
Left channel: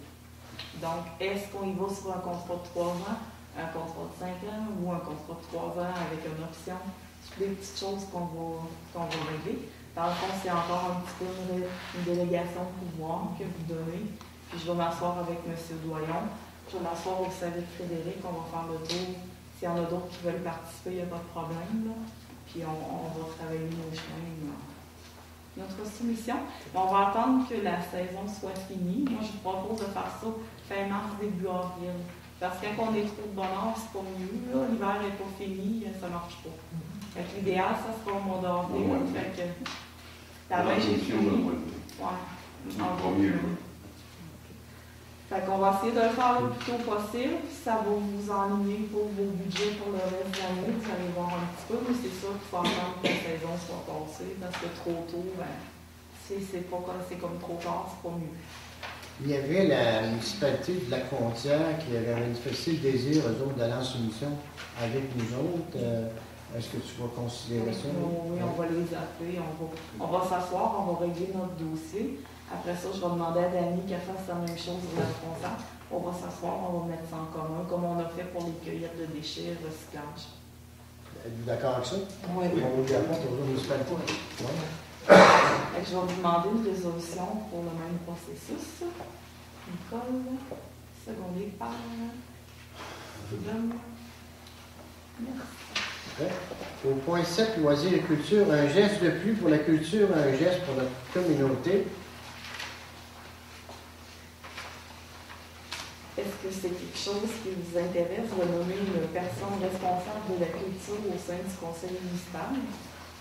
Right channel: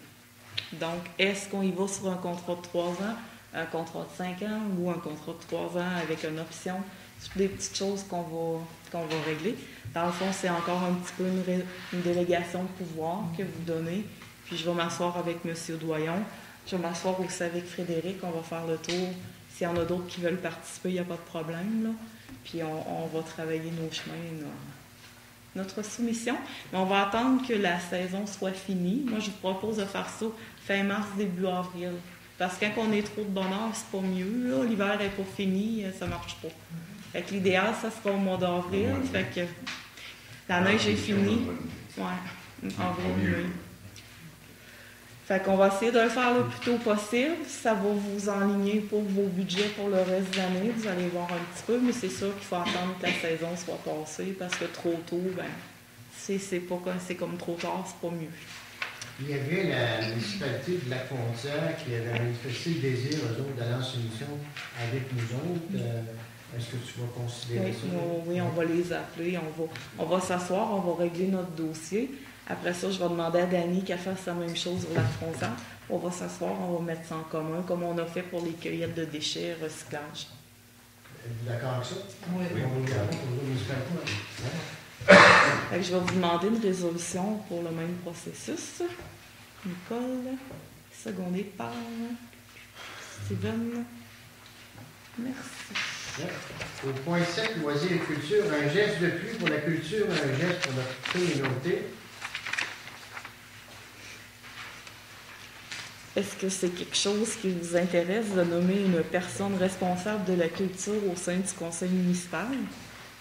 Donc, est-ce qu'on y va sur un contrat de 3 ans, un contrat de 5 ans ou un contrat de 3 ans avec une option? C'est des petites choses qu'on va régler. Dans le fond, c'est encore un petit peu une délégation de pouvoir que vous donnez. Puis je vais m'asseoir avec M. Doyon. Je vais m'asseoir aussi avec Frédéric. On va faire le tour. S'il y en a d'autres qui veulent participer, il n'y a pas de problème. Là. Puis on va travailler nos chemins, notre soumission. Mais on va attendre que la saison soit finie. Moi, je vous propose de faire ça fin mars, début avril. Parce que quand on est trop de bonheur, c'est pas mieux. L'hiver n'est pas fini, ça ne marche pas. Fait que l'idéal, ça sera au mois d'avril. Au mois de mai. Fait que la neige est finie. Ouais, en Mieux. avril. Fait qu'on va essayer de le faire le plus tôt possible. Ça va vous enligner pour vos budgets pour le reste de l'année. Vous allez voir un petit peu, mais c'est sûr qu'il faut attendre que la saison soit passée parce que trop tôt, ben, c'est comme trop tard, c'est pas mieux. Il y avait la municipalité de Lac-Frontière qui avait manifesté le désir, eux autres, d'aller en soumission avec nous autres. Est-ce que tu vas considérer ça? Oui, on va les appeler, on va s'asseoir, on va régler notre dossier. Après ça, je vais demander à Dani qu'elle fasse la même chose sur la frontière. On va s'asseoir, on va mettre ça en commun, comme on a fait pour les cueillettes de déchets, recyclage. Êtes-vous d'accord avec ça? Oui. On va regarder pour la municipalité. Ouais. Fait que je vais vous demander une résolution pour le même processus. Nicole, secondée par Steven. Merci. Ouais. Au point 7, loisirs et culture, un geste de plus pour la culture, un geste pour notre communauté. Est-ce que c'est quelque chose qui vous intéresse de nommer une personne responsable de la culture au sein du conseil municipal,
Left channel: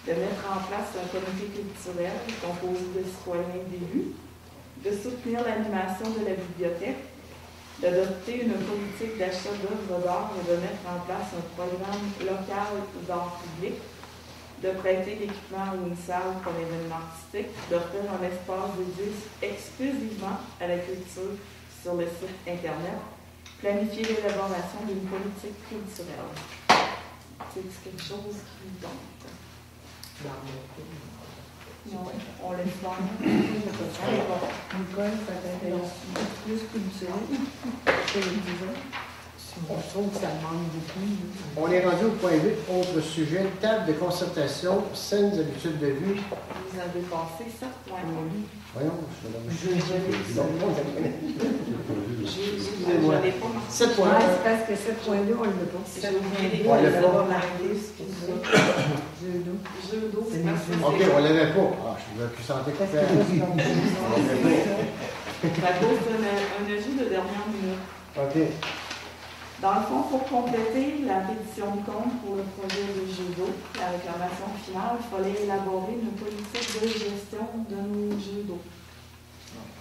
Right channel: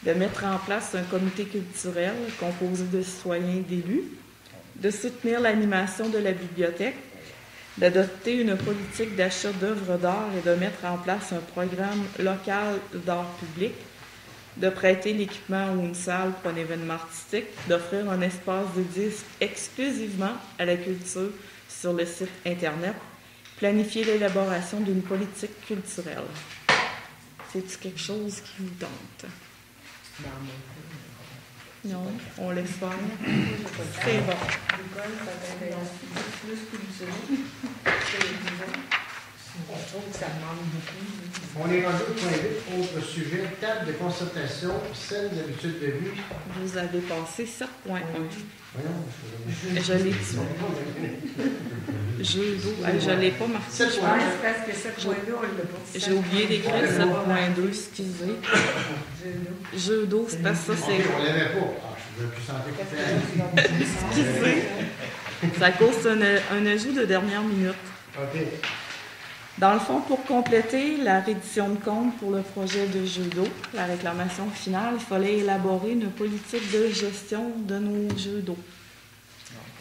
de mettre en place un comité culturel composé de citoyens et d'élus, de soutenir l'animation de la bibliothèque, d'adopter une politique d'achat d'œuvres d'art et de mettre en place un programme local d'art public, de prêter l'équipement ou une salle pour un événement artistique, d'offrir un espace dédié exclusivement à la culture sur le site Internet, planifier l'élaboration d'une politique culturelle. C'est quelque chose qui vous tente? Non, on laisse faire. C'est bon. Nicole, ça t'intéresse plus culturel. On trouve que ça manque beaucoup. On est rendu au point 8, autre sujet, table de concertation, saines habitudes de vie. Vous avez passé 7.1. Voyons, Je l'ai dit. Je l'ai pas marqué. 7 Ouais, points. c'est parce que cette point-là, on l'a pas. J'ai oublié d'écrire On l'a le pas. 7.2, excusez. Jeu d'eau, c'est parce que ça, OK, c'est. on l'avait pas. Ah, je vous ai plus santé que faire. Ça cause un ajout de dernière minute. OK. Dans le fond, pour compléter la reddition de compte pour le projet de jeu d'eau, la réclamation finale, il fallait élaborer une politique de gestion de nos jeux d'eau.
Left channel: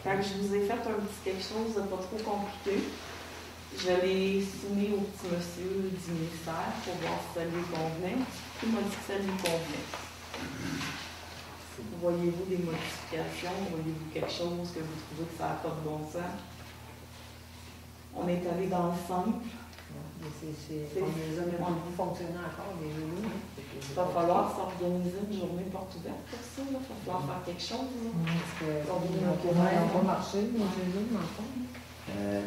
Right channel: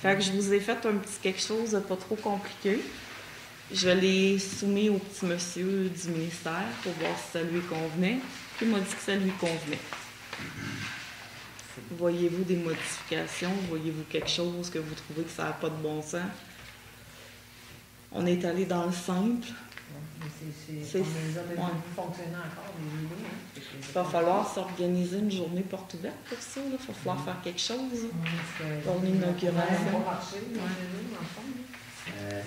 Fait que je vous ai fait un petit quelque chose de pas trop compliqué. Je l'ai soumis au petit monsieur du ministère pour voir si ça lui convenait. Puis il m'a dit que ça lui convenait. Voyez-vous des modifications? Voyez-vous quelque chose que vous trouvez que ça n'a pas de bon sens? On est allé dans le simple. C'est on les a même pas fonctionné encore, les nouveaux. Il va falloir s'organiser une journée porte ouverte pour ça. Il va falloir faire quelque chose. Combien d'inauguration? Ça n'a pas marché, les jeux dans le fond.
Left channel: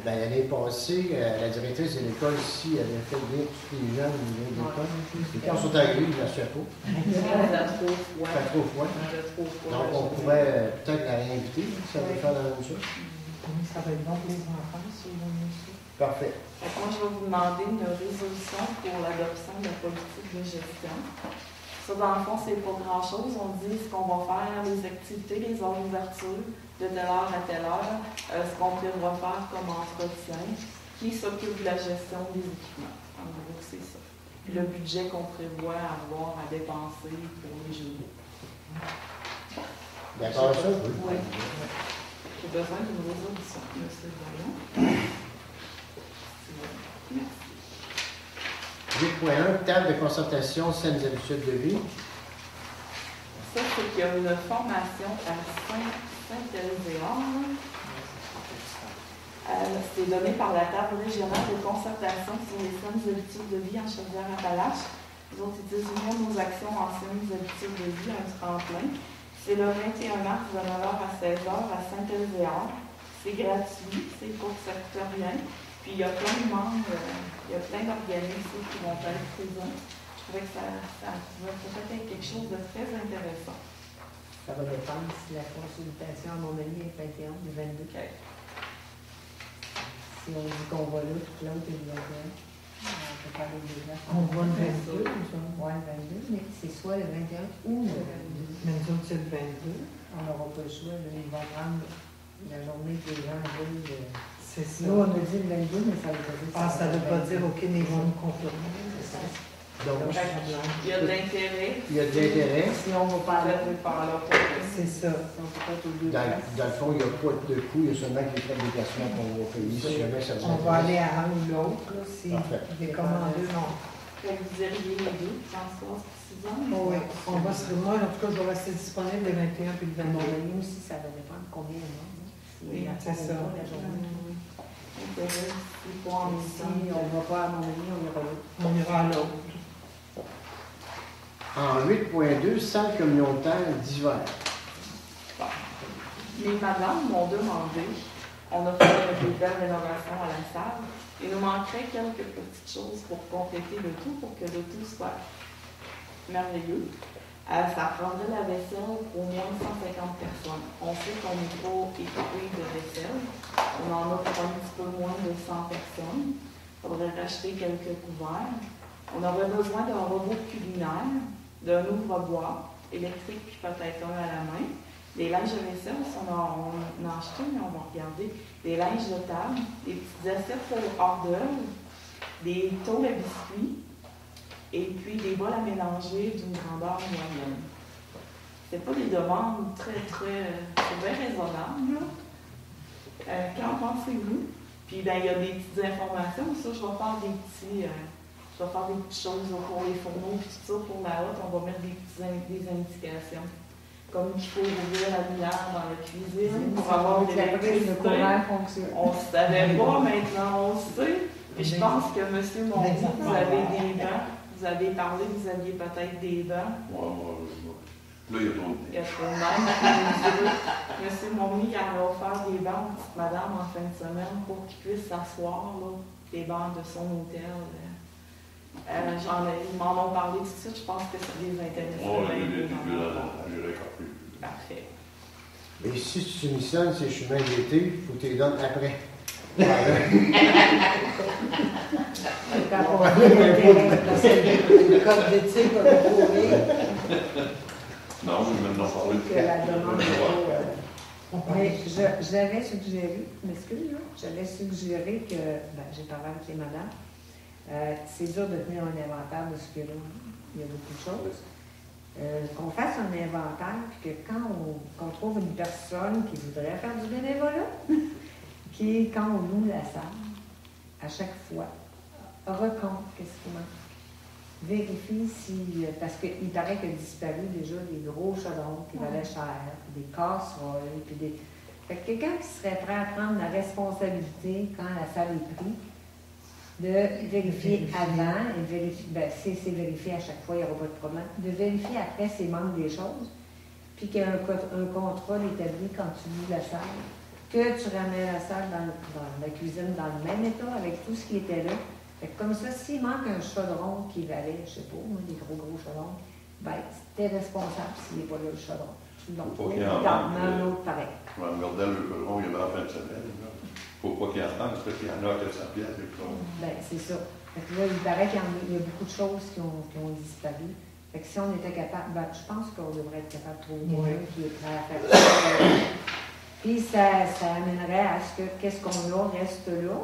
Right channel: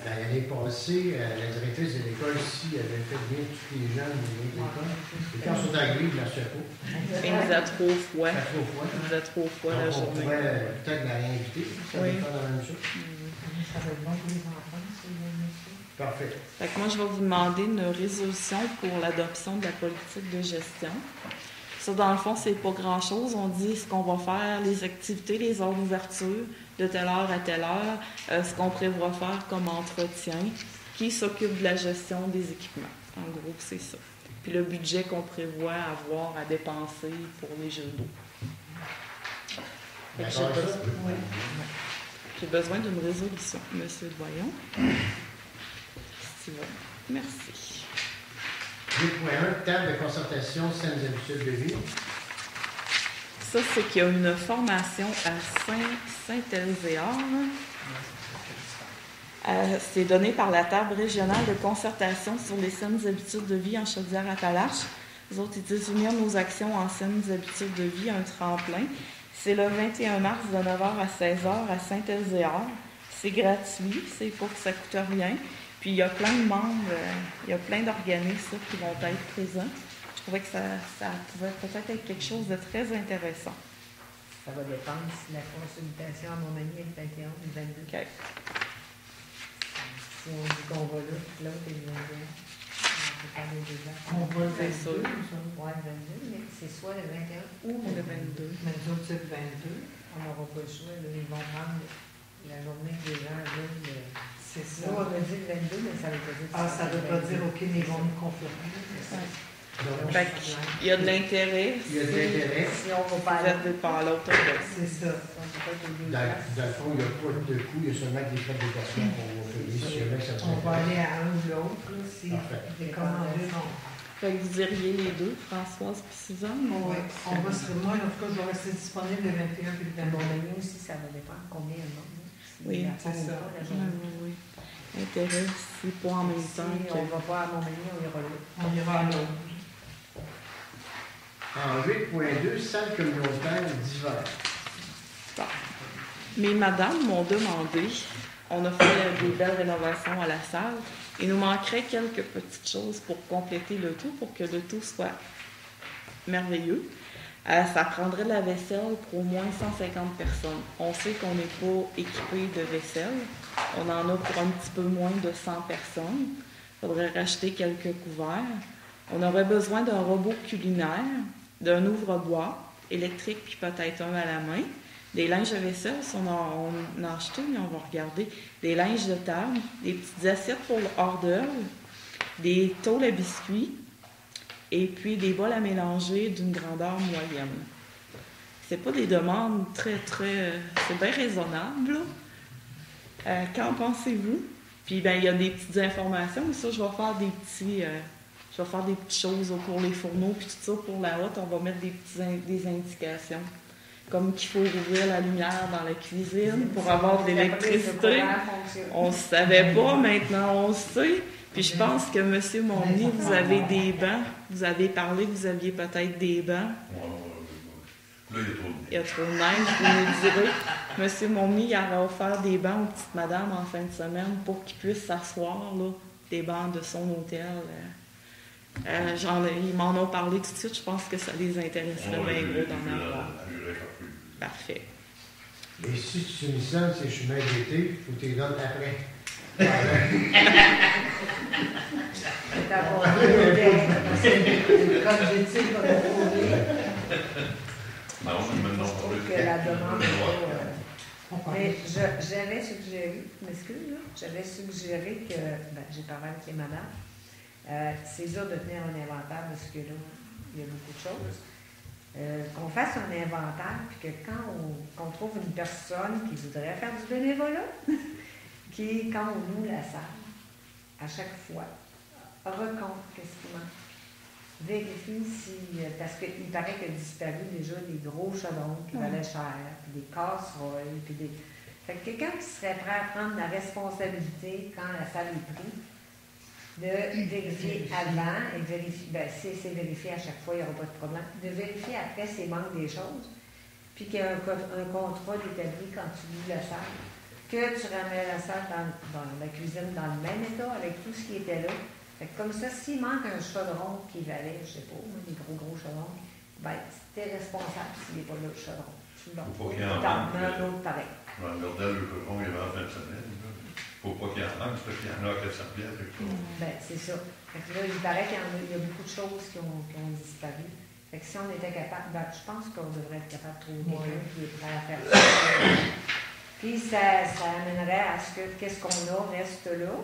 L'année passée, la directrice de l'école ici avait fait bien tous les gens au niveau de l'école. Et quand ils sont arrivés, ils ne marchaient pas. Il faisait trop froid. Ça fait trop froid. Il faisait trop froid la Donc, on journée. pourrait peut-être la réinviter. Ça va Oui. faire la même chose. Ça va être bon pour les enfants, c'est bon, monsieur. Parfait. Fait que moi, je vais vous demander une résolution pour l'adoption de la politique de gestion. Ça, dans le fond, c'est pas grand-chose. On dit ce qu'on va faire, les activités, les heures d'ouverture, de telle heure à telle heure, ce qu'on prévoit faire comme entretien, qui s'occupe de la gestion des équipements. En gros, c'est ça. Puis le budget qu'on prévoit avoir à dépenser pour les jeux d'eau. D'accord avec ça? Oui. J'ai besoin d'une résolution, Monsieur Doyon. Merci. 8.1, table de concertation, saines habitudes de vie. Ça, c'est qu'il y a une formation à Saint-Elzéar. C'est donné par la table régionale de concertation sur les saines habitudes de vie en Chaudière-Appalaches. Les autres, ils disent unir nos actions en saines habitudes de vie, un tremplin. C'est le 21 mars de 9h à 16h à Saint-Elzéar. C'est gratuit, c'est pas que ça coûte rien. Puis il y a plein de membres, il y a plein d'organismes qui vont être présents. Je trouvais que ça pourrait peut-être être quelque chose de très intéressant. Ça va dépendre si la consultation, à mon avis, est 21 ou 22. Okay. Si on dit qu'on va là, puis l'autre est le 21. On va le C'est sûr. 22, ça. Oui, 22, mais c'est soit le 21 ou le 22. Mais nous autres, c'est le 22. On n'aura pas le choix, là, ils vont prendre la journée que les gens veulent. C'est ça. Nous, on a dit le 22, mais ça veut dire. Ah, ça ne veut pas dire, OK, mais ils vont nous confirmer. Donc, Fait il y a de l'intérêt. il y a de l'intérêt. Si on va pas Vous là, êtes par l'autre. C'est ça. on peut pas les deux Dans, places. dans le fond, il n'y a pas de coût, il y a seulement que les frais de déplacement qu'on va payer si jamais ça vous On va aller intéresse. à un ou l'autre, là, si Parfait. les commandeux vont. Fait que vous diriez les deux, Françoise et Suzanne? Oui, on va se moi, en tout cas, je vais rester disponible le 21 puis le Bon, 22. nous aussi, ça va dépendre combien de monde. Oui, c'est ça. La journée. Intérêt, c'est pas en même Si temps. on ne va pas à Montmagny, on ira là. On ira à l'autre. En 8.2, salle communautaire d'hiver. Mes madames m'ont demandé, on a fait une belle rénovation à la salle, il nous manquerait quelques petites choses pour compléter le tout, pour que le tout soit merveilleux. Ça prendrait de la vaisselle pour au moins 150 personnes. On sait qu'on n'est pas équipé de vaisselle. On en a pour un petit peu moins de 100 personnes. Il faudrait racheter quelques couverts. On aurait besoin d'un robot culinaire, d'un ouvre-bois électrique, puis peut-être un à la main. Des linges de vaisselle, si on en a acheté, mais on va regarder. Des linges de table, des petites assiettes pour hors d'œuvre, des tôles à biscuits, et puis des bols à mélanger d'une grandeur moyenne. C'est pas des demandes très, c'est bien raisonnable, là. Qu'en pensez-vous? Puis, ben il y a des petites informations, mais ça, je vais faire des petites choses pour les fourneaux, puis tout ça, pour la haute, on va mettre des indications. Comme qu'il faut ouvrir la lumière dans la cuisine pour avoir de l'électricité. On ne savait pas, maintenant on sait. Puis je pense que M. Monny, vous avez des bancs. Vous avez parlé que vous aviez peut-être des bancs. Là, il y a trop de Il y a trop de neige, vous me direz. M. Monny, il aura offert des bancs aux petites madames en fin de semaine pour qu'ils puissent s'asseoir, là, des bancs de son hôtel. Ils m'en ont parlé tout de suite, je pense que ça les intéresserait bien mieux dans leur part. Parfait. Et si tu me sens ces chemins d'été, il faut que tu les donnes après. C'est d'abord parce que le code d'éthique va pas courir. Non, je vais maintenant parler Que la demande mais j'avais suggéré, m'excuse, j'avais suggéré que, j'ai parlé avec les madames, c'est dur de tenir un inventaire de ce que là, il y a beaucoup de choses. Qu'on fasse un inventaire, puis que quand on trouve une personne qui voudrait faire du bénévolat, qui, quand on loue la salle, à chaque fois, recompte qu'est-ce qui manque. Vérifie si, parce qu'il paraît qu'il a disparu déjà des gros chaudrons qui valaient cher, puis des casseroles, puis des... Fait que quelqu'un qui serait prêt à prendre la responsabilité quand la salle est prise, de vérifier avant et vérifier, si c'est vérifié à chaque fois, il n'y aura pas de problème, de vérifier après s'il manque des choses, puis qu'il y a un contrôle établi quand tu loues la salle, que tu ramènes la salle dans la cuisine dans le même état avec tout ce qui était là. Fait que comme ça, s'il manque un chaudron qui valait, je ne sais pas, des gros chaudrons, ben, t'es responsable s'il n'est pas là le chaudron. Tu l'as Faut pas qu'il y en dans manque, un autre pareil. Je m'en regardais le chaudron, il y avait en fin de semaine. Faut pas qu'il y en manque, parce qu'il y en a à 400 pieds avec ça. Ben, c'est ça. Fait que là, il paraît qu'il y a beaucoup de choses qui ont disparu. Fait que si on était capable, ben, je pense qu'on devrait être capable de trouver quelqu'un qui est prêt à faire ça. Puis ça amènerait à ce que qu'est-ce qu'on a reste là.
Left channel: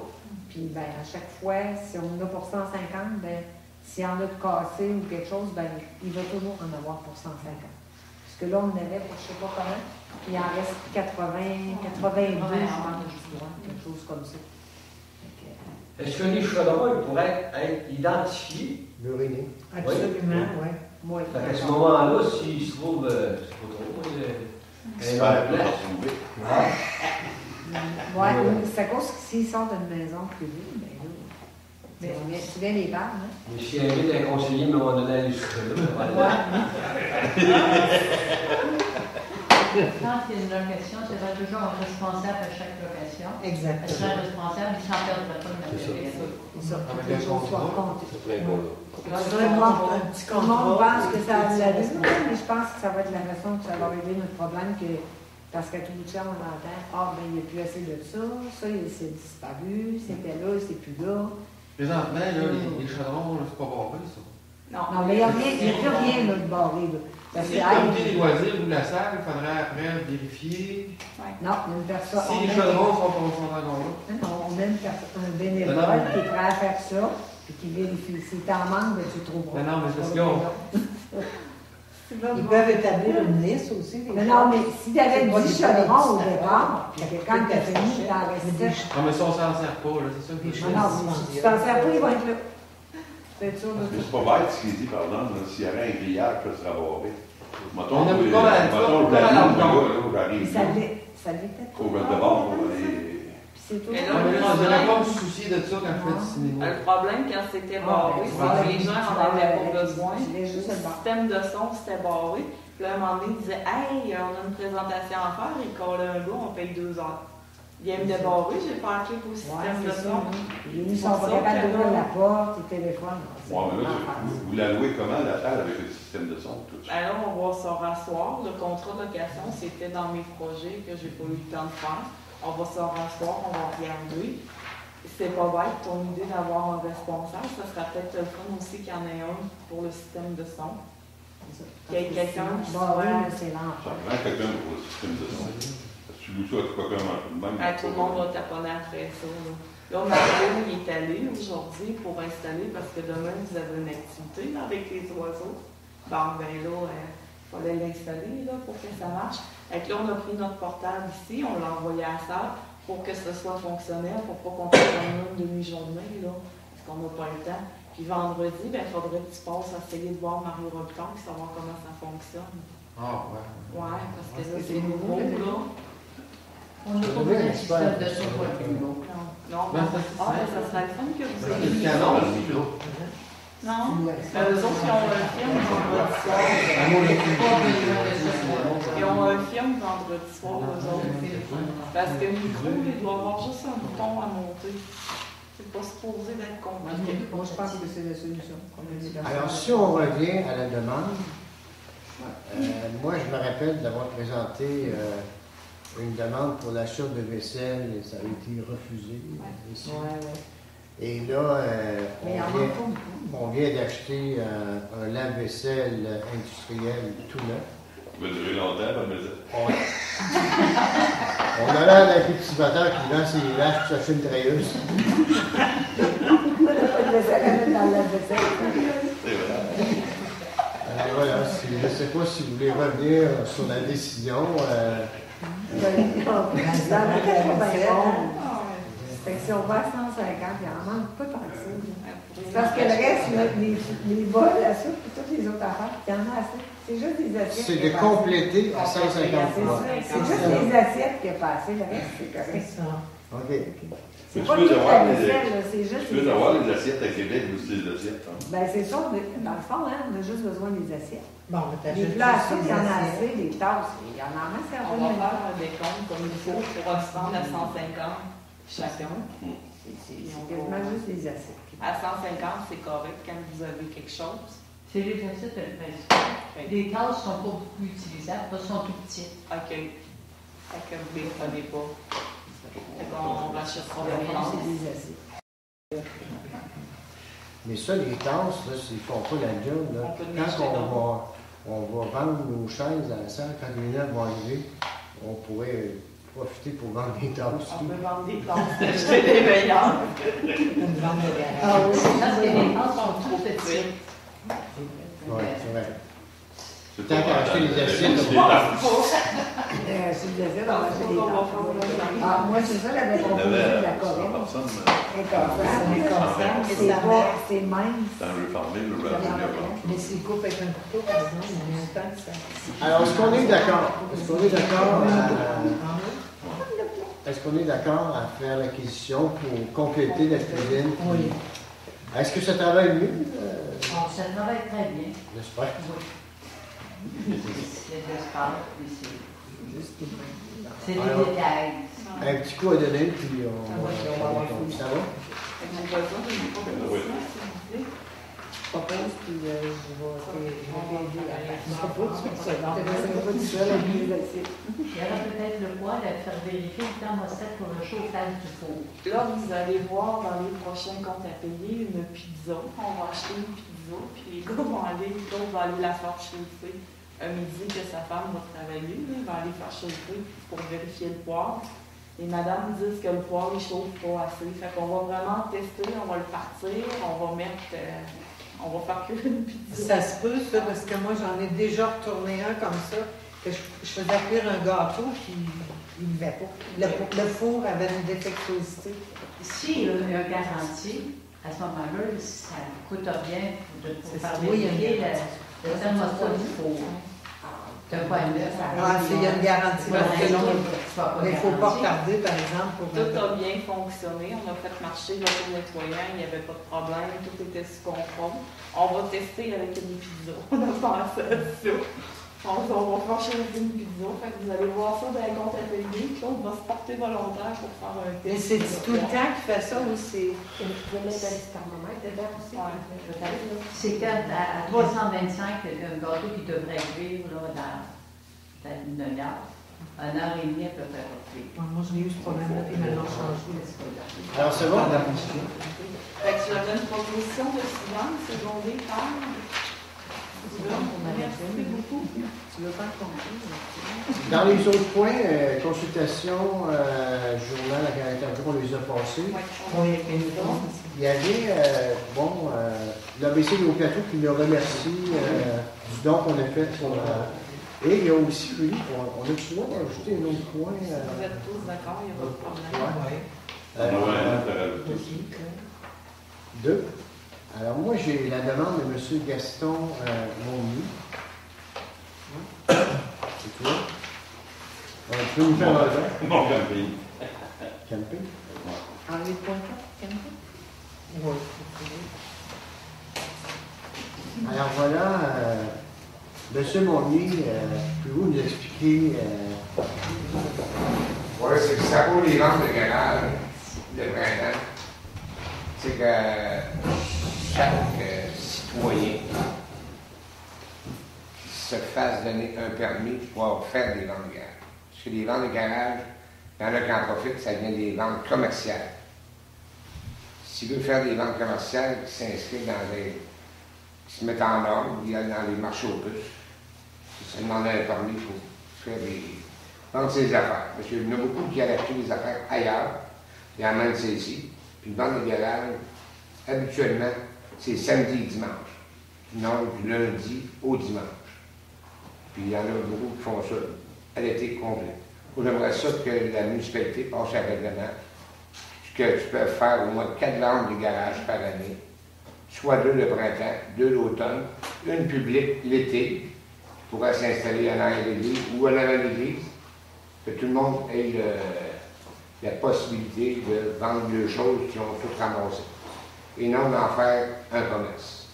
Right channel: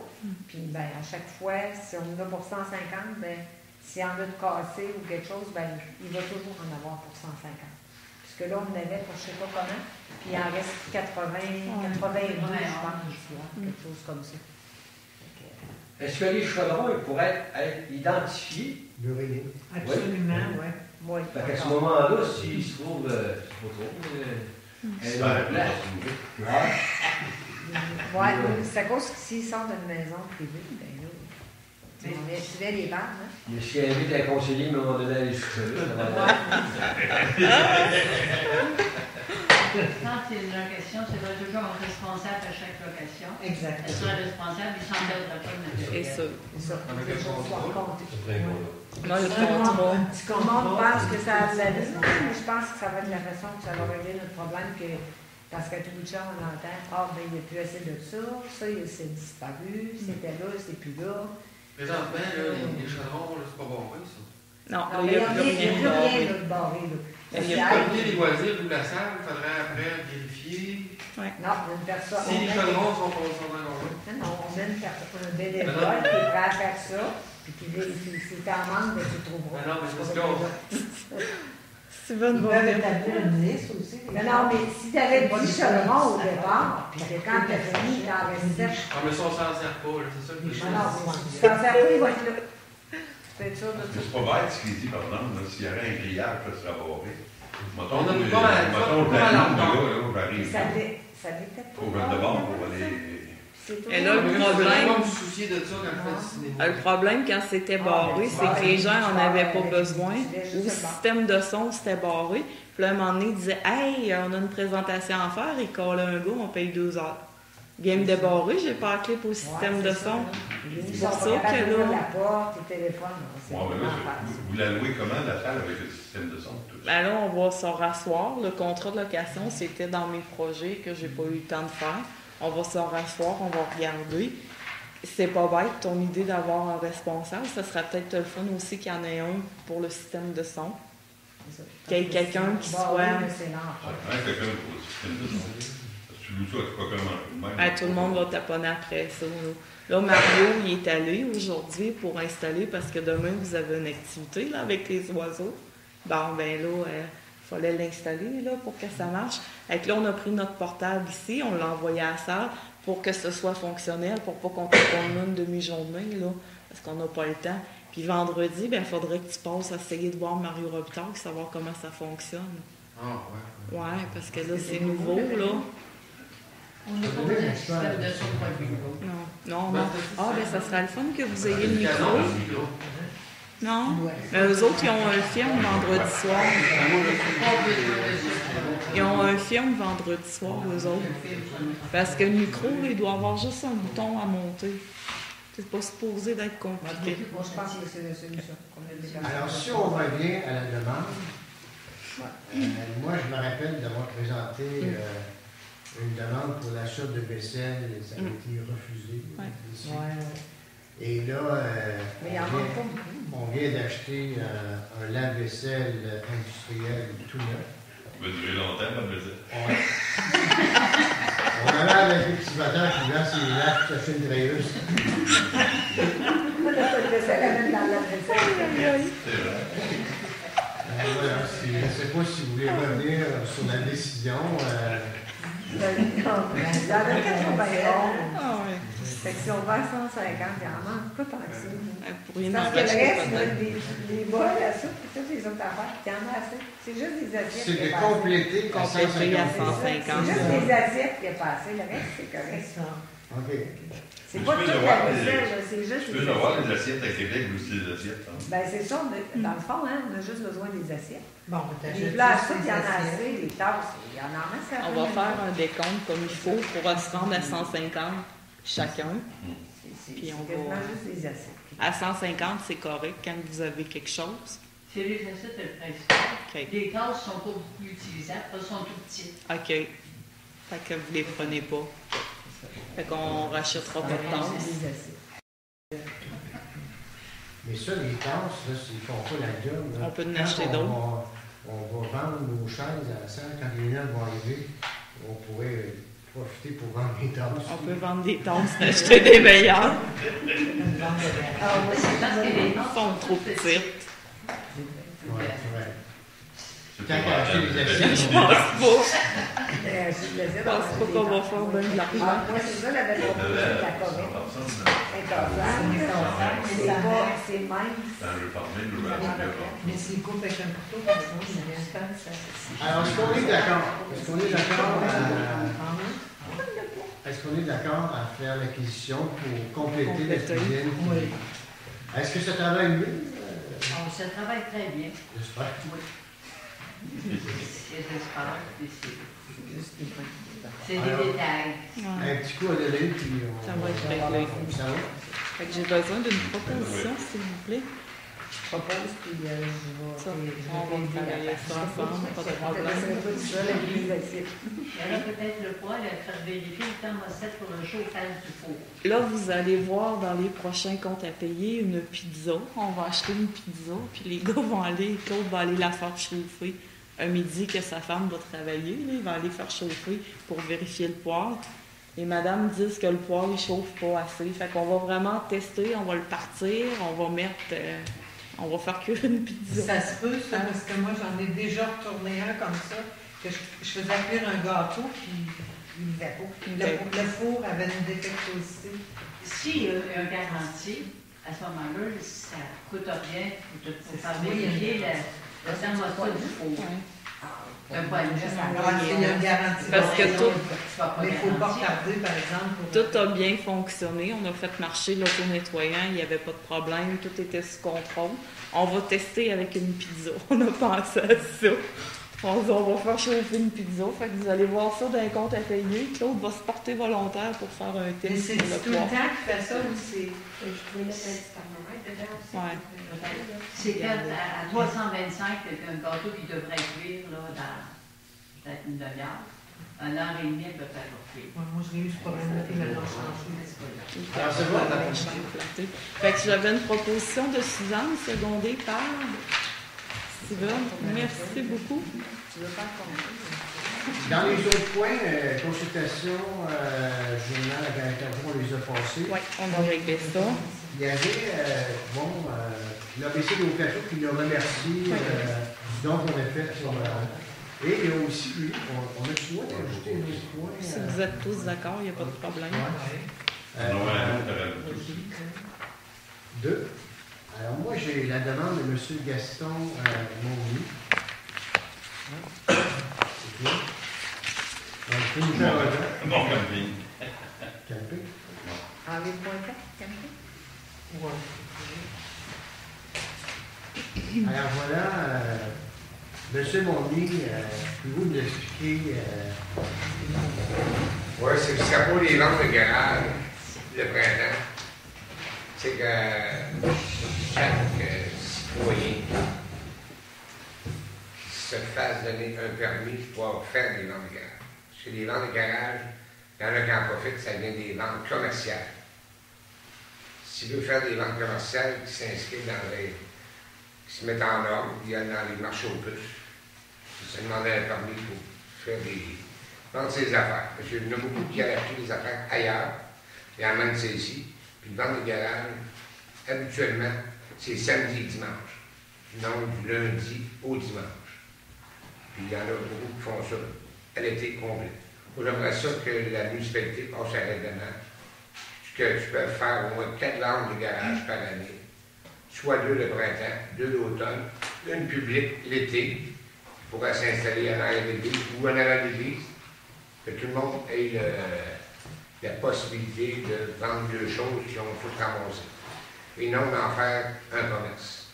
Puis ben, à chaque fois, si on en a pour 150, ben, s'il y en a de cassé ou quelque chose, ben, il va toujours en avoir pour 150. Parce que là, on en avait pour je ne sais pas comment, puis il en reste 80, 80 je pense. Quelque chose comme ça. Est-ce que les chaudrons ils pourraient être identifiés? Burinés. Absolument, oui. Oui. À ce moment-là, s'ils se trouvent, C'est pas place. Oui, c'est à cause que s'ils sortent d'une maison privée, ben là, tu viens les barres, hein? Mais si elle invite un conseiller, à un moment donné, elle est Quand c'est une location, c'est pas toujours un responsable à chaque location. Exactement. Parce qu'un responsable, il s'en perdra pas de matériel. C'est ça. Avec un contrat. Un petit Tout le monde contrat. pense que ça a de la vie, mais je pense que ça va être la façon que ça va régler notre problème, parce qu'à tout bout de champ, on entend, ben, il n'y a plus assez de ça, c'est disparu, c'était là, c'est plus là. Présentement, là, les chaudrons, là, c'est pas barré, ça. Non, Non, mais il n'y a plus rien là, de barré, là. Si le comité des loisirs ou la salle, il faudrait après vérifier Non, une personne. si les chaudrons sont pas encore là. Non, on met un bénévole qui est prêt à faire ça. Puis si t'es en manque, tu le trouveras. Non, mais parce qu'on. C'est bonne Ils peuvent établir une liste aussi. Mais non, mais si tu avais dit chaudron au départ, puis que quand tu as fini dans la recette, Ah, mais ça, on s'en sert pas, là, c'est ça que je non, non, tu t'en sers pas, il va être là. Tu peux être sûr de Mais ça. c'est pas bête ce qu'il dit, par exemple, là, s'il y avait un grillage, ça serait barré. Mettons, On a plus là, pas mal, mettons, pas mal en temps. là, j'arrive. Ça l'était Au pas. bord de bord, pour aller. Et là, Ah, mais le là, je vais problème, pas me soucier de ça quand je fais du cinéma. le problème quand c'était barré, c'est que les gens n'en avaient pas besoin. Le système de son, c'était barré. Puis là, à un moment donné, ils disaient Hey, on a une présentation à faire, et quand un gars, on paye 2 heures. Viens me débarrer, j'ai pas la clé pour le système de son. Ils C'est sont ça pas capables que d'ouvrir là. la porte, le téléphone. Ouais, mais là, vous la louez comment, la salle, avec le système de son? Tout ça? Ben là, on va se rasseoir. Le contrat de location, c'était dans mes projets que j'ai pas eu le temps de faire. On va se rasseoir, on va regarder. C'est pas bête ton idée d'avoir un responsable. Ça serait peut-être le fun aussi qu'il y en ait un pour le système de son. Qu'il y ait quelqu'un qui soit. C'est l'enfer. Ça prend quelqu'un pour le système de son. Parce que tu loues ça à quelqu'un même. Ben, tout le monde va taponner après ça. Là, Mario, il est allé aujourd'hui pour installer parce que demain, vous avez une activité là, avec les oiseaux. Bon, ben là, il fallait l'installer là, pour que ça marche. Fait que là, on a pris notre portable ici, on l'a envoyé à la salle pour que ce soit fonctionnel, pour pas qu'on puisse avoir une demi-journée, là, parce qu'on n'a pas le temps. Puis vendredi, ben, il faudrait que tu passes à essayer de voir Mario Robitaille, savoir comment ça fonctionne. Ah, ouais. Ouais, parce que là, c'est nouveau, là. On n'est pas besoin d'un système de son point de vue, non. Non, ben, ah, ben, ça serait le fun que vous ayez le Canon, micro. le micro. Non? Ben, eux autres, ils ont un film vendredi soir. Ils ont un film vendredi soir, eux autres. Parce que le micro, il doit avoir juste un bouton à monter. C'est pas supposé d'être compliqué. Bon, je pense que c'est la solution qu'on a développée. Alors, si on revient à la demande, moi, je me rappelle d'avoir présenté une demande pour l'achat de vaisselle et ça a été refusé. Ici. Et là, on vient d'acheter un lave-vaisselle industriel tout neuf. Ça va durer longtemps, la vaisselle. Ouais. On a l'air d'un petit moteur qui vend ses laves pour s'acheter une treilleuse. C'est vrai. Voilà, je ne sais pas si vous voulez revenir sur la décision. Si on va à 150, il en manque pas tant que ça. Pour une Parce que le enregistrer reste, pas de- les bols, la soupe, et toutes les autres affaires, il y en a assez. C'est juste des assiettes. C'est de compléter à 150 C'est francs. juste des assiettes qui a passé, le reste, c'est correct. OK. C'est Mais pas tu peux toute avoir la les- vaisselle, là, c'est juste Tu peux des avoir assiettes. les assiettes à Québec aussi, les assiettes. Hein? Ben, c'est sûr, dans le fond, hein, on a juste besoin des assiettes. Bon, Les plats, ça, il y en a assez, les tasses, il y en a assez. On va faire un décompte comme il faut pour se rendre à 150 chacun. Puis on C'est va... juste des assiettes. À 150, c'est correct quand vous avez quelque chose. C'est les facettes le principal. OK. Les tasses sont pas utilisables, elles sont tout petites. OK. Fait que vous les prenez pas. Fait qu'on rachètera pas de tasses. Des assiettes. Mais ça, les tasses, là, ils ne font pas la job. Là. On peut en Quand acheter d'autres. on va vendre nos chaises à la salle, quand les gens vont arriver, on pourrait profiter pour vendre des tasses. On peut vendre des tasses, d'acheter des meilleures. Ah oui, Parce que les Ils tasses sont sont trop trop petites. petites. Oui, c'est vrai. C'est Quand pas acheter mal. les assiettes, Je pense pas. c'est des assiettes, Je pense pas qu'on va faire bien de l'argent. Ah, moi, c'est ça, j'avais proposé de la Corée. C'est mince. Dans le farmer, le ravioli. Mais s'il coupe avec un couteau, par exemple, il y a un Alors, est-ce qu'on est d'accord? Est-ce qu'on est d'accord est-ce qu'on est d'accord à faire l'acquisition pour compléter la cuisine? Oui. Est-ce que ça travaille mieux? Bon, ça travaille très bien. J'espère. C'est d'espace, puis c'est des Alors, détails. Un petit coup à donner, puis on Ça va être va réglé. ça va? Fait que j'ai besoin d'une proposition, s'il vous plaît. propose, puis je vais vérifier. C'est pas tout ça, la vie, Il y aurait peut-être le poids de faire vérifier le temps recette pour le chauffage du four. Là, vous allez voir dans les prochains comptes à payer une pizza. On va acheter une pizza, puis les gars vont aller, Claude va aller la faire chauffer. Un midi que sa femme va travailler, là, il va aller faire chauffer pour vérifier le poids. Les madames disent que le poêle ne chauffe pas assez. Fait qu'on va vraiment tester, on va le partir, on va mettre, on va faire cuire une pizza. Ça se peut, ça, parce que moi, j'en ai déjà retourné un comme ça, que je faisais cuire un gâteau, puis il ne levait pas. Le four avait une défectuosité. S'il y a un garantie, à ce moment-là, ça coûte rien de faire vérifier le thermostat du four. D'un point de vue, Il y a une garantie. Parce que Mais il ne faut pas retarder, par exemple. Tout a bien fonctionné. On a fait marcher l'auto-nettoyant, il n'y avait pas de problème, tout était sous contrôle. On va tester avec une pizza. On a pensé à ça. On va faire chauffer une pizza. Fait que vous allez voir ça dans un compte à payer. Claude va se porter volontaire pour faire un test. Mais c'est tout le temps qu'il fait ça ou c'est. Je voulais mettre un thermomètre dedans aussi. Ouais. C'est fait à 325, un gâteau qui devrait cuire là, dans une demi-heure. 1 heure et demie, peut-être. Moi, je l'ai eu ce problème-là, puis maintenant, changé. Alors, c'est bon, Fait que j'avais une proposition de Suzanne, secondée par Steven. Merci beaucoup. Dans les autres points, consultation, journal à 44 jours, on les a passés. Oui, on va régler ça. Il y avait, l'ABC d'Occasion qui le remercie du don qu'on a fait sur. Et il y a aussi, lui, on a souvent ajouté un autre point. Si vous êtes tous d'accord, il n'y a pas de problème. Deux. Alors, moi, j'ai la demande de M. Gaston Monnier. C'est tout. Donc, nous faire un Bon, camping. Camping. Henri Pointet, camping. Alors, voilà. Monsieur Monnier, pouvez-vous nous expliquer? Oui, c'est ça pour les ventes de garage, le printemps. C'est que chaque citoyen qui se fasse donner un permis pour faire des ventes de garage. Parce que les ventes de garage, il y en a qui en profitent, ça devient des ventes commerciales. S'il veut faire des ventes commerciales, qui s'inscrivent dans les. Qui se mettent en ordre, il y a dans les marchés aux puces. Ça demande un permis pour faire des. Vendre ses affaires. Parce qu'il y en a beaucoup qui allaient acheter des affaires ailleurs, et amènent celles-ci. Puis une vente de garage, habituellement, c'est samedi et dimanche. Non, du lundi au dimanche. Puis il y en a beaucoup qui font ça à l'été complet. Moi, j'aimerais ça que la municipalité passe un règlement que tu peux faire au moins 4 ventes de garage par année. Soit 2 le printemps, 2 l'automne, une publique l'été, pour s'installer à l'arrière de l'église ou à l'arrière de l'église, que tout le monde ait la possibilité de vendre deux choses qui ont tout ramassé. Et non d'en faire un commerce.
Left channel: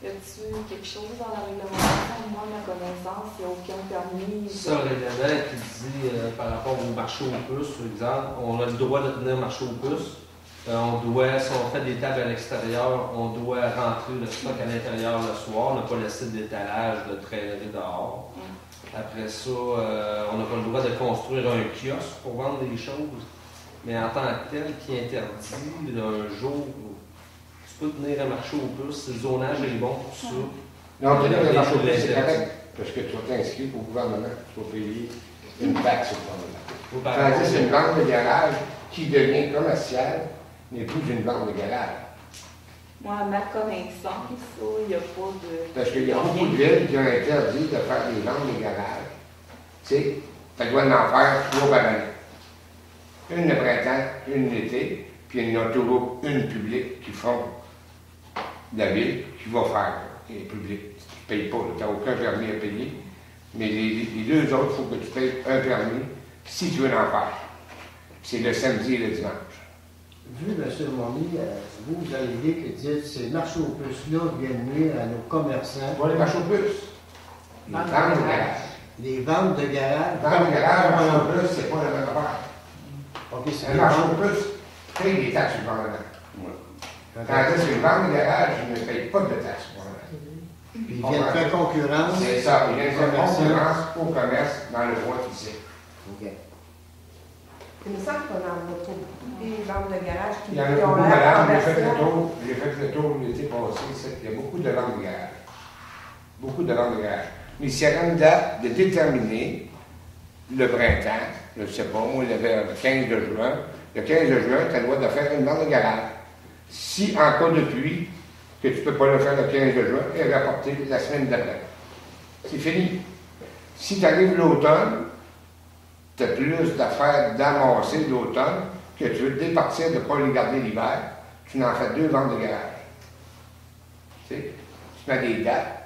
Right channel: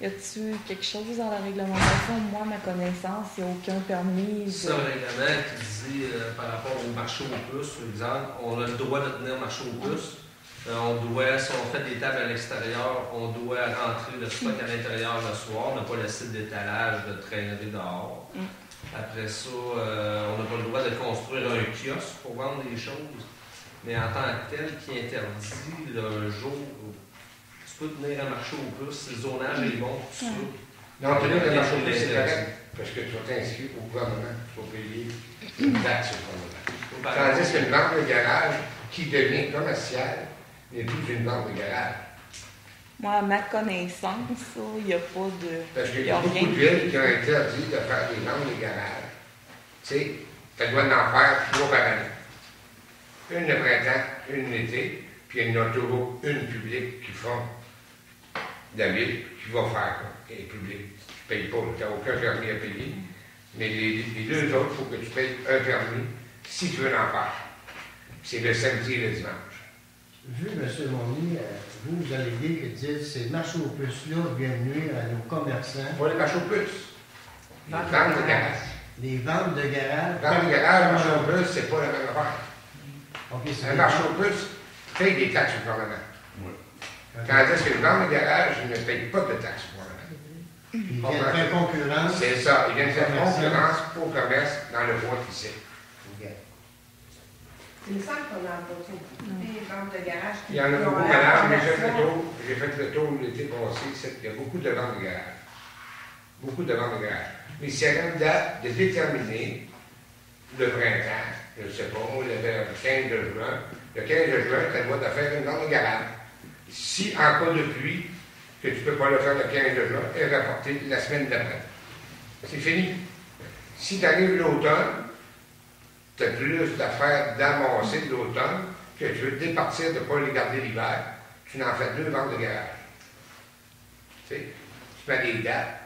Y a-t-il quelque chose dans la réglementation? Moi, à ma connaissance, il n'y a aucun permis. C'est un règlement qui dit par rapport au marché aux puces, par exemple, on a le droit de tenir marché aux puces. On doit, si on fait des tables à l'extérieur, on doit rentrer le stock à l'intérieur le soir, ne pas laisser d'étalage, de traînerie dehors. Après ça, on n'a pas le droit de construire un kiosque pour vendre des choses. Mais en tant que tel, qui interdit le jour où tu peux tenir un marché aux puces, le zonage est bon pour ça. Non, tenir le marché aux puces, c'est correct, parce que tu vas t'inscrire au gouvernement, tu vas payer une taxe au gouvernement. Tandis qu'une vente de garage qui devient commerciale n'est plus une vente de garage. Moi, à ma connaissance, il n'y a pas de. Parce qu'il y a beaucoup de villes qui ont interdit de faire des ventes de garage. Tu sais, tu dois en faire 3 par année. Une le printemps, une l'été, puis il y en a toujours une publique qui font de la ville qui va faire. Et public, tu ne payes pas, tu n'as aucun permis à payer. Mais les deux autres, il faut que tu payes un permis si tu veux en faire. C'est le samedi et le dimanche. Vu, M. Monnier, vous allez dire que dites ces marchés aux puces-là viennent nuire à nos commerçants. Pas les marchés aux puces. Les ventes de garage. Les ventes de garage. Ventes de garage, marché aux puces, c'est pas la même affaire. Okay, un marché aux puces paye des taxes au gouvernement. Tandis qu'une vente de garage, je ne paye pas de taxes au gouvernement. Puis ils viennent faire concurrence. C'est ça, ils viennent faire concurrence au commerce dans le droit officiel. OK. Il me semble qu'on en a beaucoup. Des ventes de garage qui Il y en a beaucoup, madame. J'ai fait le tour l'été passé. Il y a beaucoup de ventes de garage. Beaucoup de ventes de garage. Mais s'il y a une date de déterminer le printemps, je ne sais pas, moi, le 15 de juin. Le 15 de juin, tu as le droit de faire une vente de garage. Si, en cas de pluie, que tu ne peux pas le faire le 15 de juin, et rapporter la semaine d'après. C'est fini. Si tu arrives l'automne, tu as plus d'affaires d'avancer l'automne que tu veux te départir de ne pas les garder l'hiver. Tu n'en fais 2 ventes de garage. Tu sais, tu mets des dates.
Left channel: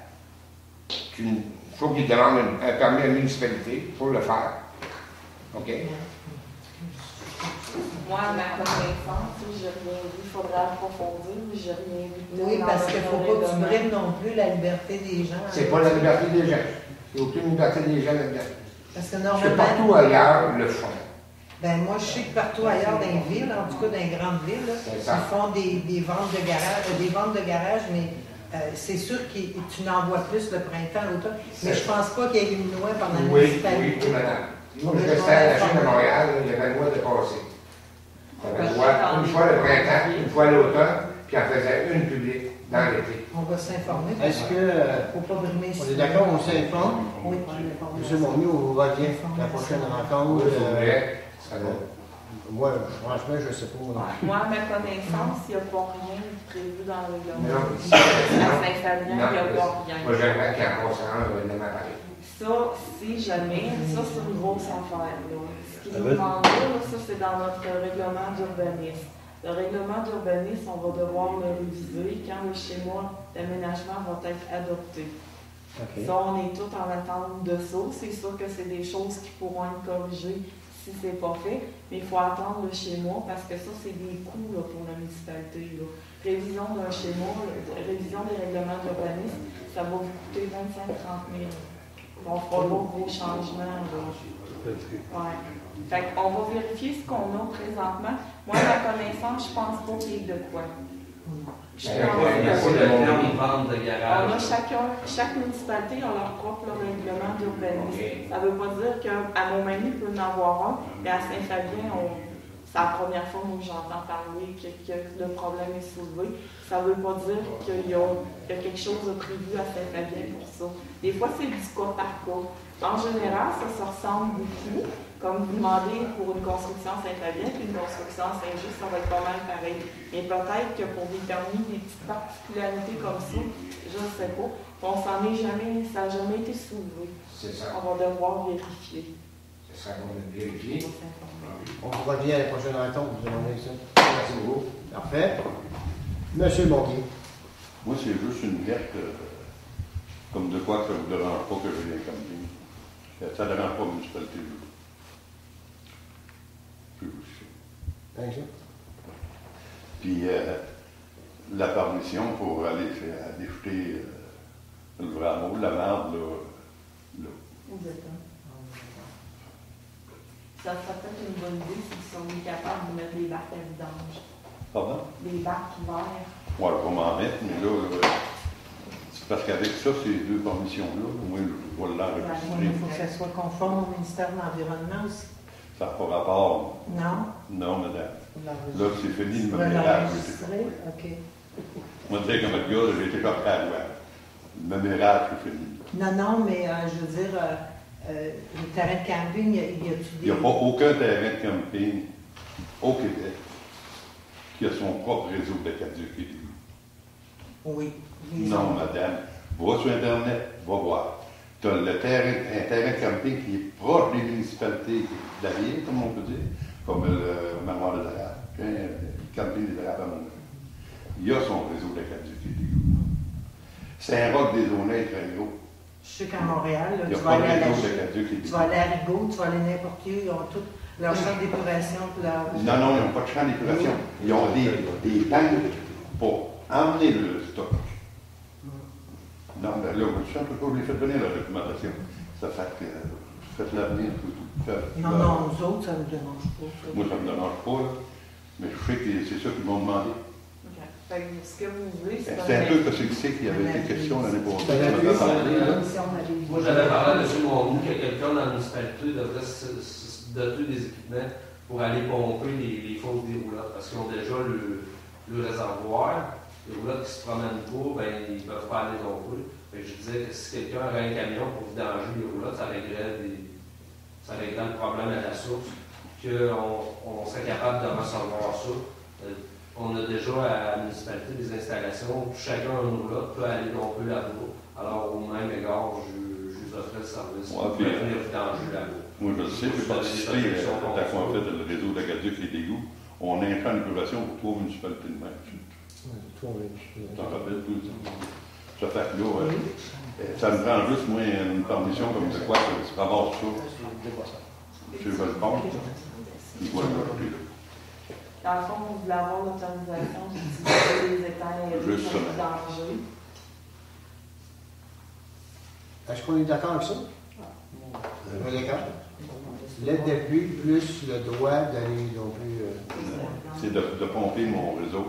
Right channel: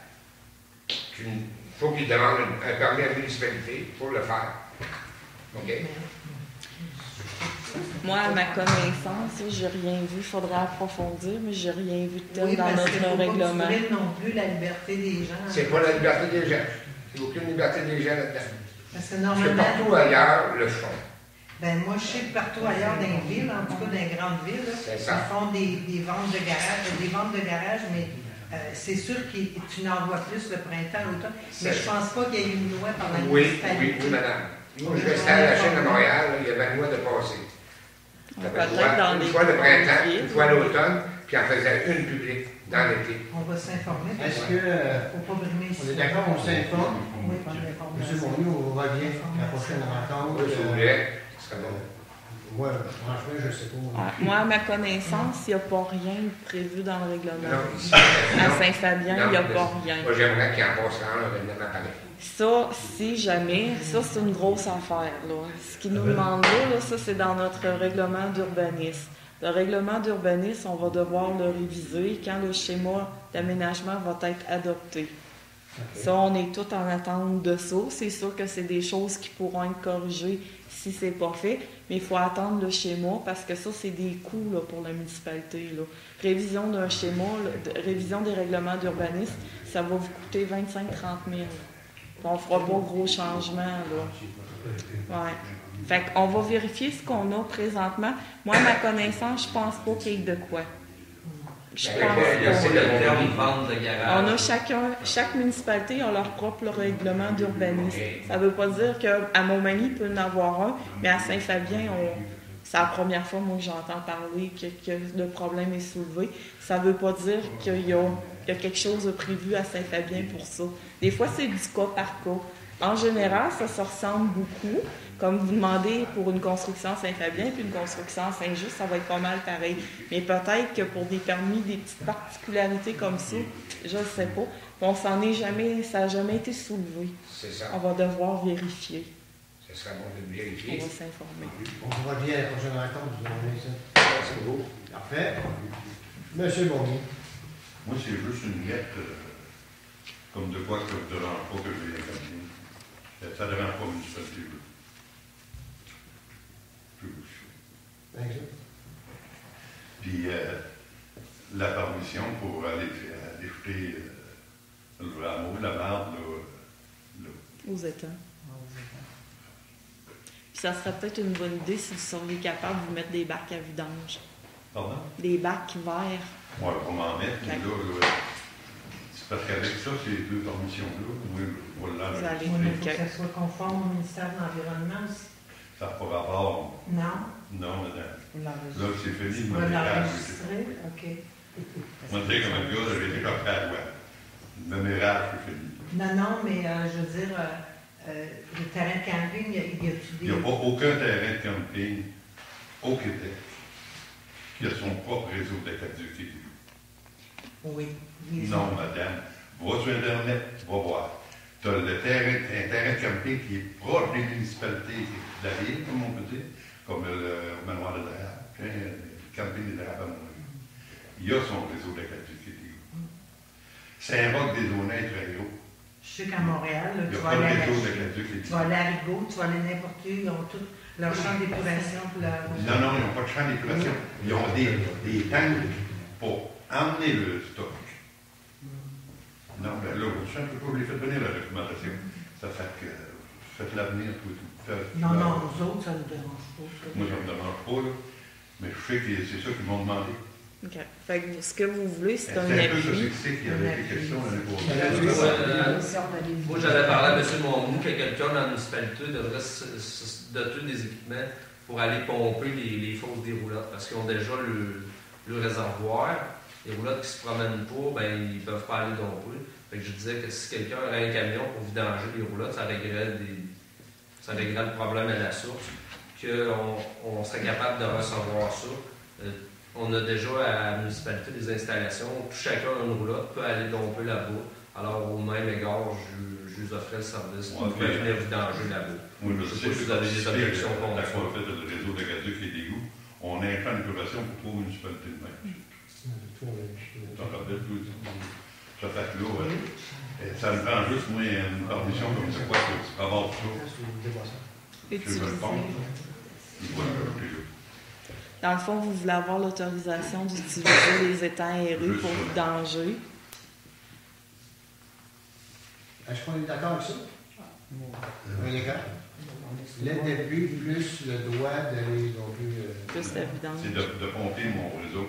Il faut qu'ils demandent un permis à la municipalité pour le faire. OK? Moi, à ma connaissance, je n'ai rien vu. Il faudrait approfondir, mais je n'ai rien vu de tel Oui, dans parce qu'il ne notre faut pas que tu règlement. prennes non plus la liberté des gens. C'est pas la liberté des gens. Il n'y a aucune liberté des gens là-dedans. Parce que Parce que normalement, partout ailleurs, le font. ben moi, je sais que partout ailleurs dans les villes, en tout cas dans les grandes villes, là, C'est ils ça. font des ventes de garage, mais c'est sûr que tu n'en vois plus le printemps, l'automne. Mais je pense pas qu'il y ait une loi par la Oui, municipalité. oui, madame. Moi, je restais à la chaîne de Montréal, il y avait le mois de passé. Il y avait une fois le printemps, une fois l'automne, puis on faisait une publique dans l'été. On va s'informer. Est-ce que, Faut pas brimer on est d'accord, on s'informe? Oui, on s'informe. Monsieur Monnier, on revient la prochaine rencontre. Si vous voulez, ce serait bon. Moi, franchement, je ne sais pas. Moi, à ma connaissance, il n'y a pas rien de prévu dans le règlement. Non, À Saint-Fabien, il n'y a pas rien. Moi, j'aimerais qu'il en passe un règlement pareil. Ça, si jamais, ça c'est une grosse affaire. Là. Ce qui nous demande là, ça c'est dans notre règlement d'urbanisme. Le règlement d'urbanisme, on va devoir le réviser quand le schéma d'aménagement va être adopté. Okay. Ça, on est tout en attente de ça. C'est sûr que c'est des choses qui pourront être corrigées si c'est pas fait, mais il faut attendre le schéma parce que ça, c'est des coûts là, pour la municipalité. Là. Révision d'un schéma, révision des règlements d'urbanisme, ça va vous coûter 25-30 000. On fera pas gros changements. Là. Ouais. Fait qu'on va vérifier ce qu'on a présentement. Moi, à ma connaissance, je pense pas qu'il y ait de quoi. Je pense C'est le terme vente de garage. on a chaque municipalité a leur propre règlement d'urbanisme. Ça ne veut pas dire qu'à Montmagny, il peut en avoir un, mais à Saint-Fabien, c'est la première fois que j'entends parler que le problème est soulevé. Ça ne veut pas dire qu'il y a quelque chose de prévu à Saint-Fabien pour ça. Des fois, c'est du cas par cas. En général, ça se ressemble beaucoup. Comme vous demandez pour une construction à Saint-Fabien puis une construction à Saint-Just, ça va être pas mal pareil. Mais peut-être que pour des permis, des petites particularités comme ça, je ne sais pas. On s'en est jamais, ça n'a jamais été soulevé. C'est ça. On va devoir vérifier. Ce serait bon de vérifier. On va s'informer. On vous revient à la prochaine rencontre, vous demandez ça. Merci beaucoup. Parfait. Monsieur Monnier. Moi, c'est juste une lettre, comme de quoi que ça ne vous dérange pas que je vienne comme ça. Ça ne dérange pas la municipalité. Puis la permission pour aller faire déjeter le rameau, la marde, là. Aux États. Puis ça serait peut-être une bonne idée si vous seriez capable de vous mettre des bacs à vidange. Pardon? Des bacs verts. Moi, on va m'en mettre, mais là, c'est parce qu'avec ça, ces 2 permissions-là, moi, je vais l'enregistrer. Il faut que ça soit conforme au ministère de l'Environnement aussi. Ça n'a pas rapport. Non? Non, madame. Là, c'est fini Tu le vas mémérage. l'enregistrer? OK. Moi, je dis comme le gars, j'ai été comme à la loi. Le mémérage, c'est fini. Non, mais je veux dire, le terrain de camping, Il n'y a pas aucun terrain de camping au Québec qui a son propre réseau de caducs. Oui. Non, madame. Va sur Internet, tu vas voir. Tu as un terrain de camping qui est proche des municipalités d'Arrière, comme on peut dire, comme le manoir des Arabes, le camping des Arabes à Montréal. Il a son réseau de caducs. Saint-Roch des Aulnay est très gros. Je sais qu'à Montréal, là, Il n'y a tu pas vas de aller à la réseau de Chine, caducs. tu vas aller à Rigaud, tu vas aller n'importe où, ils ont tout leur champ d'épuration. Leur... Non, ils n'ont pas de champ d'épuration. Ils ont des tanks pour emmener le stock. Non, ben là, vous ne pas vous les faites venir la documentation. Ça fait que faites l'avenir. Non, nous autres, ça ne nous dérange pas. Moi, ça ne me dérange pas, là. Mais je sais que c'est ça qu'ils m'ont demandé. OK. Fait que ce que vous voulez, c'est un C'est un peu avis. ça, c'est qu'il y avait des questions l'année passée. Moi, j'avais parlé à M. Monroe que quelqu'un dans la municipalité devrait se doter des équipements pour aller pomper les fosses des roulottes, parce qu'ils ont déjà le réservoir. Les roulottes qui ne se promènent pas, ben, ils ne peuvent pas aller non plus. Fait que je disais que si quelqu'un aurait un camion pour vidanger les roulottes, ça réglerait Ça réglerait le problème à la source, qu'on serait capable de recevoir ça. On a déjà à la municipalité des installations où chacun un roulotte peut aller domper là-bas. Alors, au même égard, je vous offrais le service pour prévenir du danger là-bas. Oui, je sais, je suis participé quand on a fait le réseau de la Gaduc, les égouts, on a un plan d'épuration pour 3 municipalités de même. Tu t'en rappelles tout ça? Ça fait que là, ça me prend juste, moi, une condition comme de quoi que tu ramasses ça. Je le compte, il doit me rajouter là. Dans le fond, vous voulez avoir l'autorisation d'utiliser les étangs aérés pour le danger. Est-ce qu'on est d'accord avec ça? Oui, d'accord. L'aide d'appui plus le droit d'aller non plus. C'est de compter mon réseau.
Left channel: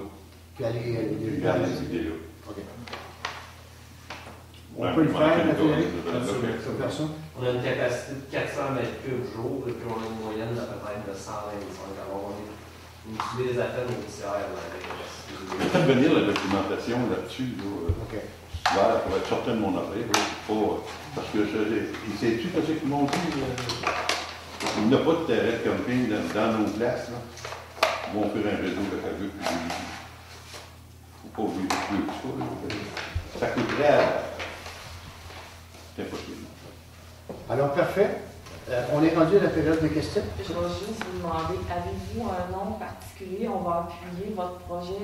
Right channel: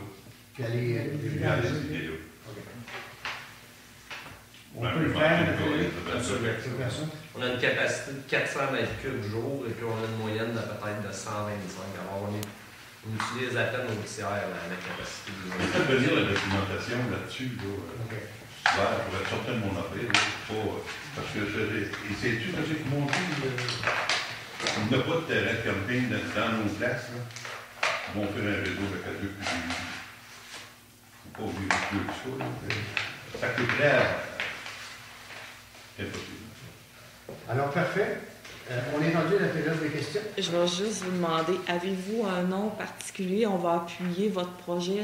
Puis aller à les idées là. On peut le faire, on a une capacité de 400 mètres cubes jour et puis on a une moyenne de peut-être de 125. Alors on utilise à peine au tiers la capacité. Je vais venir la documentation là-dessus. Là, pour être certain de mon horaire. Parce que c'est-tu parce qu'ils m'ont dit il n'y a pas de terrain de camping dans nos places. Là. Ils vont faire un réseau de Gaduc. Il ne faut pas oublier plus ça. Ça coûterait à... C'est impossible. Alors, parfait. On est rendu à la période de questions. Je vais juste vous demander, avez-vous un nom particulier? On va appuyer votre projet.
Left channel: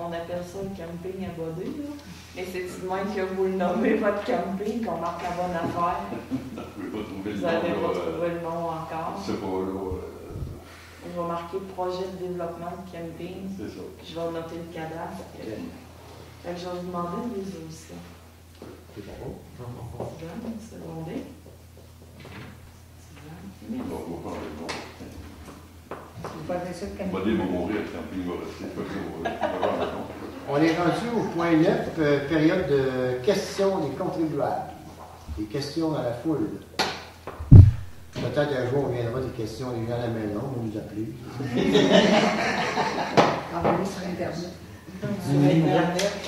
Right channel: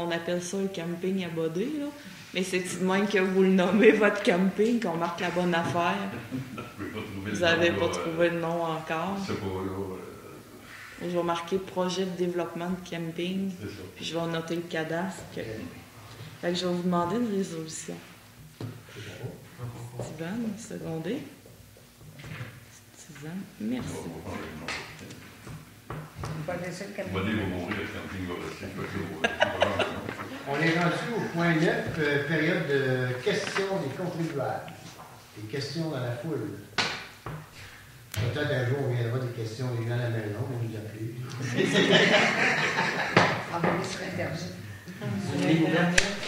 On appelle ça le camping à Bodé, là. Mais c'est-tu de même que vous le nommez, votre camping, qu'on marque la bonne affaire? Vous n'avez pas trouvé le nom encore? C'est pas là. Je vais marquer projet de développement de camping. C'est ça. Puis je vais noter le cadastre. Fait que je vais vous demander une résolution. Steven, secondé. Merci. Bodé va mourir, le camping va rester. On est rendu au point 9, période de questions des contribuables. Des questions dans la foule. Peut-être un jour, on viendra des questions des gens à la maison, on nous appeler. Sur Internet.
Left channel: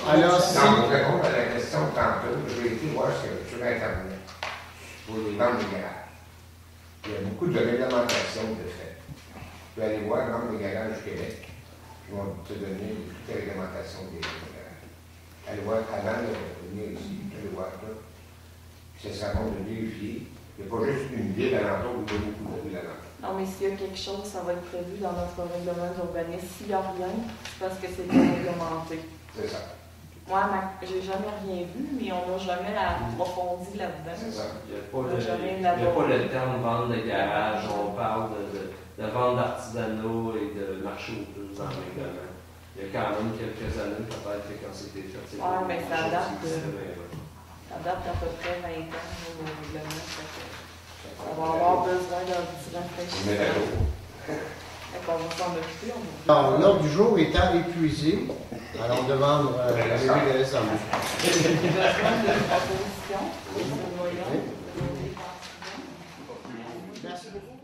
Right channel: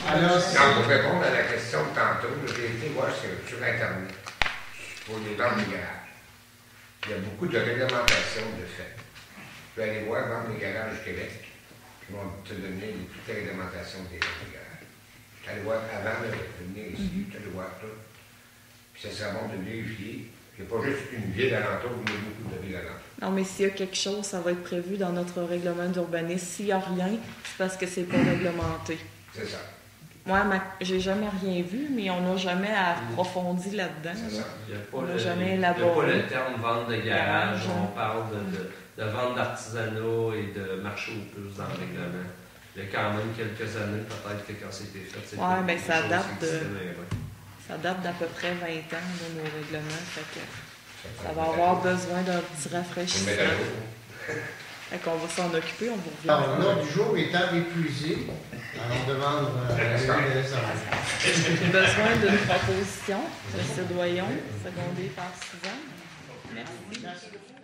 Alors, pour répondre à la question de tantôt, j'ai été voir sur Internet pour les ventes de garage. Il y a beaucoup de réglementation de fait. Tu peux aller voir dans les garages du Québec. Ils vont te donner toute la réglementation des garages. Allez voir avant de venir ici, tu allez voir ça. Puis ça sera bon de vérifier. Il n'y a pas juste une ville alentour, il y a beaucoup de villes alentour. Non, mais s'il y a quelque chose, ça va être prévu dans notre règlement d'urbanisme. S'il n'y a rien, c'est parce que c'est pas réglementé. C'est ça. Moi, j'ai jamais rien vu, mais on n'a jamais approfondi là-dedans. C'est ça. Il n'y a pas le terme vente de garage. On parle de vente d'artisanat et de marché aux puces dans le règlement. Il y a quand même quelques années, peut-être que quand c'était fait, c'était mais ça date d'à peu près 20 ans, nos règlements. Ça va avoir besoin d'un petit rafraîchissement. On va s'en occuper. Alors, l'ordre du jour étant épuisé, alors on demande la levée de l'Assemblée. J'ai besoin d'une proposition. Voyons, secondée par Suzanne. Merci. Merci beaucoup.